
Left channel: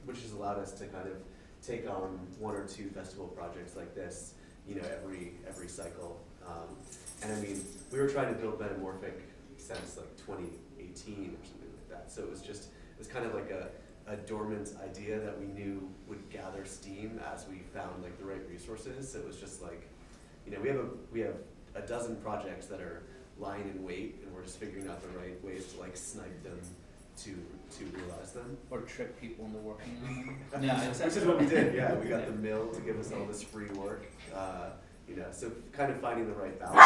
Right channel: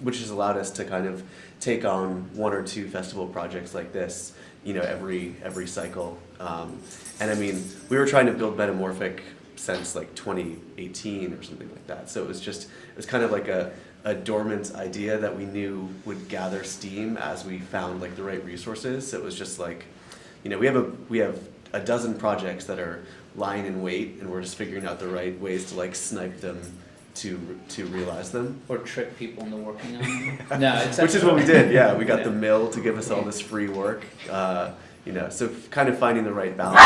which has allowed us to kind of take on 1 or 2 festival projects like this, you know, every cycle. And I mean, we were trying to build Metamorphic since like 2018 or something like that. So it was kind of like a dormant idea that we knew would gather steam as we found like the right resources. So it was just like, you know, we have a dozen projects that are lying in wait, and we're just figuring out the right ways to like snipe them to realize them. or trick people into working on them. No, it's Which is what we did, yeah. We got Yeah. the mill to give us all this free work. You know, so kind of finding the right balance.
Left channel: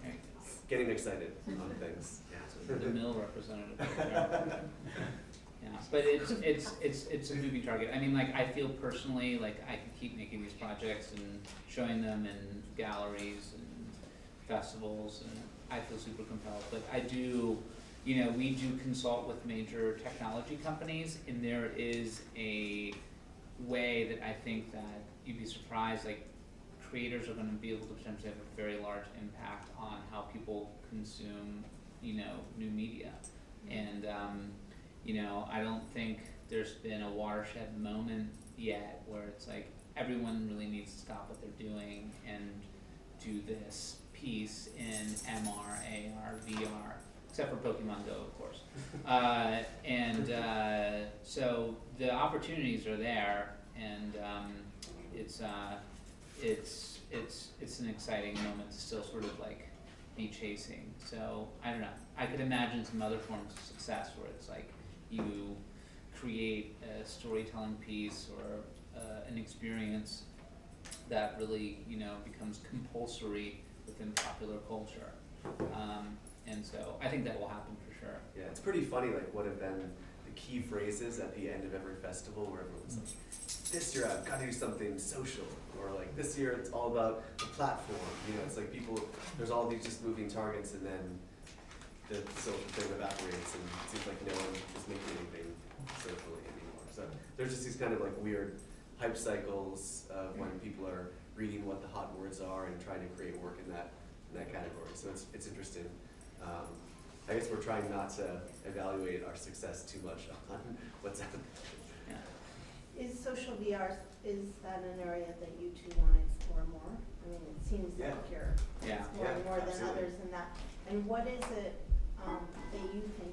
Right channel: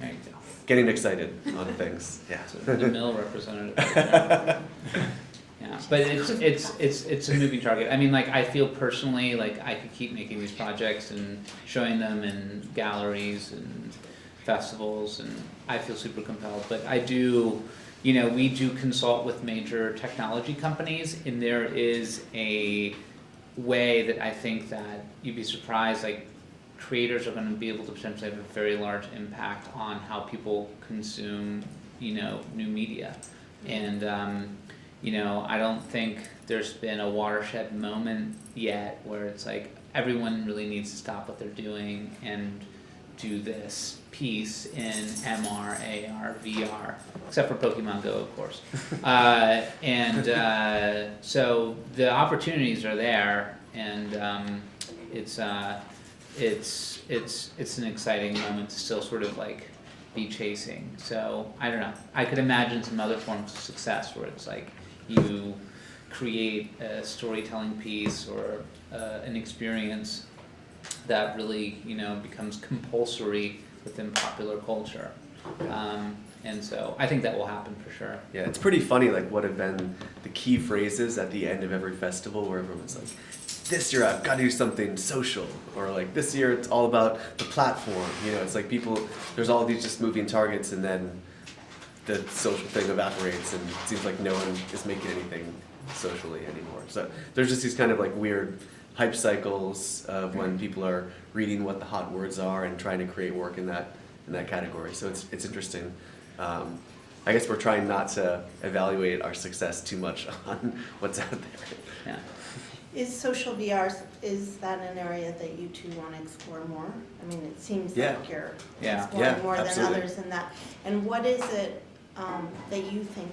There you go. Getting excited on things. Yeah. So the mill representative. Yeah, but it's a moving target. I mean, like, I feel personally like I could keep making these projects and showing them in galleries and festivals, and I feel super compelled. But I do, you know, we do consult with major technology companies, and there is a way that I think that you'd be surprised, like, creators are going to be able to potentially have a very large impact on how people consume, you know, new media. And, you know, I don't think there's been a watershed moment yet where it's like everyone really needs to stop what they're doing and do this piece in MR, AR, VR, except for Pokemon Go, of course. So the opportunities are there, and it's an exciting moment to still sort of like be chasing. So I don't know. I could imagine some other forms of success where it's like you create a storytelling piece or an experience that really, you know, becomes compulsory within popular culture. And so I think that will happen for sure. Yeah, it's pretty funny, like what have been the key phrases at the end of every festival where everyone's like, this year I've got to do something social, or like this year it's all about the platform. You know, it's like people, there's all these just moving targets, and then the social thing evaporates, and it seems like no one is making anything socially anymore. So there's just these kind of like weird hype cycles of when people are reading what the hot words are and trying to create work in that category. So it's interesting. I guess we're trying not to evaluate our success too much on what's out there. Yeah. Is social VR, is that an area that you two want to explore more? I mean, it seems Yeah. like you're Yeah. exploring Yeah, more absolutely. than others in that. And what is it that you think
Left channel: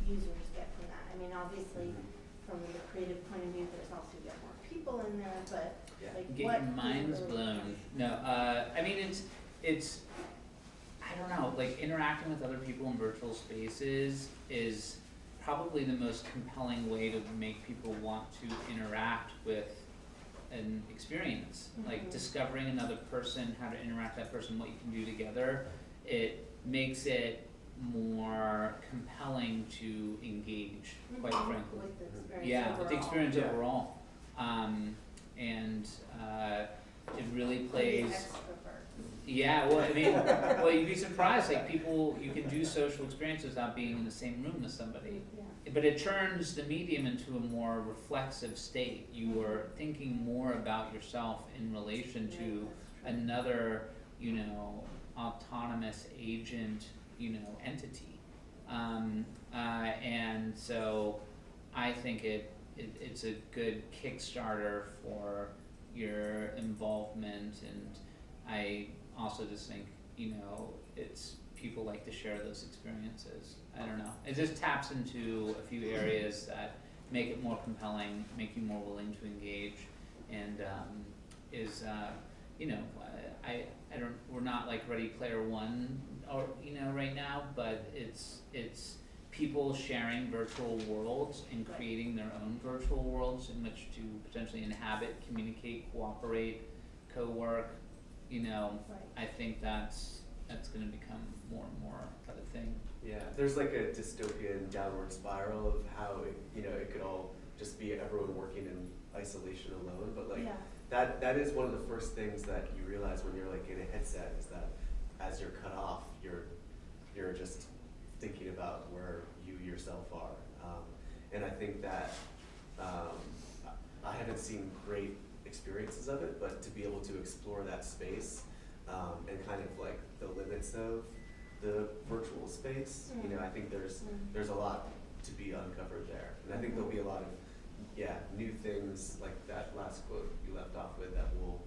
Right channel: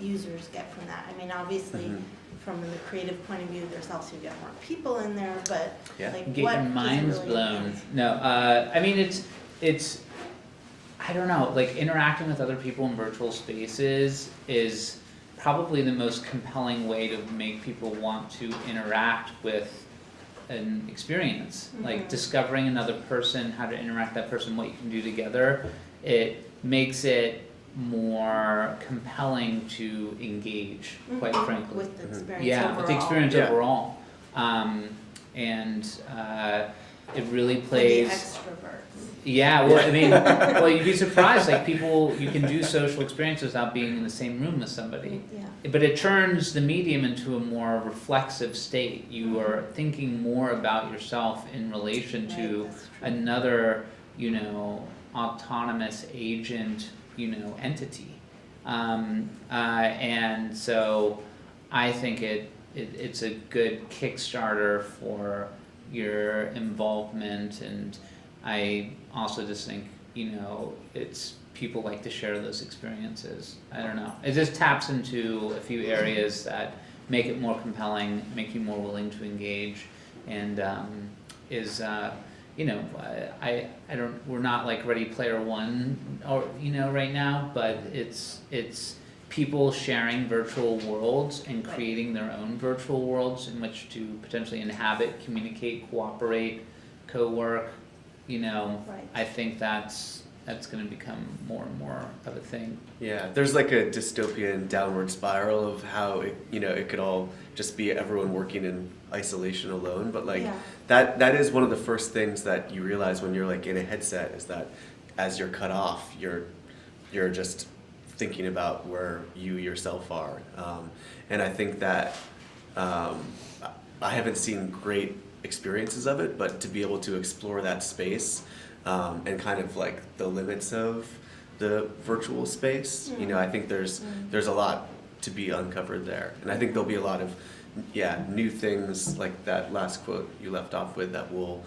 users get from that? I mean, obviously, Mhm. from the creative point of view, there's also you get more people in there, but Yeah. like Get what your does it minds really blown. enhance? No, I mean, it's, I don't know, like interacting with other people in virtual spaces is probably the most compelling way to make people want to interact with an experience. Like Mhm. discovering another person, how to interact with that person, what you can do together, it makes it more compelling to engage, quite Mhm. frankly. With the experience Yeah, overall. with the experience Yeah. overall. And it really For the plays. extroverts. Yeah, well, I mean, well, you'd be surprised, like people, you can do social experiences without being in the same room as somebody. Yeah. But it turns the medium into a more reflexive state. You are thinking more about yourself in relation Right, to that's true. another, you know, autonomous agent, you know, entity. And so I think it's a good Kickstarter for your involvement, and I also just think, you know, it's people like to share those experiences. I don't know. It just taps into a few areas that make it more compelling, make you more willing to engage, and you know, I don't. We're not like Ready Player One, or you know, right now, but it's people sharing virtual worlds and Right. creating their own virtual worlds in which to potentially inhabit, communicate, cooperate, co-work, you know, Right. I think that's gonna become more and more of a thing. Yeah, there's like a dystopian downward spiral of how it could all just be everyone working in isolation alone. But like Yeah. that is one of the first things that you realize when you're like in a headset is that as you're cut off, you're just thinking about where you yourself are. And I think that I haven't seen great experiences of it, but to be able to explore that space and kind of like the limits of the virtual space, I think there's a lot to be uncovered there, and I think there'll be a lot of new things like that last quote you left off with that will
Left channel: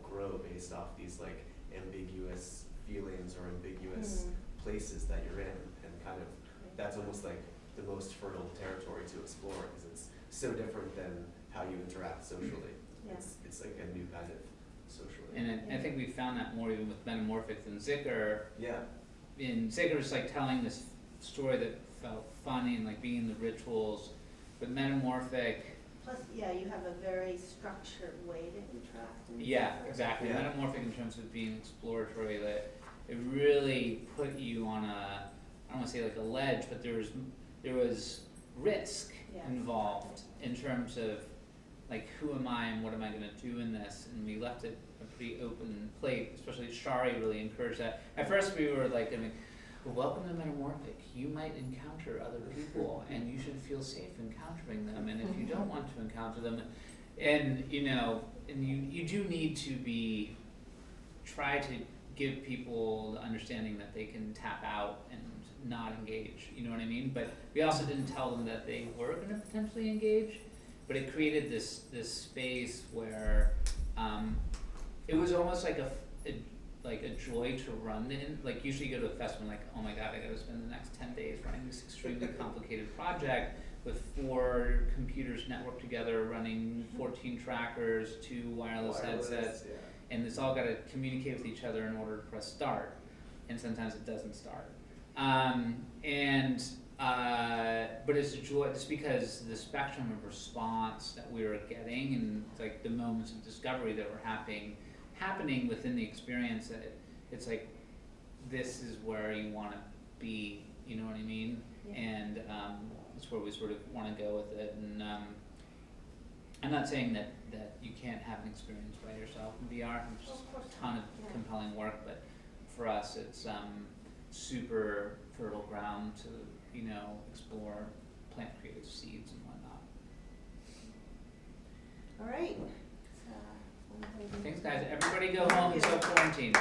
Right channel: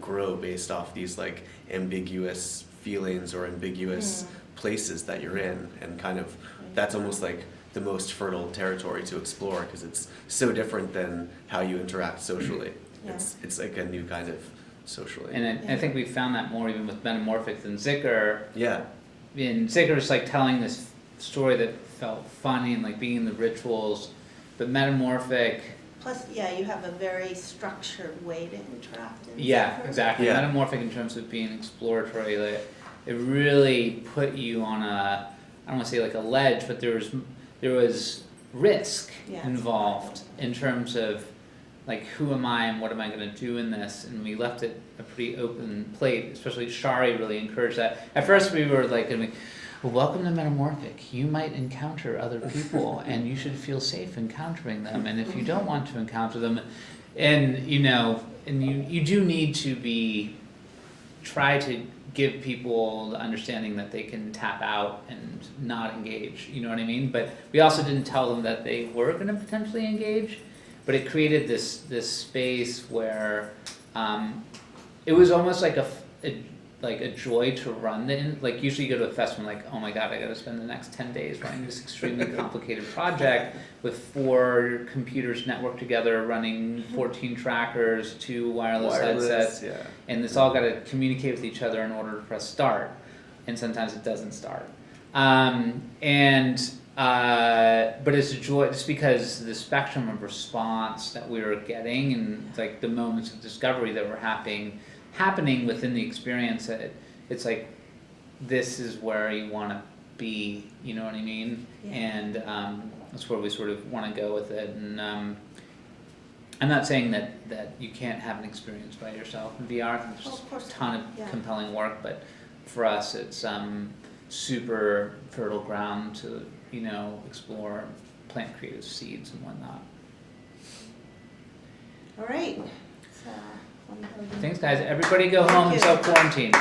grow based off these like ambiguous feelings or ambiguous places that you're in, and kind of that's almost like the most fertile territory to explore because it's so different than how you interact socially. Yeah. It's like a new kind of socially. And I think we found that more even with Metamorphic than Zicker. Yeah. And Zicker was like telling this story that felt funny and like being in the rituals, but Metamorphic, Plus, yeah, you have a very structured way to interact in yeah, Zephyr. exactly. Yeah. Metamorphic in terms of being exploratory, like, it really put you on a, I don't wanna say like a ledge, but there was risk Yeah. involved in terms of like who am I and what am I gonna do in this, and we left it a pretty open plate, especially Shari really encouraged that. At first we were like, well, welcome to Metamorphic, you might encounter other people and you should feel safe encountering them, and if you don't want to encounter them, and you do need to try to give people the understanding that they can tap out and not engage, you know what I mean? But we also didn't tell them that they were gonna potentially engage, but it created this space where it was almost like a joy to run like usually you go to a festival like, oh my god, I gotta spend the next 10 days running this extremely complicated project with 4 computers networked together, running 14 trackers, 2 wireless headsets, yeah. and it's all gotta communicate with each other in order to press start, and sometimes it doesn't start. But it's a joy just because the spectrum of response that we were getting and like the moments of discovery that were happening within the experience, it's like this is where you want to be, you know what I mean? Yeah. And that's where we sort of want to go with it. And I'm not saying that you can't have an experience by yourself in VR. There's Oh, of course a ton of not. Yeah. compelling work, but for us it's super fertile ground to explore, plant creative seeds and whatnot. All right. So, Thanks guys, everybody go Thank home you. and self-quarantine.